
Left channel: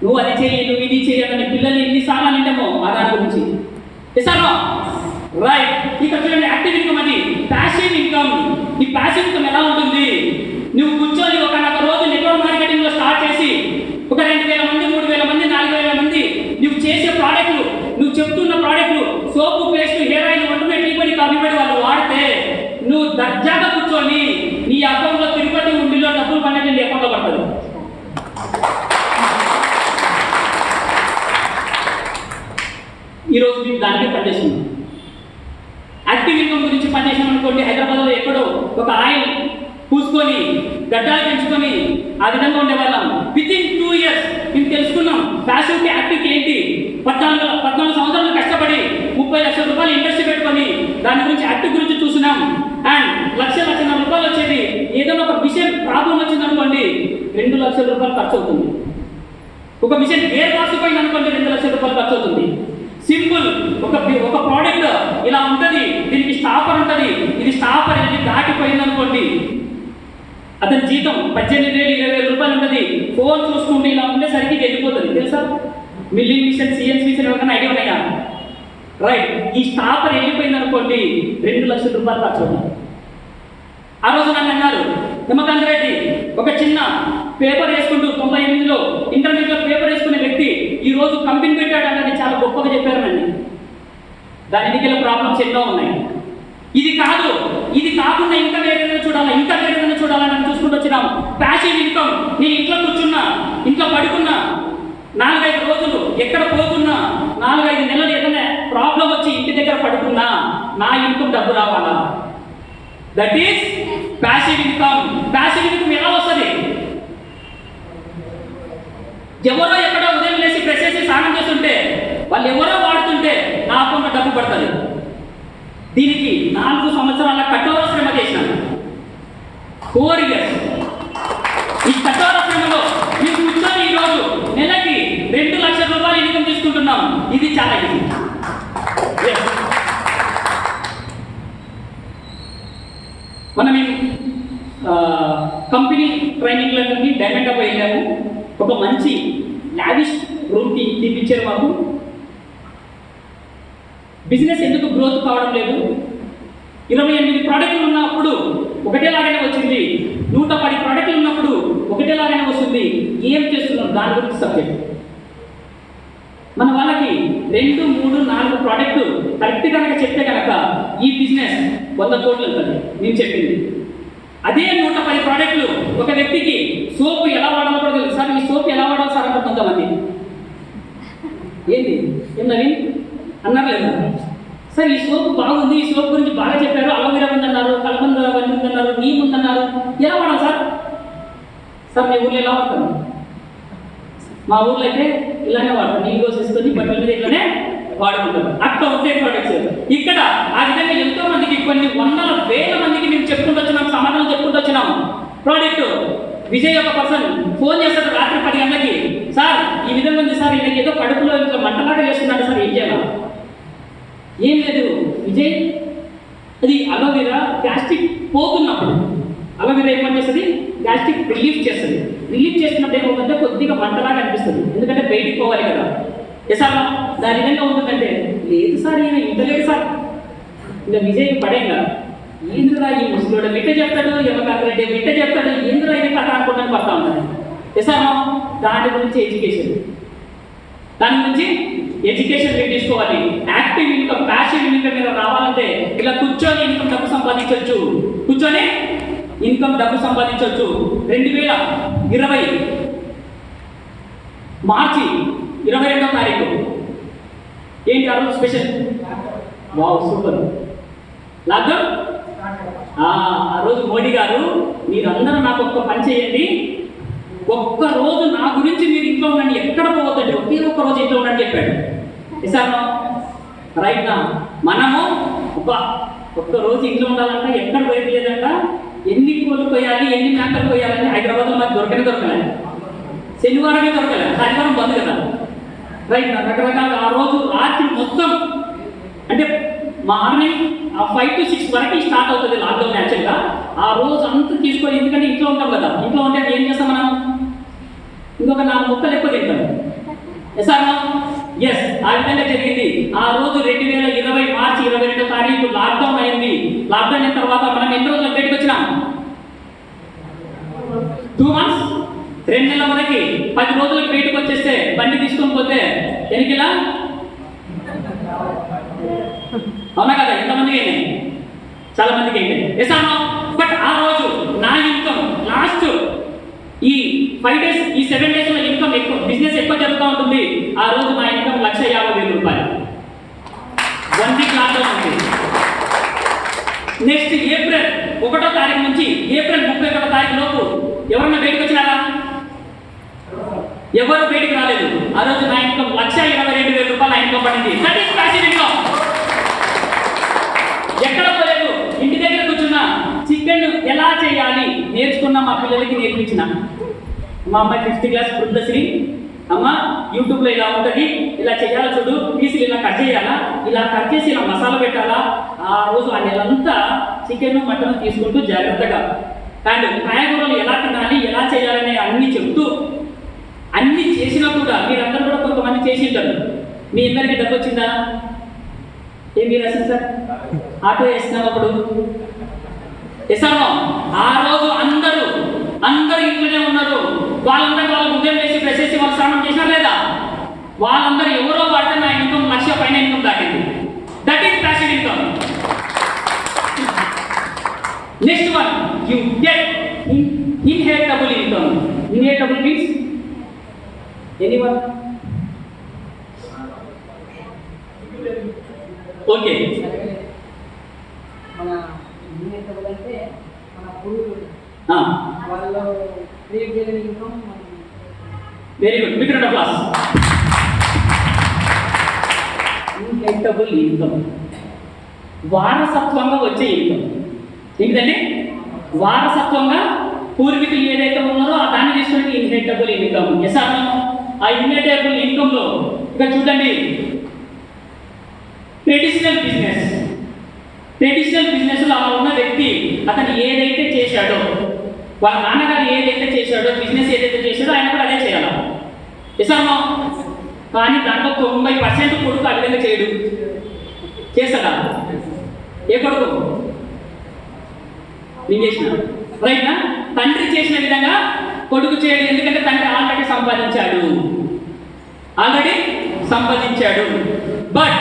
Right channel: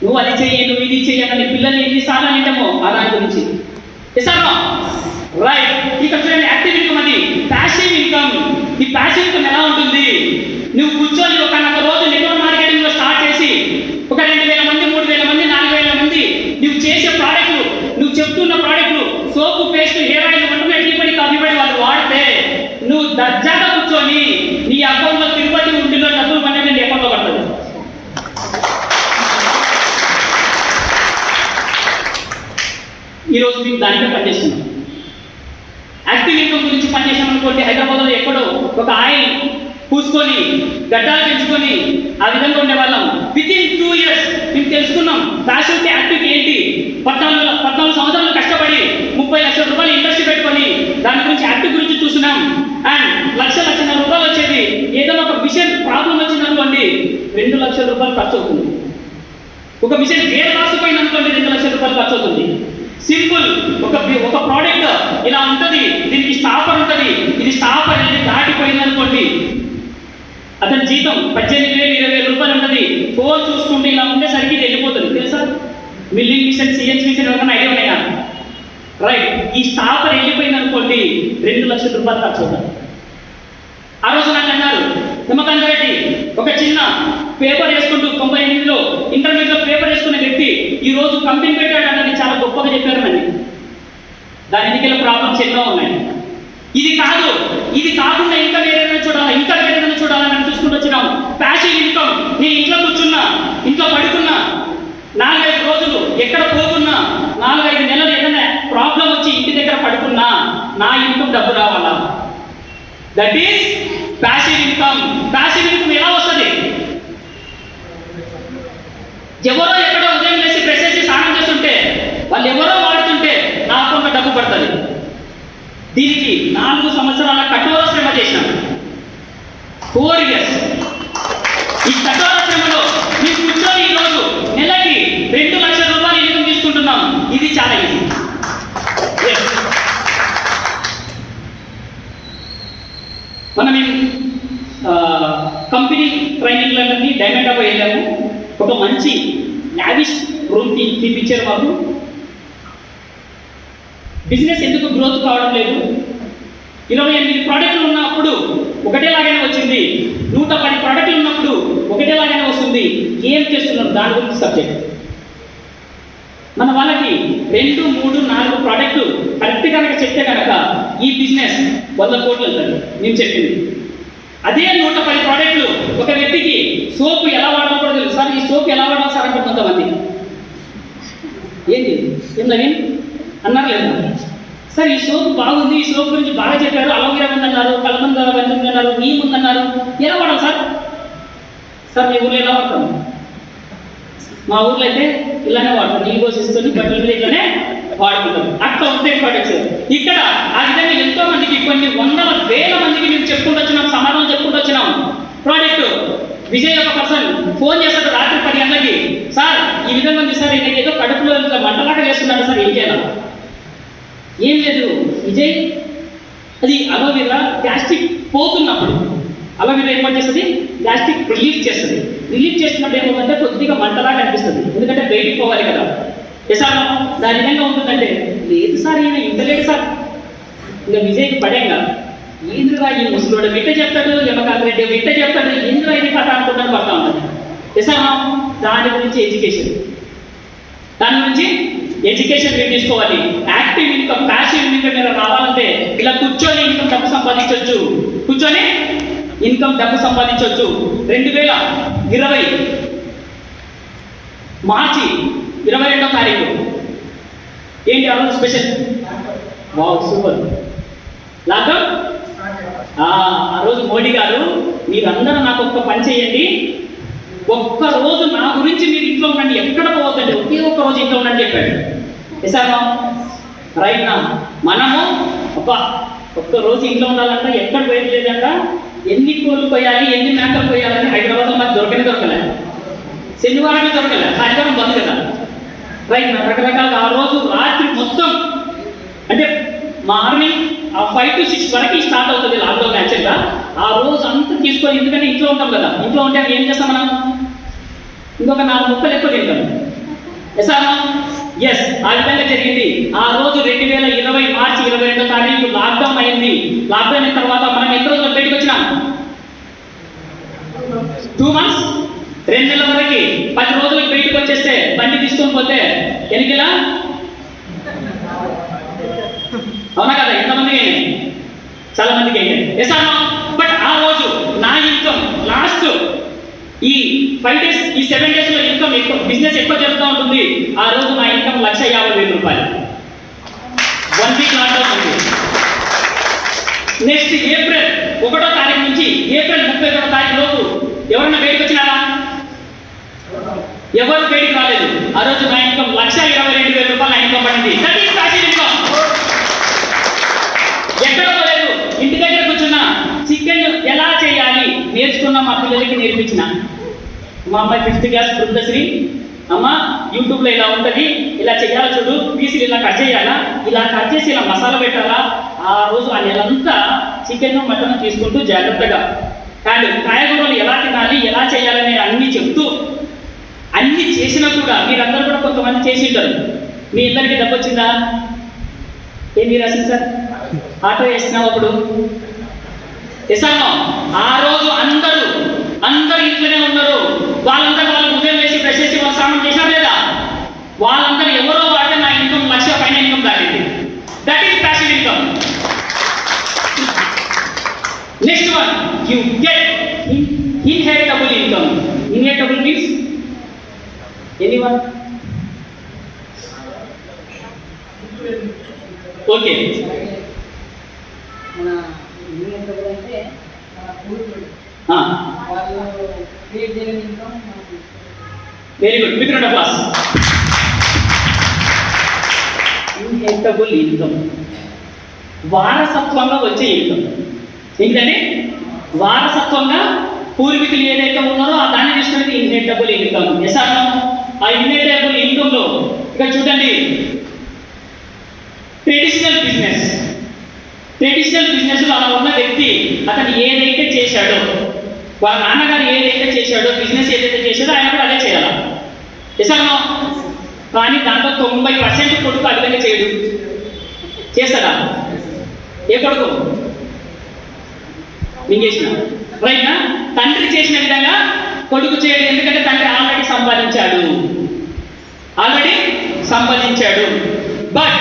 నువ్వు అది చెయ్యి, నువ్వు ఇది చెయ్యాలని పిల్లల్ని ఎన్నిసార్లు నిండమో ఆ దాని గురించి. ఇస్తాను రైట్. ఇక చూడండి, యాక్టివ్ ఇన్కమ్ అది. Passive income. ఈ ప్యాసివ్ ఇన్కమ్ ఎలా ఉంటుంది? నువ్వు కూర్చొని ఒక రోజు నెట్వర్క్ మార్కెటింగ్లో స్టార్ట్ చేసి ఒక 2000 మంది, 3000 మంది, 4000 మంది నువ్వు చేసే ప్రోడక్ట్లు, నువ్వు చెప్తున్న ప్రోడక్ట్లు, సోపు, పేస్ట్, హెయిర్ ఆయిల్, వంటనే టీపడి, కాఫీపడి వాళ్ళు వాడితే నువ్వు దర్జాగా కూర్చొని నీ అకౌంట్లో తిరుపతి ఉండిలో డబ్బులు పన్నెండు నీ అకౌంట్లో పడుతుంది. ఈరోజు మేము దానికే పనిచేస్తున్నాం. యాక్టివ్ ఇన్కమ్ గురించి పనిచేసాం అనుకోండి. హైదరాబాద్లో ఎక్కడో ఒక ఆయిల్ పూసుకొని గడ్డాలు పెంచుకొని ఆ విధంగా ఉండేవాళ్ళం. వితిన్ 2 years మేము తెలుసుకున్నాం ప్యాసివ్కి యాక్టివ్కి ఏంటి. 14 సంవత్సరాలు కష్టపడి 30 లక్షల రూపాయలు ఇండస్ట్రీ పెట్టుకొని దాని గురించి యాక్టివ్ గురించి చూసినాం. అండ్ 1,00,000 రూపాయలు వచ్చేది. ఏదైనా ఒక మిషన్ ప్రాబ్లం వచ్చిందనుకోండి 2 లక్షల రూపాయలు ఖర్చు అవుతుంది. ఒక మిషన్ గేర్ బాక్స్ పోయింది అనుకోండి 2 లక్షల రూపాయలు ఖర్చు అవుతుంది. సింపుల్. ఒక ప్రోడక్ట్ ఇలా ఉంటుంది, దీనికి స్టాపర్ ఉంటుంది. ఇది స్టాపర్ అనేది దాటిపోయింది అనుకోండి, అతని జీతం 18,000 20,000 రూపాయలు ఉంటుంది. ఫోన్ చూసుకుంటే ఇలా ఉండేసరికి ఇది వెళ్ళిపోతుంది. తెలుసా? మిల్లింగ్ మిషన్, సిఎన్సీ మిషన్ ఎవరైనా ఐడియా ఉన్నాయా? రైట్. ఈ స్టాపర్ వెళ్ళిపోయింది అనుకోండి 2 లక్షల రూపాయలు ఖర్చు అవుతుంది. ఆ రోజు నన్ను అన్నారు, నిమ్మకాంత్ రెడ్డి ఒక చిన్న పేపర్ వేసుకుంటూ 98లో ఇంటర్మీడియట్లో పేపర్ వేసుకునే వ్యక్తి ఈ రోజు కంపెనీ పెట్టాడని చాలా గొప్పగా చెప్పారు నన్ను. దాని ఎన్నికల ప్రాబ్లమ్స్ ఎన్నో ఉన్నాయి. ఇది కాదు, ఇది కాకుండా ఇంకా వేరేదైనా చూడాలని చూసుకుంటూ వచ్చినాం. Passive income. నేను ఇంట్లో కూర్చున్నా, ఇంట్లో పడుకున్నా, 4-5 రోజులు ఎక్కడ పోకున్నా, 4-5 నెలలు ఏదైనా ప్రాబ్లం వచ్చి ఇంటి దగ్గర పడుకున్నా నా ఇన్కమ్ డబ్బు రావాలా? That is passive income. Passive income ఎలా వస్తుంది? ఎవరో ఎక్కడో ఉదయం లేసి బ్రష్ చేసి స్నానం చేస్తుంటే వాళ్ళు ఎవరో వాడుతుంటే నా అకౌంట్లో డబ్బు పడుతుంది. దీనికి 4 సంవత్సరాల కఠోర శ్రమ చేసినాను. 4 years. ఈ కఠోర శ్రమలో మేము కూర్చొని ఈరోజు నెలకి 2 లక్షల రూపాయలు ఇన్కమ్ తీసుకుంటున్నాం. ఇది చాలా ఈజీ. మనం కంపెనీ ట్రైనింగ్లన్నీ డైమండ్ అప్ వెళ్ళాము. ఒక మంచి లావిష్ రూమ్ తీపిచ్చారు మాకు. బిజినెస్ ఎందుకు గ్రోత్ కావడం లేదు? 28 ప్రోడక్ట్లు ఉన్నప్పుడు ఒకటేలాగానే వచ్చింది, 110 ప్రోడక్ట్లు ఉన్నప్పుడు ఒకటేలాగానే వస్తుంది. ఏం చేస్తున్నాం దాని గురించి సబ్జెక్ట్. మన వాళ్ళకి 2, 3, 4 ప్రోడక్ట్లు కరెక్ట్ కనుక చెప్తే కనుక ఈ బిజినెస్ 100 కోట్లు వెళ్తుంది నేను చెప్పింది. అదే 110 ప్రోడక్ట్లు ఒక వ్యక్తికి సోపు ఎలా వాడాలో కూడా తెలుసు. సార్ ఈ సోపు ఎలా వాడాలి సార్ అంటే కొంతమంది ఏంటి ఏందని అన్నారు లేదా? సార్ ఈ సోపు బాగుంది, ఈ సోప్ గురించి బాగా చెప్పారు, అలోవెరా ఉందన్నారు, కలబంద ఉందన్నారు, నీమ్ ఉందన్నారు, ఎలా వాడాలి సార్? సార్ మీ ఊళ్ళో ఎలా వాడతాం? మా ఊర్లో అయితే ఇలానే వాడతాం, నీళ్ళు పోసేస్తుంది బట్టల మీద ఇట్లానే వాడుకుంటాం. అట్లా ఉంటాయి ప్రోడక్ట్స్. ఇక్కడ ఆ విధంగా ఎంతో మందికి కొన్ని వందల వేల మందికి మేము చెప్పుకుంటూ వచ్చినాం, సమాధానం చెప్పుకుంటూ వచ్చినాం. ప్రోడక్ట్ విజయ్ ఒక పర్సన్ ఫోన్ చేస్తాడు రాత్రి 10 గంటలకి, సార్ ఈ విధంగా ఉంది సార్, ఈయనకి ఏదో కడుపులో ఇట్లా మంటలాగా చేస్తున్నాడు సార్, ఏం చేయాలి? ఏం లేదు విజయ్, అది అలోవెరా గ్యాస్ట్రిక్ పోతున్నప్పుడు అలోవెరా ఏం చేస్తుంది, గ్యాస్ట్రిక్ రిలీఫ్ చేస్తుంది. రిలీఫ్ చేస్తున్నప్పుడు ఏమవుతుందంటే కొద్దిగా మంటలాగా అనిపిస్తుంది, ఎందుకంటే బయటికి పోవాలి కదా. సార్ దాని విధంగా ఉంటుందంటే లేదు సార్ ఈయన ఇంటలేడు సార్. ఇంకా విజయ్కి పడేగా ఏంద్రా ఈ ముసలోడు విట్ట చెప్తాడు, యమకాంత్ రెడ్డి విట్ట చెప్తాడు, ఏంద్రా ఇది కథ అనుకుంటాను పడతా ఉంటుంది. సార్ దాని గురించి ఎడ్యుకేషన్, దాని గురించి ఎడ్యుకేషన్ మీరు తీసుకోవాలి. యాక్టివ్ ఇన్కమ్, ప్యాసివ్ ఇన్కమ్ మీరు రావాలంటే ఇలా కూర్చొని ఇన్కమ్ డబ్బు సంపాదించవచ్చు, కూర్చొని ఇన్కమ్ డబ్బు సంపాదించవచ్చు. 2020 మార్చి 22వ తారీఖు ఏంటి ఆ రోజు స్పెషల్? Wow super, lockdown. ఆ రోజు మోడీ గారు మీరందరూ నాకు ఒక్క పని చేయండి, ఒక్క రోజు నా గురించి మీరు ఇంట్లో ఉండండి, ఎక్కడ పోవద్దండి, ఒకే ఒక్క రోజు ఇంట్లో ఉండండి చెప్పాడు. సార్ రైట్ నా మనము అబ్బా ఒక్క రోజు ఇంట్లో ఉండాలంట, ఎక్కడ బయట లేదంట, ఎన్ని కోళ్ళు కొయ్యాలి, ఎన్ని మేకలు కొయ్యాలని హైదరాబాద్లో నాకు దొరకలే, శనివారమే దొరకలే, ఆదివారం బంద్ కదా. రైట్ నా రకరకాలుగా ఆ రోజు రాత్రి మొత్తం అంటే మార్నింగ్ 5 to 6 వరకు స్టార్ట్ అవుతుంది లాక్డౌన్. యాక్చువల్గా ఆ రోజు అంతా తీసుకొని, ఎందుకంటే ఇంట్లో ఉంటాం కదా, ఇంట్లో ఉంటే ఏం చేస్తాం మనం, ఇంకొక 4 ముక్కలు ఎక్కువ తింటాం. ఎస్ ఆ విధంగా జరిగింది. ఆ రోజు 2020 మార్చి 22వ తారీఖు లాక్డౌన్ అయింది. లాక్డౌన్ అయిన తర్వాత మనం ఎన్ని రోజులు బయటకు వచ్చినాం? 2 months, 2 నెలల వరకు 10 రోజులకు బయటకు వచ్చేస్తే బండి తీసుకొని పోతే ఎన్నికలా అవునా కదా? ఎంతమంది అయినాయి? చాలా మందికి అయినాయి. ఎస్ అన్నా. బట్ ఆ రోజు నా ఇన్కమ్ లాస్ట్ ఈ 5 days, ఈ 7 days లో ఇన్కమ్ ఎక్కువ, బిజినెస్ ఎక్కువ జరుగుతూ ఉంటుంది. ఆ రోజు నా ఇన్కమ్ 1,50,000 రూపాయలు. 1 week లాక్డౌన్ ఉంది. నెక్స్ట్ ఏప్రిల్ 1వ తారీఖు నుంచి ఏప్రిల్ 31వ తారీఖు లోపు ఎవరన్నా బయటకు వచ్చినారా? ఎవరు బయటికి రాలేదు. ఆ రోజు నా ఇన్కమ్ 1,22,000 రూపాయలు నా ఇన్కమ్ పడింది. That is passive income. ఎక్కడ పోలేదు, ఇంటి దగ్గర కూర్చున్నా, చికెన్ ఎలా చేయాలి నేర్చుకున్నా, మా పిల్లలకి నేర్పించిన. మా అమ్మాయి 5th క్లాస్ బృందశ్రీ, అమ్మ యూట్యూబ్లో ఇలా ఉంటుంది, ఇలా చేయాలా చూడు, పీసులు ఇలా కట్ చేయాలా, ఇలా కట్ చేసి ఇలా మసాలా పెట్టాలా. ఆ రోజు ఆ నెలంతా చికెన్ మటన్ తీసుకుంటూ జాగ్రత్తగా అండ్ కాయగూరలు ఎలా తినాలి, ఎలా చేయాలని అన్నీ చెప్తూ అన్నీ చేసినా కూడా మీరందరూ కూడా కొంతమంది చేసి ఉంటారు. మీ అందరికీ డబ్బు వచ్చిందా? ఏమి రాసింది సార్? ఆటో వేసినావు అప్పుడు వేసాను. ఆ రోజు అందరూ ఇంట్లోనే ఉన్నారు. వాళ్ళందరూ వాళ్ళు ఉదయం వేసి బ్రష్ చేసి వాళ్ళు స్నానం చేసినారు లేదా? వాళ్ళందరూ ఎవరో వాడితే నా ఇన్కమ్ 1,00,000 పైన ఇన్కమ్ దాటింది. That is passive income. Next one, you get inheritable income. Inheritable means anyone? Okay, మన ఇన్హెరిటబుల్ అంటే మన పూర్వీకులు వాళ్ళు క్రియేట్ చేయని income. Very good, big round of applause. Inheritable income వారసత్వంగా వచ్చే ఇన్కమ్. ఏంటంటే వారసత్వంగా పూర్వీకులు ఏదైతే ఉన్నారో ఆ దాన్ని తీసుకునేది ఇన్హెరిటబుల్ ఇన్కమ్. ఎస్ అన్నా? ఆ ఇన్హెరిటబుల్ ఇన్కమ్లో ఇక్కడ చూడండి, ట్రెడిషనల్ బిజినెస్లో అలా ఉన్న వ్యక్తి అతను ఏదైతే చేశాడో వాళ్ళ నాన్నగారు ఏదైతే చేశాడో, బిజినెస్ ఏదైతే చేశాడో ఆయన కూడా అదే చేయాలి. చేశామో? కానీ దాంట్లో 90% కొడుకు ఆ విధంగా చేయడు. చేస్తాడా? ఏ కొడుకు నేను చేసిన రైట్నా? తండ్రి చేసిన విధంగా కొడుకు చేయడు. ఎందుకంటే తండ్రి ఆల్రెడీ సంపాదించాడు. బట్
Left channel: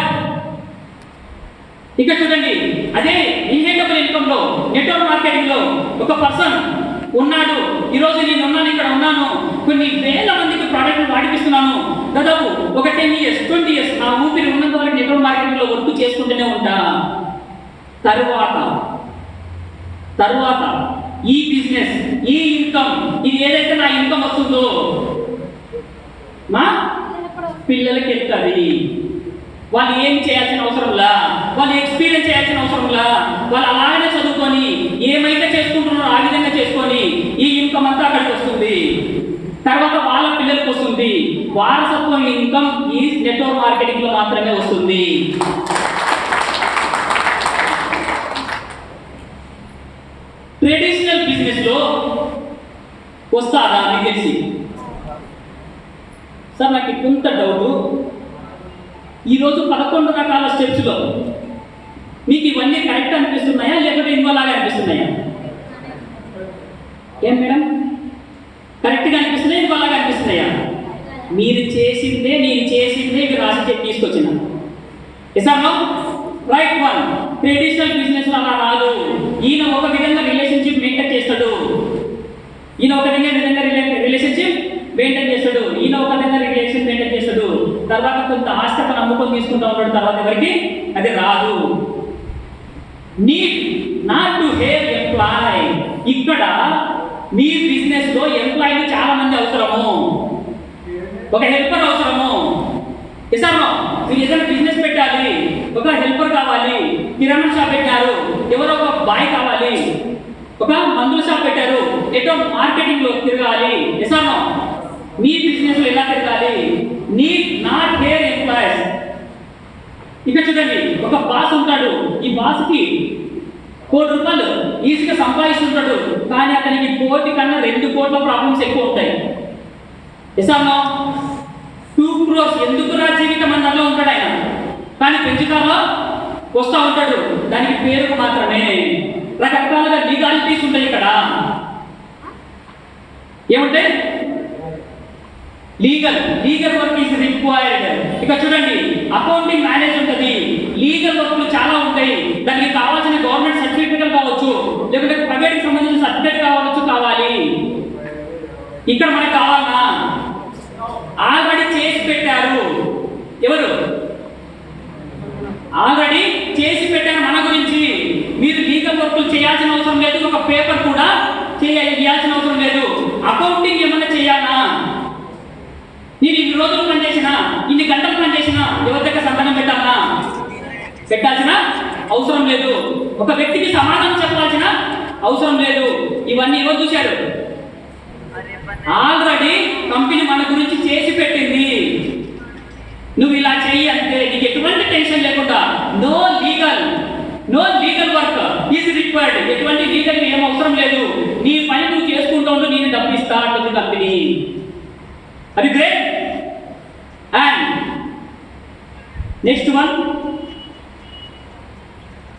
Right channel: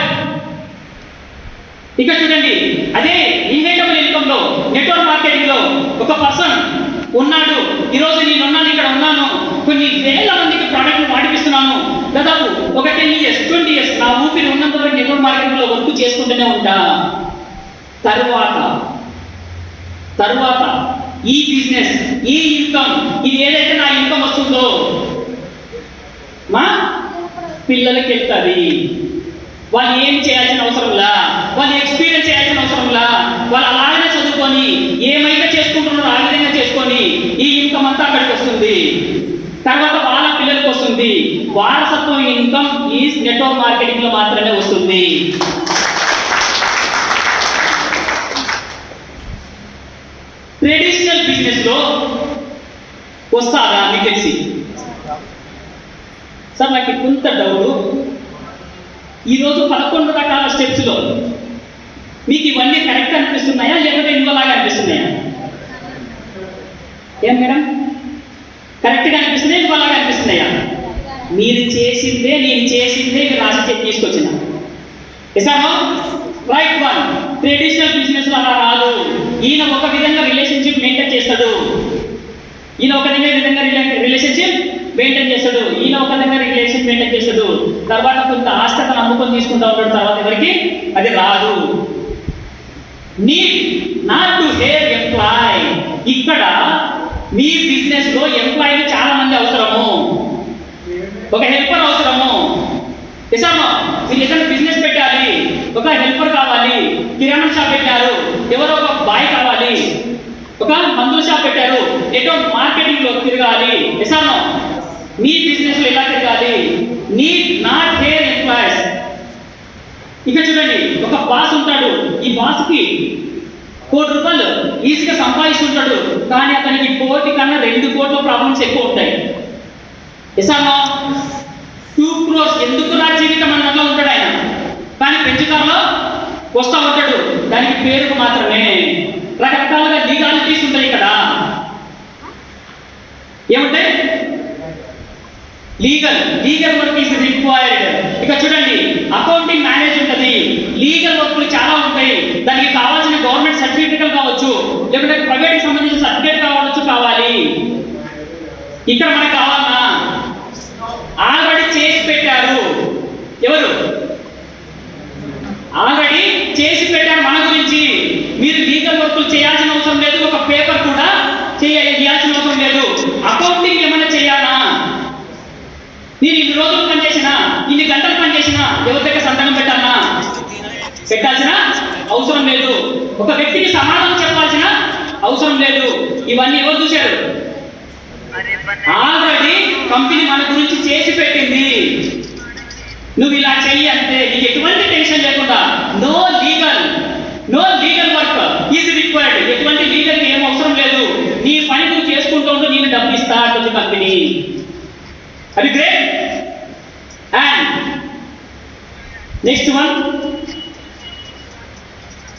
ఇక చూడండి, అదే ఇన్హెరిటబుల్ ఇన్కమ్ లో, నెట్వర్క్ మార్కెటింగ్ లో ఒక పర్సన్ ఉన్నాడు. ఈరోజు నేను ఉన్నాను, ఇక్కడ ఉన్నాను, కొన్ని వేల మందికి ప్రోడక్ట్ వాడిపిస్తున్నాను. దాదాపు ఒక 10 years 20 years నా ఊపిరి ఉన్నంత వరకు నెట్వర్క్ మార్కెటింగ్ లో వర్క్ చేసుకుంటూనే ఉంటా. తరువాత ఈ బిజినెస్, ఈ ఇన్కమ్, ఇది ఏదైతే నా ఇన్కమ్ వస్తుందో మా పిల్లలకి వెళ్తుంది. వాళ్ళు ఏం చేయాల్సిన అవసరంలా, వాళ్ళు ఎక్స్పీరియన్స్ చేయాల్సిన అవసరంలా, వాళ్ళు అలాగనే చదువుకొని ఏమైతే చేసుకుంటున్నారో ఆ విధంగా చేసుకొని ఈ ఇన్కమ్ అంతా అక్కడికి వస్తుంది. తర్వాత వాళ్ళ పిల్లలకి వస్తుంది. వారసత్వం ఇన్కమ్ ఈ నెట్వర్క్ మార్కెటింగ్ లో మాత్రమే వస్తుంది. ట్రెడిషనల్ బిజినెస్ లో వస్తారా మీకు తెలిసి? సార్ నాకు కొంత డౌట్. ఈరోజు 11 రకాల స్టెప్స్లో మీకు ఇవన్నీ కరెక్ట్ అనిపిస్తున్నాయా, లేకపోతే ఇంకోలాగా అనిపిస్తున్నాయా? ఏం మేడం, కరెక్ట్గా అనిపిస్తున్నాయా, ఇంకోలాగా అనిపిస్తున్నాయా? మీరు చేసిందే, నేను చేసిందే ఇది రాసి చెప్పి తీసుకొచ్చిన. ఎసామో రైట్ వన్. ట్రెడిషనల్ బిజినెస్ అలా రాదు. ఈయన ఒక విధంగా రిలేషన్షిప్ మెయింటైన్ చేస్తాడు, ఈయన ఒక విధంగా రిలేషన్షిప్ మెయింటైన్ చేస్తాడు, ఈయన ఒక విధంగా రిలేషన్ మెయింటైన్ చేస్తాడు. తర్వాత కొంత ఆస్తిని నమ్ముకొని తీసుకుంటూ ఉంటాడు. తర్వాత ఎవరికి అది రాదు. Need not to hire employ. ఇక్కడ మీ బిజినెస్ లో ఎంప్లాయీలు చాలా మంది అవసరము, ఒక హెల్పర్ అవసరము. నిజమా? మీరు ఏదైనా బిజినెస్ పెట్టాలి, ఒక హెల్పర్ కావాలి. కిరాణా షాప్ పెట్టారు, ఎవరో ఒక బాయ్ కావాలి. ఒక మందుల షాప్ పెట్టారు, నెట్వర్క్ మార్కెటింగ్ లో తిరగాలి. నిజమా? మీ బిజినెస్ లో ఎలా తిరగాలి? Need not hair employees. ఇక చూడండి, ఒక బాస్ ఉంటాడు. ఈ బాస్కి ₹1 కోటి ఈజీగా సంపాదిస్తుంటాడు. కానీ అతనికి 1 కోటి కన్నా 2 కోట్ల ప్రాబ్లమ్స్ ఎక్కువ ఉంటాయి. నిజమా? 2 crores ఎందుకు నా జీవితం అన్నలో ఉంటాడు ఆయన. కానీ పెంచుకారులో వస్తూ ఉంటాడు. దానికి పేరుకు మాత్రమే. రకరకాలుగా లీగాలిటీస్ ఉంటాయి. ఇక్కడ ఏముంటాయి? Legal work is required. ఇక చూడండి, అకౌంటింగ్ మేనేజ్ ఉంటుంది. లీగల్ వర్క్లు చాలా ఉంటాయి. దానికి కావాల్సిన గవర్నమెంట్ సర్టిఫికేట్ కావచ్చు, లేకపోతే ప్రైవేట్కి సంబంధించిన సర్టిఫికేట్ కావాలి. ఇక్కడ మనకు కావాలన్నా ఆల్రెడీ చేసి పెట్టారు. ఎవరు ఆల్రెడీ చేసి పెట్టారు మన గురించి. మీరు లీగల్ వర్క్లు చేయాల్సిన అవసరం లేదు, ఒక పేపర్ కూడా చేయాల్సిన అవసరం లేదు. అకౌంటింగ్ ఏమన్నా చేయాలా? నేను ఇన్ని రోజులు పనిచేసినా, ఇన్ని గంటలు పనిచేసినా ఎవరి దగ్గర సంతకం పెట్టాల్సిన అవసరం లేదు. ఒక వ్యక్తికి సమాధానం చెప్పాల్సిన అవసరం లేదు. ఇవన్నీ ఎవరు చూశారు? ఆల్రెడీ కంపెనీ మన గురించి చేసి పెట్టింది. నువ్వు ఇలా చెయ్యి అంటే నీకు ఎటువంటి టెన్షన్ లేకుండా no legal work is required. ఎటువంటి లీగల్ ఏం అవసరం లేదు. నీ పని నువ్వు చేసుకుంటూ ఉంటూ నేను డబ్బు ఇస్తా అంటుంది కంపెనీ. అది గ్రేట్. అండ్ నెక్స్ట్ వన్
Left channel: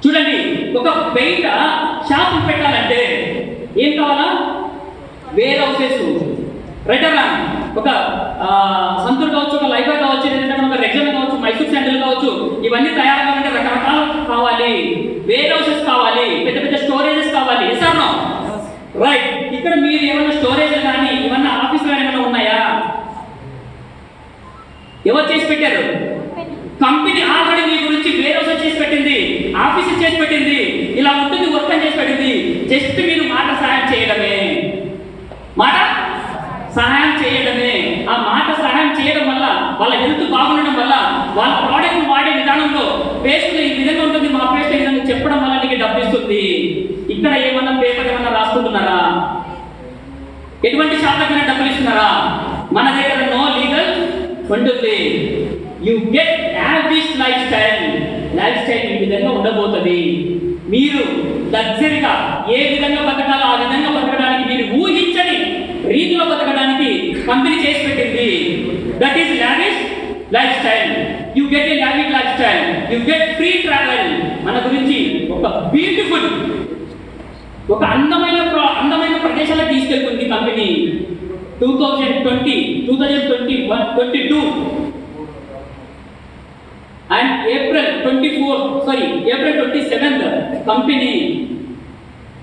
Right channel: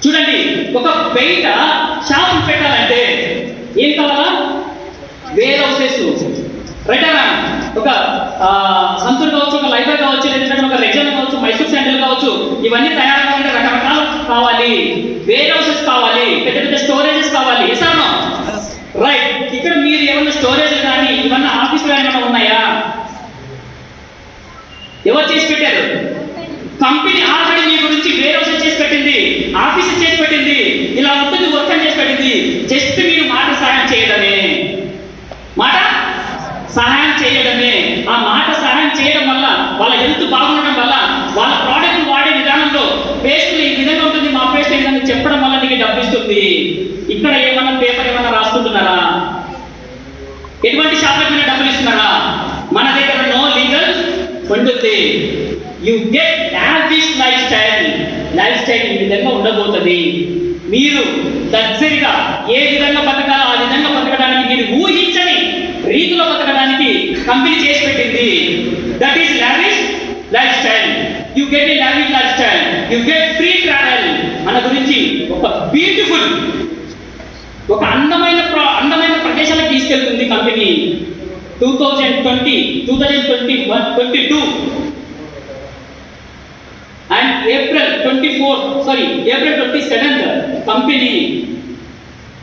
చూడండి, ఒక బయట షాప్ పెట్టాలంటే ఏం కావాలా? వేర్ హౌసెస్, రిటర్న్, ఒక సంతూర్ కావచ్చు, ఒక లైబ్రరీ కావచ్చు, లేదంటే ఒక రెగ్జన్ కావచ్చు, మైసూర్ శాండిల్ కావచ్చు. ఇవన్నీ తయారు కావాలంటే రకరకాలు కావాలి. వేర్ హౌసెస్ కావాలి, పెద్ద పెద్ద స్టోరేజెస్ కావాలి. ఎసానో రైట్. ఇక్కడ మీరు ఏమన్నా స్టోరేజ్ కానీ ఏమన్నా ఆఫీసులు ఏమైనా ఉన్నాయా? ఎవరు చేసి పెట్టారు? కంపెనీ ఆల్రెడీ మీ గురించి వేర్ హౌసెస్ చేసి పెట్టింది, ఆఫీసెస్ చేసి పెట్టింది, ఇలా ఉంటుంది వర్క్ అని చేసి పెట్టింది. జస్ట్ మీరు మాట సహాయం చేయడమే. ఆ మాట సహాయం చేయడం వల్ల, వాళ్ళ హెల్త్ బాగుండడం వల్ల, వాళ్ళ ప్రోడక్ట్ వాడే విధానంలో పేస్ట్ ఈ విధంగా ఉంటుంది, మా పేస్ట్ ఈ విధంగా చెప్పడం వల్ల నీకు డబ్బు ఇస్తుంది. ఇక్కడ ఏమన్నా పేపర్ ఏమన్నా రాసుకుంటున్నారా? ఎటువంటి షాప్లకైనా డబ్బులు ఇస్తున్నారా? మన దగ్గర నో లీగల్ ఉంటుంది. You get lavish life style ఈ విధంగా ఉండబోతుంది. మీరు లగ్జరీగా ఏ విధంగా బతకాలో ఆ విధంగా బతకడానికి మీరు ఊహించని రీతిలో బతకడానికి కంపెనీ చేసి పెట్టింది. That is lavish life style. You get a lavish life style, you get free travel. మన గురించి ఒక బ్యూటిఫుల్, ఒక అందమైన ప్రదేశాలకు తీసుకెళ్తుంది company. 2022 and April 27th company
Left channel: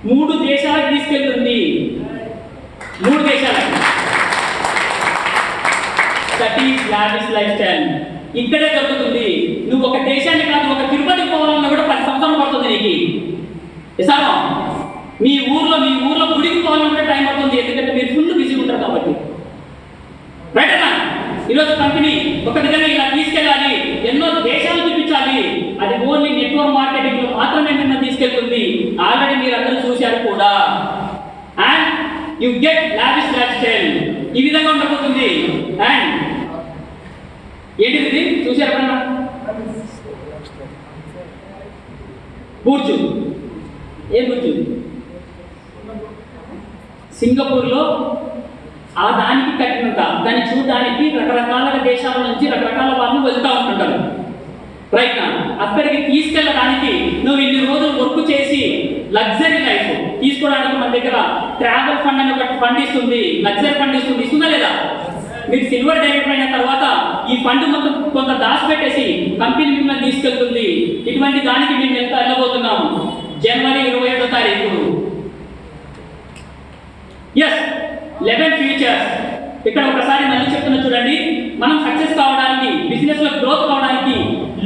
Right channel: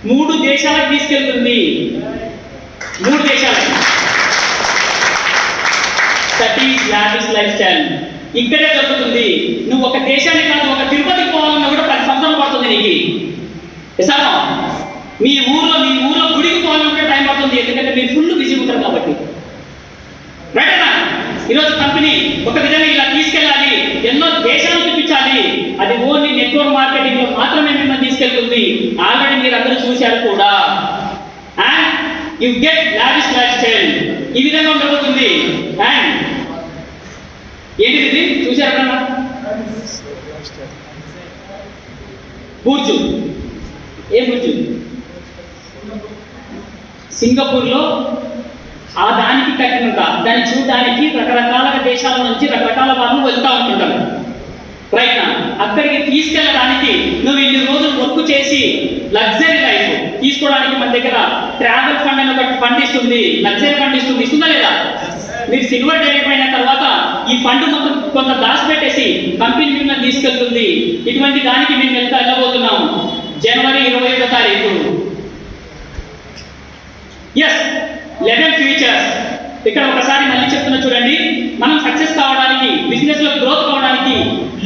3 దేశాలకు తీసుకెళ్తుంది. 3 దేశాలకు. That is lavish life style. ఇక్కడే దొరుకుతుంది. నువ్వు ఒక దేశాన్ని కాదు, ఒక తిరుపతికి పోవాలన్నా కూడా 10 సంవత్సరాలు పడుతుంది నీకు. ఎసారో మీ ఊర్లో గుడికి పోవాలంటే టైం పడుతుంది, ఎందుకంటే మీరు ఫుల్ బిజీ ఉంటారు కాబట్టి. రైటేనా? ఈరోజు కంపెనీ ఒక విధంగా ఇలా తీసుకెళ్ళాలి, ఎన్నో దేశాలు చూపించాలి. అది ఓన్లీ నెట్వర్క్ మార్కెటింగ్ లో మాత్రమే మిమ్మల్ని తీసుకెళ్తుంది. ఆల్రెడీ మీరు అందరూ చూశారు కూడా. And you get lavish life style. ఈ విధంగా ఉండబోతుంది. అండ్ ఏంటిది చూశారు కన్నా? బుర్జు. ఏ బుర్జు? సింగపూర్లో ఆ దానికి కట్టినంత దాన్ని చూడడానికి రకరకాల దేశాల నుంచి రకరకాల వాళ్ళు వెళ్తూ ఉంటుంటారు. రైట్ నా? అక్కడికి తీసుకెళ్ళడానికి నువ్వు ఇన్ని రోజులు వర్క్ చేసి లగ్జరీ లైఫ్ తీసుకోవడానికి మన దగ్గర ట్రావెల్ ఫండ్ అని ఒకటి ఫండ్ ఇస్తుంది, లగ్జరీ ఫండ్ ఇస్తుంది. ఇస్తుందా లేదా? మీరు సిల్వర్ డైరెక్ట్ అయిన తర్వాత ఈ ఫండ్ మొత్తం కొంత దాచిపెట్టేసి కంపెనీ మిమ్మల్ని తీసుకెళ్తుంది. ఇటువంటి దానికి మేము వెళ్ళబోతున్నాం జనవరి 27వ తారీఖు. Yes, 11 features. ఇక్కడ ఒకసారి మళ్ళీ చెప్తున్నా చూడండి. మనం సక్సెస్ కావడానికి, బిజినెస్ లో గ్రోత్ కావడానికి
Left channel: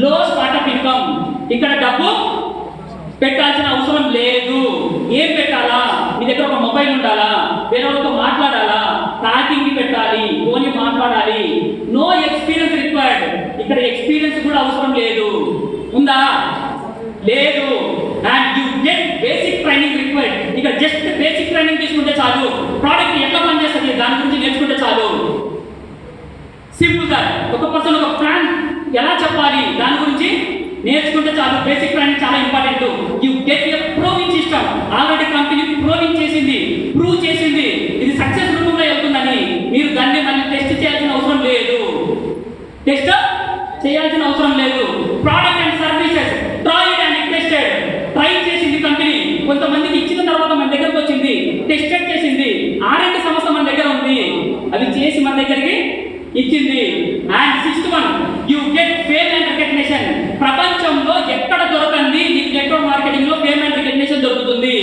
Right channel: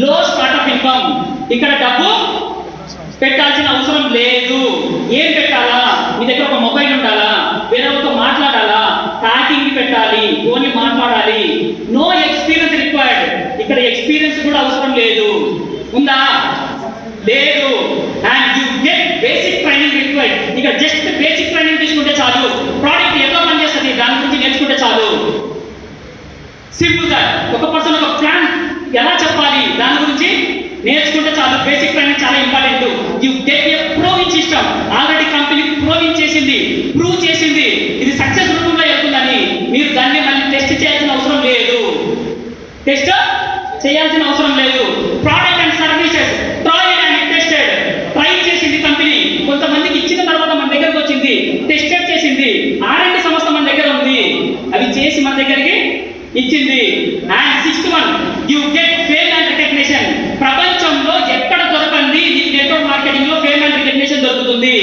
లో స్టార్ట్అప్ ఇన్కమ్. ఇక్కడ డబ్బు పెట్టాల్సిన అవసరం లేదు. ఏం పెట్టాలా? మీ దగ్గర ఒక మొబైల్ ఉండాలా, వేరొకరితో మాట్లాడాలా, టాకింగ్ పెట్టాలి, ఓన్లీ మాట్లాడాలి. No experience required. ఇక్కడ ఎక్స్పీరియన్స్ కూడా అవసరం లేదు. ఉందా? లేదు. And you get basic training required. ఇక్కడ జస్ట్ బేసిక్ ట్రైనింగ్ తీసుకుంటే చాలు. ప్రోడక్ట్ ఎట్లా పనిచేస్తుంది దాని గురించి నేర్చుకుంటే చాలు. సింపుల్ గా ఒక పర్సన్ ఒక ప్లాన్ ఎలా చెప్పాలి దాని గురించి నేర్చుకుంటే చాలు. బేసిక్ ట్రైనింగ్ చాలా important. You get a proving system. Already company proving చేసింది, ప్రూవ్ చేసింది ఇది సక్సెస్ రూపంలో వెళ్తుందని. మీరు దాన్ని మళ్ళీ టెస్ట్ చేయాల్సిన అవసరం లేదు. టెస్ట్ చేయాల్సిన అవసరం లేదు. Product and services tried and tested. Try చేసింది కంపెనీ, కొంతమందికి ఇచ్చిన తర్వాత మన దగ్గరకు వచ్చింది, టెస్టెడ్ చేసింది. R&D సంస్థ మన దగ్గర ఉంది, అవి చేసి మన దగ్గరికి ఇచ్చింది. And 6th one, you get fame and recognition. ప్రపంచంలో ఎక్కడ దొరకంది ఈ నెట్వర్క్ మార్కెటింగ్ లో ఫేమ్ అండ్ రికగ్నిషన్ దొరుకుతుంది.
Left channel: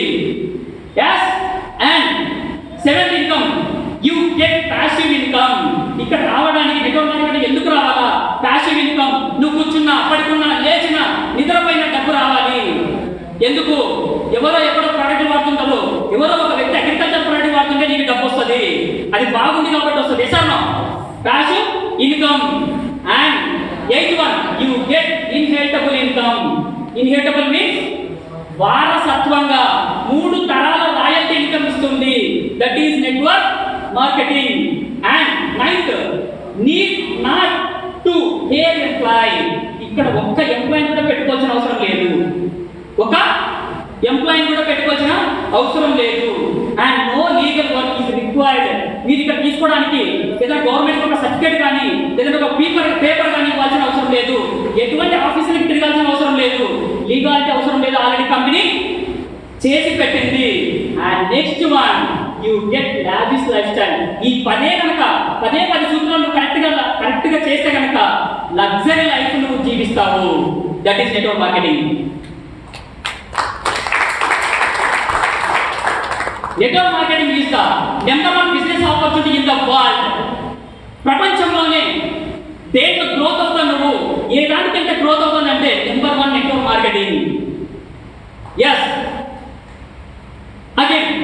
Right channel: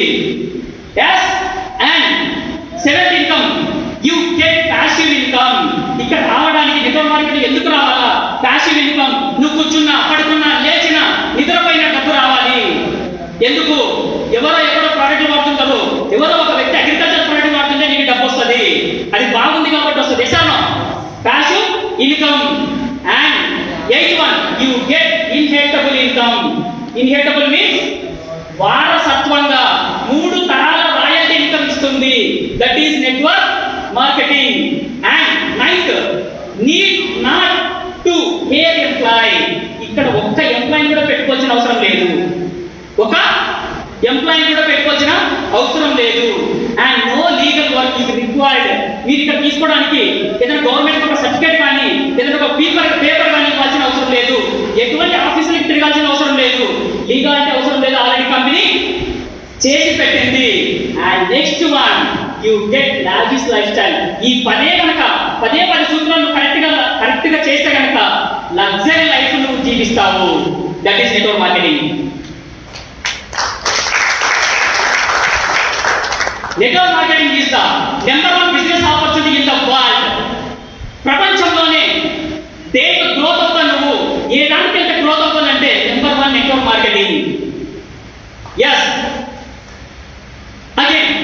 yes. And 7th income, you get passive income. ఇక్కడ రావడానికి నెట్వర్క్ మార్కెటింగ్ ఎందుకు రావాలా? Passive income. నువ్వు కూర్చున్నా, పడుకున్నా, లేచినా, నిద్రపోయిన డబ్బు రావాలి. ఎందుకు? ఎవరో ఎక్కడో ప్రోడక్ట్ వాడుతుంటారు, ఎవరో ఒక వ్యక్తి అగ్రికల్చర్ ప్రోడక్ట్ వాడుతుంటే నీకు డబ్బు వస్తుంది. అది బాగుంది కాబట్టి వస్తుంది. Yes or no passive income. And 8th one, you get inheritable income. Inheritable means వారసత్వంగా 3 తరాల రాయల్టీ ఇన్కమ్ ఇస్తుంది. That is network marketing. And 9th, need not to hire employ. ఇక్కడ ఒక్క ఎంప్లాయ్ కూడా పెట్టుకోవాల్సిన అవసరం లేదు. ఒక ఎంప్లాయీ కూడా పెట్టుకోవాల్సిన అవసరం లేదు. And no legal work is required. మీరు ఇక్కడ తీసుకోవడానికి ఏదైనా గవర్నమెంట్ ఒక సర్టిఫికేట్ కానీ ఏదైనా ఒక పేపర్ కానీ ఇవ్వాల్సిన అవసరం లేదు. ఎటువంటి ఆఫీసులకు తిరగాల్సిన అవసరం లేదు. లీగాలిటీ అవసరం లేదు. ఆల్రెడీ కంపెనీ చేసి పెట్టింది. And next one, you get lavish life style. ఈ 10 సూత్రాలను కరెక్ట్ గా చేస్తే కనుక లగ్జరీ లైఫ్ నువ్వు జీవిస్తావు. That is network marketing. Network marketing is the number 1 business opportunity in the world. ప్రపంచంలోనే దేంట్లో గ్రోత్ అవుతావు నువ్వు, ఏ దానికి వెళ్తే గ్రోత్ అవుతానంటే number 1 network marketing. Yes. Again,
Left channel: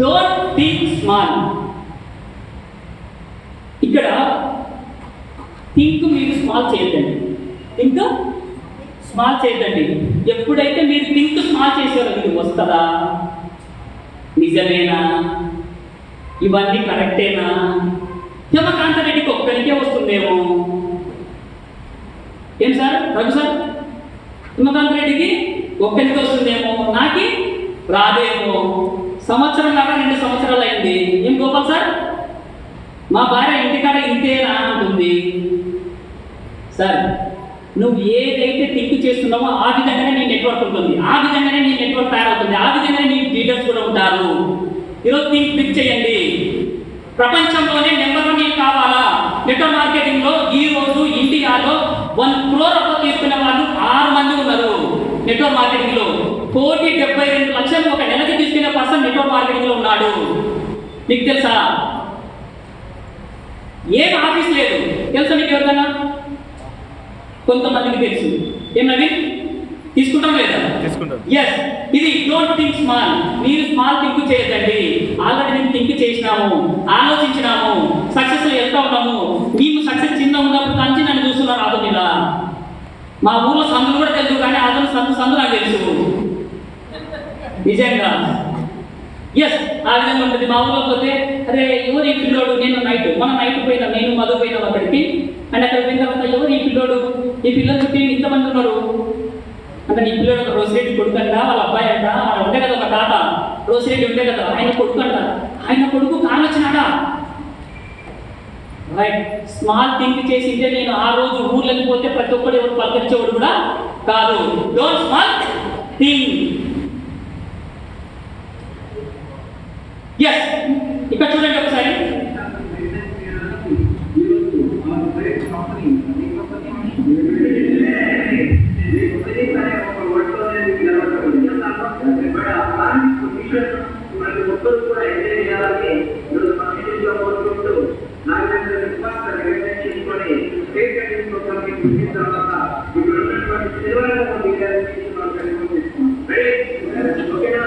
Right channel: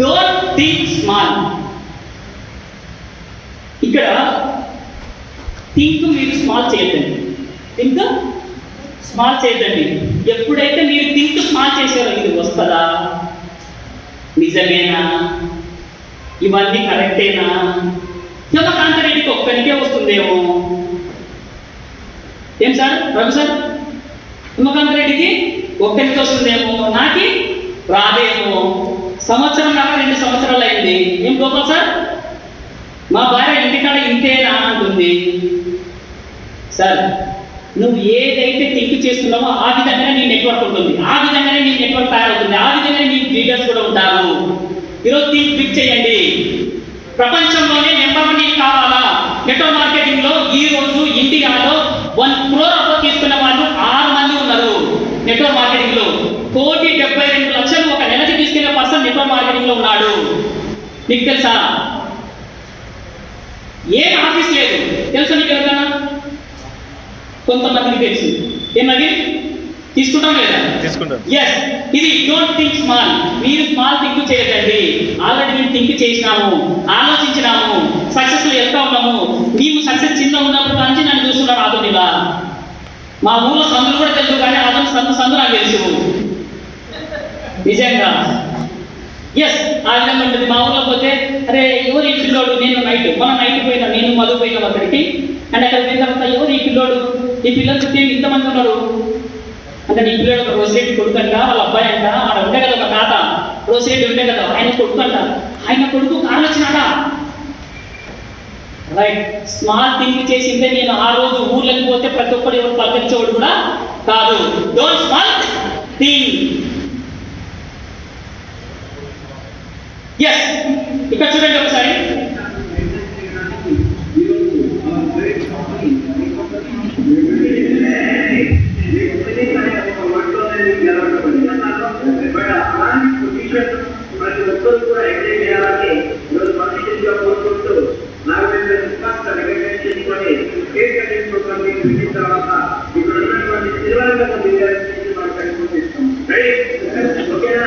don't think small. ఇక్కడ థింక్ మీరు స్మాల్ చేయొద్దండి. థింక్ స్మాల్ చేయొద్దండి. ఎప్పుడైతే మీరు థింక్ స్మాల్ చేశారో ఇది వస్తుందా, నిజమేనా, ఇవన్నీ కరెక్టేనా, హిమకాంత రెడ్డికి ఒక్కరికే వస్తుందేమో. ఏం సార్ రఘు సార్, హిమకాంత రెడ్డికి ఒక్కరికి వస్తుందేమో, నాకి రాదేమో. సంవత్సరం కాక 2 సంవత్సరాలు అయింది. ఏం గోపాల్ సార్, మా భార్య ఇంటికాడ ఇంతేనా అంటుంది. సార్, నువ్వు ఏదైతే థింక్ చేస్తున్నావో ఆ విధంగానే నీ నెట్వర్క్ ఉంటుంది, ఆ విధంగానే నీ నెట్వర్క్ తయారవుతుంది, ఆ విధంగానే నీ లీడర్స్ కూడా ఉంటారు. ఈరోజు థింక్ బిగ్ చేయండి. ప్రపంచంలోనే నెంబర్ 1 కావాలా? నెట్వర్క్ మార్కెటింగ్ లో ఈ రోజు ఇండియాలో 1 crore అప్పు తీసుకున్న వాళ్ళు 6 మంది ఉన్నారు. నెట్వర్క్ మార్కెటింగ్ లో 1,72,00,000 ఒక నెలకి తీసుకునే పర్సన్ నెట్వర్క్ మార్కెటింగ్ లో ఉన్నాడు. నీకు తెలుసా? ఏం ఆఫీస్ లేదు. తెలుసా నీకు ఎవరికైనా? కొంతమందికి తెలుసు. ఏమది తీసుకుంటాం లేదా? తీసుకుంటాం. ఎస్, ఇది డోంట్ థింక్ స్మాల్. మీరు స్మాల్ థింక్ చేయదండి. ఆల్రెడీ మేము థింక్ చేసినాము, ఆలోచించినాము, సక్సెస్ లో వెళ్తా ఉన్నాము. మేము సక్సెస్ చిన్న ఉన్నప్పుడు నుంచి నన్ను చూస్తున్నారు ఆదోనిలా. మా ఊళ్ళో సందులు కూడా తెలుసు, కానీ ఆదోని సందు నాకు తెలుసు నిజంగా. ఎస్, ఆ విధంగా ఉంటుంది. మా ఊళ్ళో పోతే అరే ఎవరు ఈ పిల్లోడు, నేను మనం నైట్ పోయినా, నేను మధు పోయినాం అక్కడికి. అండ్ అక్కడ పోయిన తర్వాత ఎవరు ఈ పిల్లోడు, ఈ పిల్లలు చుట్టూ ఇంతమంది ఉన్నారు అంటే, నీ పిల్లడు ఒక రోసిరెడ్డి కొడుకు అంట, వాళ్ళ అబ్బాయి అంట, ఆడ ఉండే కదా ఒక తాత రోసిరెడ్డి ఉండే కదా, ఆయన కొడుకు అంట, ఆయన కొడుకు కారు వచ్చినాడా. రైట్, స్మాల్ థింక్ చేసింటే నేను ఆ రోజు ఊర్లోకి పోతే ప్రతి ఒక్కరు ఎవరు పలకరించేవాడు కూడా కాదు. Don't small think. ఎస్, ఇక్కడ చూడండి ఒకసారి. ప్రతి ఒక్కరు కూడా ఎంజాయ్ చేయాలని ఈరోజు మనీగా కోరుకుంటూ నాగేంద్ర రికగ్నైజ్ చేసుకొని స్టేట్ కంటెంట్ ప్రోగ్రామ్ విజిట్ తర్వాత ఇక్కడ ఉన్నటువంటి సిల్వర్ రంగం విద్యార్థి మనం కనిపిస్తాం. ఓకేనా?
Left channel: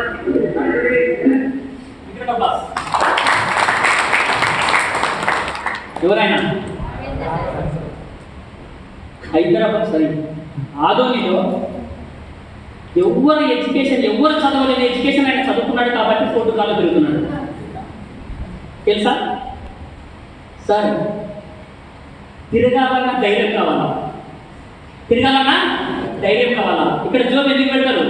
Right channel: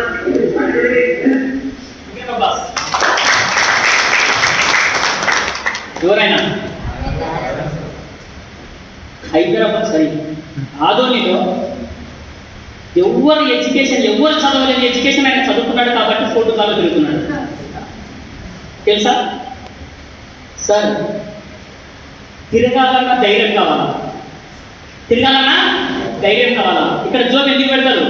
ఎవరైనా హైదరాబాద్ సరే ఆదోనిలో ఎవరు ఎడ్యుకేషన్, ఎవరు చదవలేని ఎడ్యుకేషన్ ఆయన చదువుకున్నాడు కాబట్టి ఫోటో కాల్లో తిరుగుతున్నాడు. తెలుసా సార్? తిరగాలన్నా ధైర్యం కావాలా? తిరగాలన్నా ధైర్యం కావాలా? ఇక్కడ జోబ్ ఎందుకు పెడతారు?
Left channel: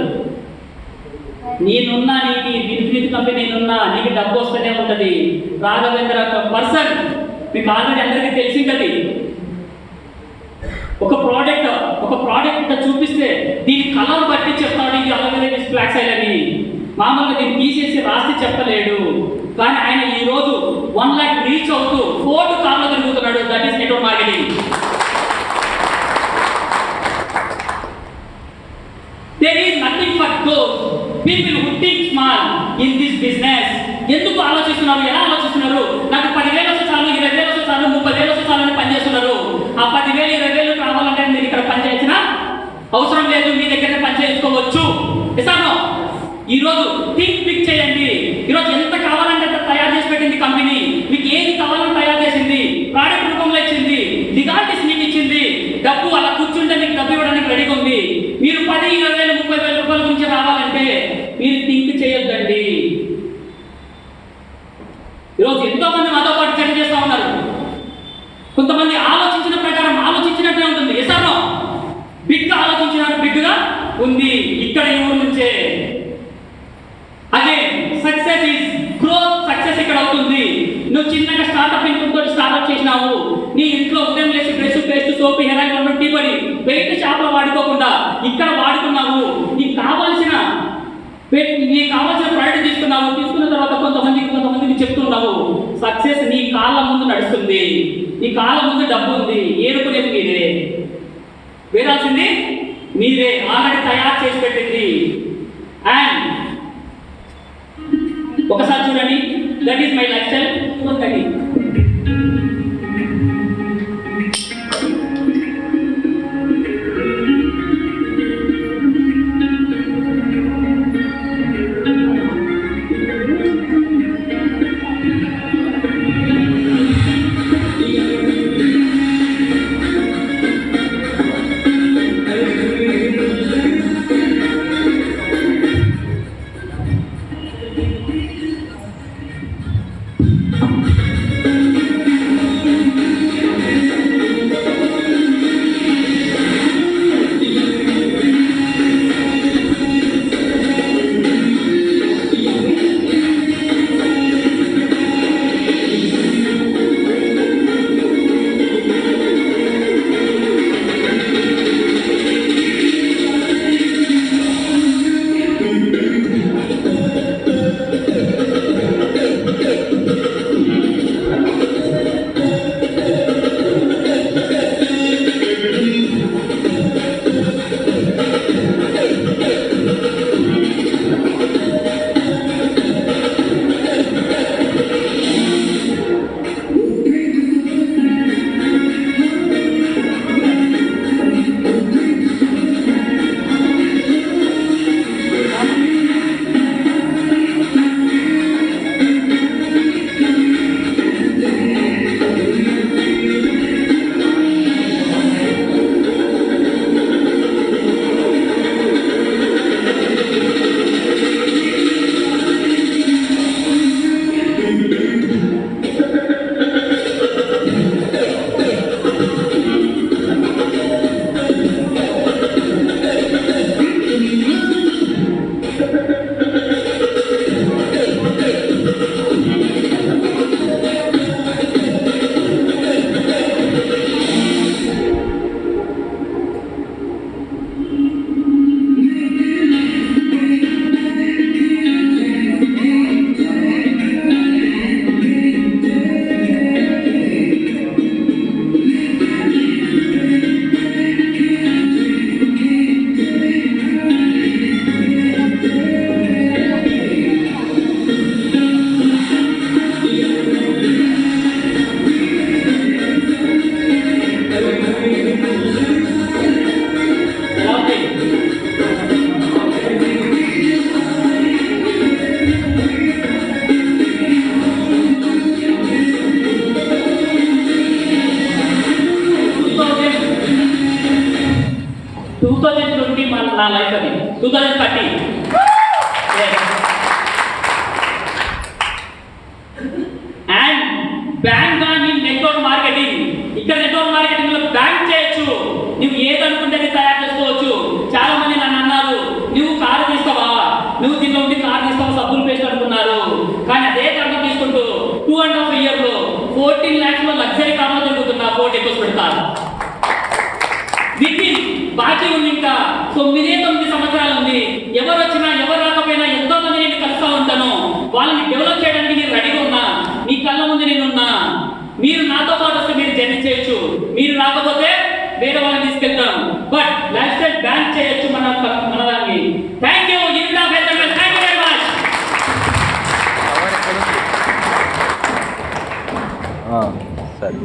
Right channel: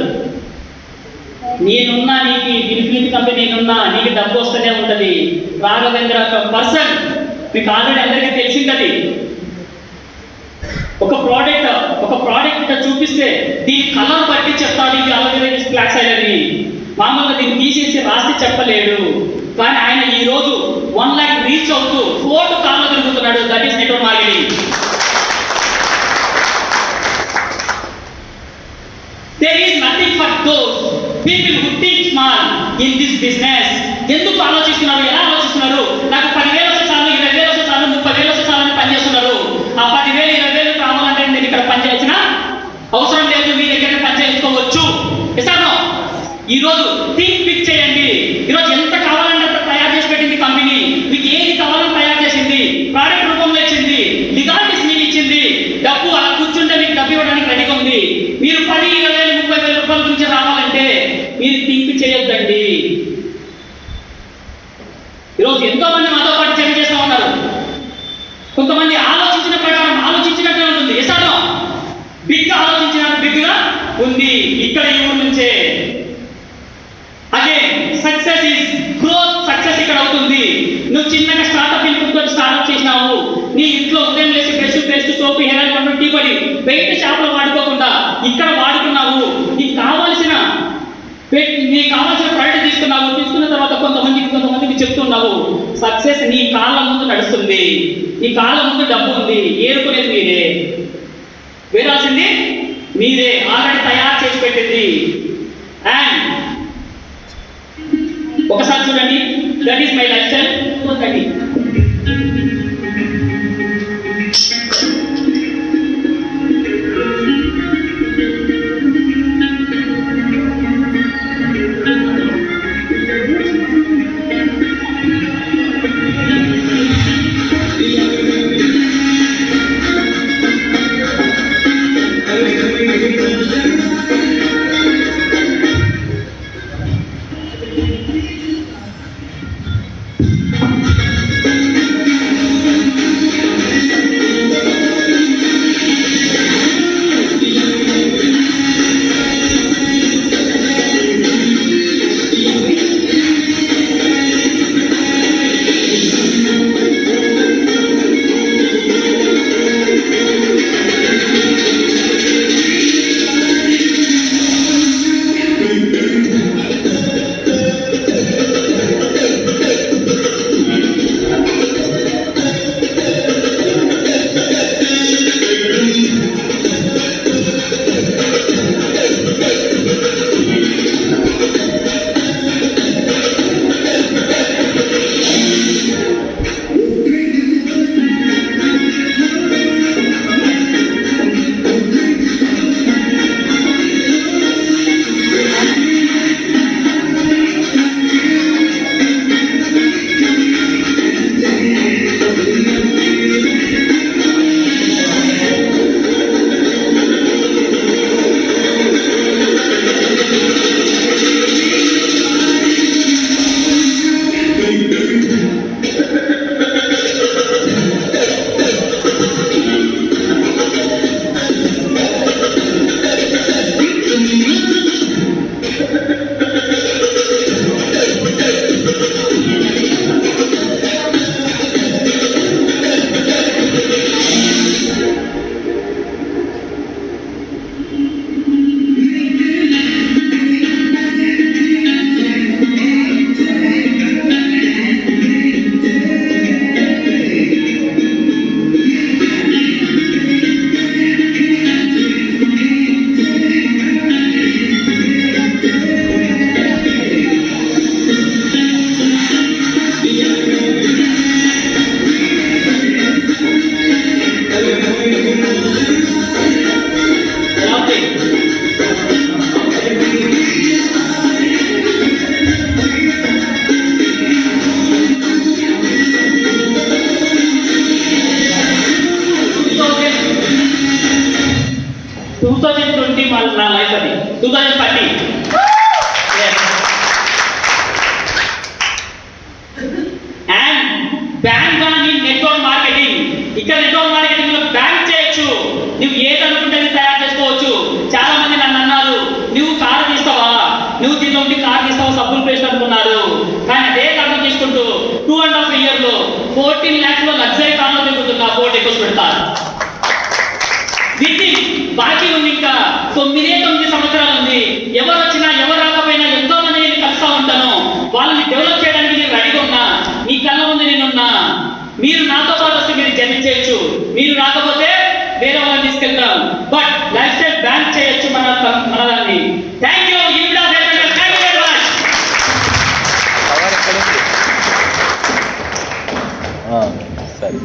నేనున్నా, నీకు వినిఫినిట్ కంపెనీ నేనున్నా, నీకు డబ్బు వస్తూనే ఉంటుంది. రాఘవేంద్ర పర్సన్ మీకు ఆల్రెడీ అందరికీ తెలిసిందది. ఒక ప్రోడక్ట్ ఇక్కడ చూపిస్తే దీని కలర్ బట్టి చెప్తాడు, ఇది అలాగే ఫ్లాక్స్ అయ్యేది. మామూలుగా దీన్ని తీసేసి రాసి చెప్పలేడు. కానీ ఆయన ఈ రోజు 1 lakh రీచ్ అవుతూ 4 కార్లు తిరుగుతున్నాడు. That is network marketing. There is nothing for those people who think small in this business. ఎందుకు ఆలోచిస్తున్నారు? ఎలా ఆలోచిస్తున్నారు? నాకు 10,000 వస్తే చాలు, 20,000 వస్తే చాలు, 30,000 వస్తే చాలు అని పనిచేస్తున్నారు. ఆ 10,000, 20,000 కావాలంటే నేను ఇక్కడ పని చేయాల్సిన అవసరం లేదు, మీ దగ్గర పని చేసుకోవచ్చు. ఇస్తాను. ఈరోజు థింక్ బిగ్ చేయండి. ఈరోజు ఎంత కావాలంటే అంత తయారు చేసి పెట్టింది కంపెనీ. మీకు ఏది కావాలని తయారు చేసింది, ప్రోడక్ట్ రూపంలో ఇచ్చింది, లిగాలిటీస్ మీకు ఇచ్చింది, డబ్బు అలా కూర్చుంటే మీకు డబ్బు ఇవ్వడానికి రెడీగా ఉంది. మీరు 10, 20,000, 30,000 రూపాయల గురించి రావాలంటే మీరు థింక్ చేయొద్దండి. ఈరోజు ఎంతో మంది మాతో పాటు చర్య చేస్తూ ఉన్నారు. కొంతమంది ఆలోచించిన ప్రకారం ఆలోచించినట్టే ఉంటుంది. ఎసార్లో బిగ్గా ఆలోచించినట్టు బిగ్గా ఉంది. ఇక్కడ ఈ ఊరు నుంచే అగే సక్సెస్ ఈజ్ గ్రోత్. సక్సెస్ ఇక్కడ అవుతుంది. నువ్వు చిన్నగా స్టార్ట్అప్ ఇన్పుట్తో స్టార్ట్అప్ చేసినావు. నీ ఇంట్లో ఉదయం లేచి brush, paste, soap, hair oil, tea పొడి బయట షాప్లో వాడుకోకుండా ఇక్కడ వాడుకున్నావు. నీకు కావాల్సిన ప్రోడక్ట్ తీసుకున్న తర్వాత కొంతమందికి చెప్తున్నావు. సక్సెస్ నీ కాళ్ళ ముందు నడుస్తుంది. నీ కాళ్ళ ముందు డబ్బు ఉంది. ఏరుకునేది మీరే, వేరాల్సింది మీరే. ఆల్రెడీ తయారు చేసి పెట్టింది. అండ్ ఒకసారి చూడండి, that is my life style. 2020 నా లైఫ్ అది 2030. అండ్ బ్యాంక్ కానీ నెట్వర్క్ మార్కెటింగ్, ఇక్కడ నెట్వర్క్ మార్కెటింగ్ లో బ్యాంక్ చేయొచ్చు. నువ్వు ఏదనుకుంటే అది తయారు చేసుకోవచ్చు. చాలా మంది నన్ను అన్నారు, నువ్వు కారు తీస్తావా, నువ్వు దీనిలో ఉండి కారు తీస్తావా, సబ్బులు పేస్ట్ అనుకున్నారు. కానీ అదే కారు తీసుకుంటూ 2.5 years లో 14 lakhs లో లగ్జరీ కార్లో తిరుగుతున్నా, ఫోర్ట్ ఎక్కువ పెడతారు. వీటిని బాకీ ఉంది, ఇంకా 9 సంవత్సరాలు ఉంది. ఎవరు వచ్చినా ఎవరు రాకపోయినా ఎంతో మంది నేను కలుస్తా ఉంటాను. వాళ్ళని డెవలప్ చేయడానికి నేను రెడీగా ఉన్నా, మీ కళ్ళ ముందు నేనున్నా. మీరు నాతో పాటు వస్తే మీరు జర్నీ చేయొచ్చు, మీరు రాకపోతే వేరే వాళ్ళని తీసుకెళ్తాం. బట్ లైఫ్ స్టైల్ బ్యాంక్ చేయొచ్చు మన దాన్ని. Thank you. Thank you very much. Cover ఎక్కడ ఉంది? సరే.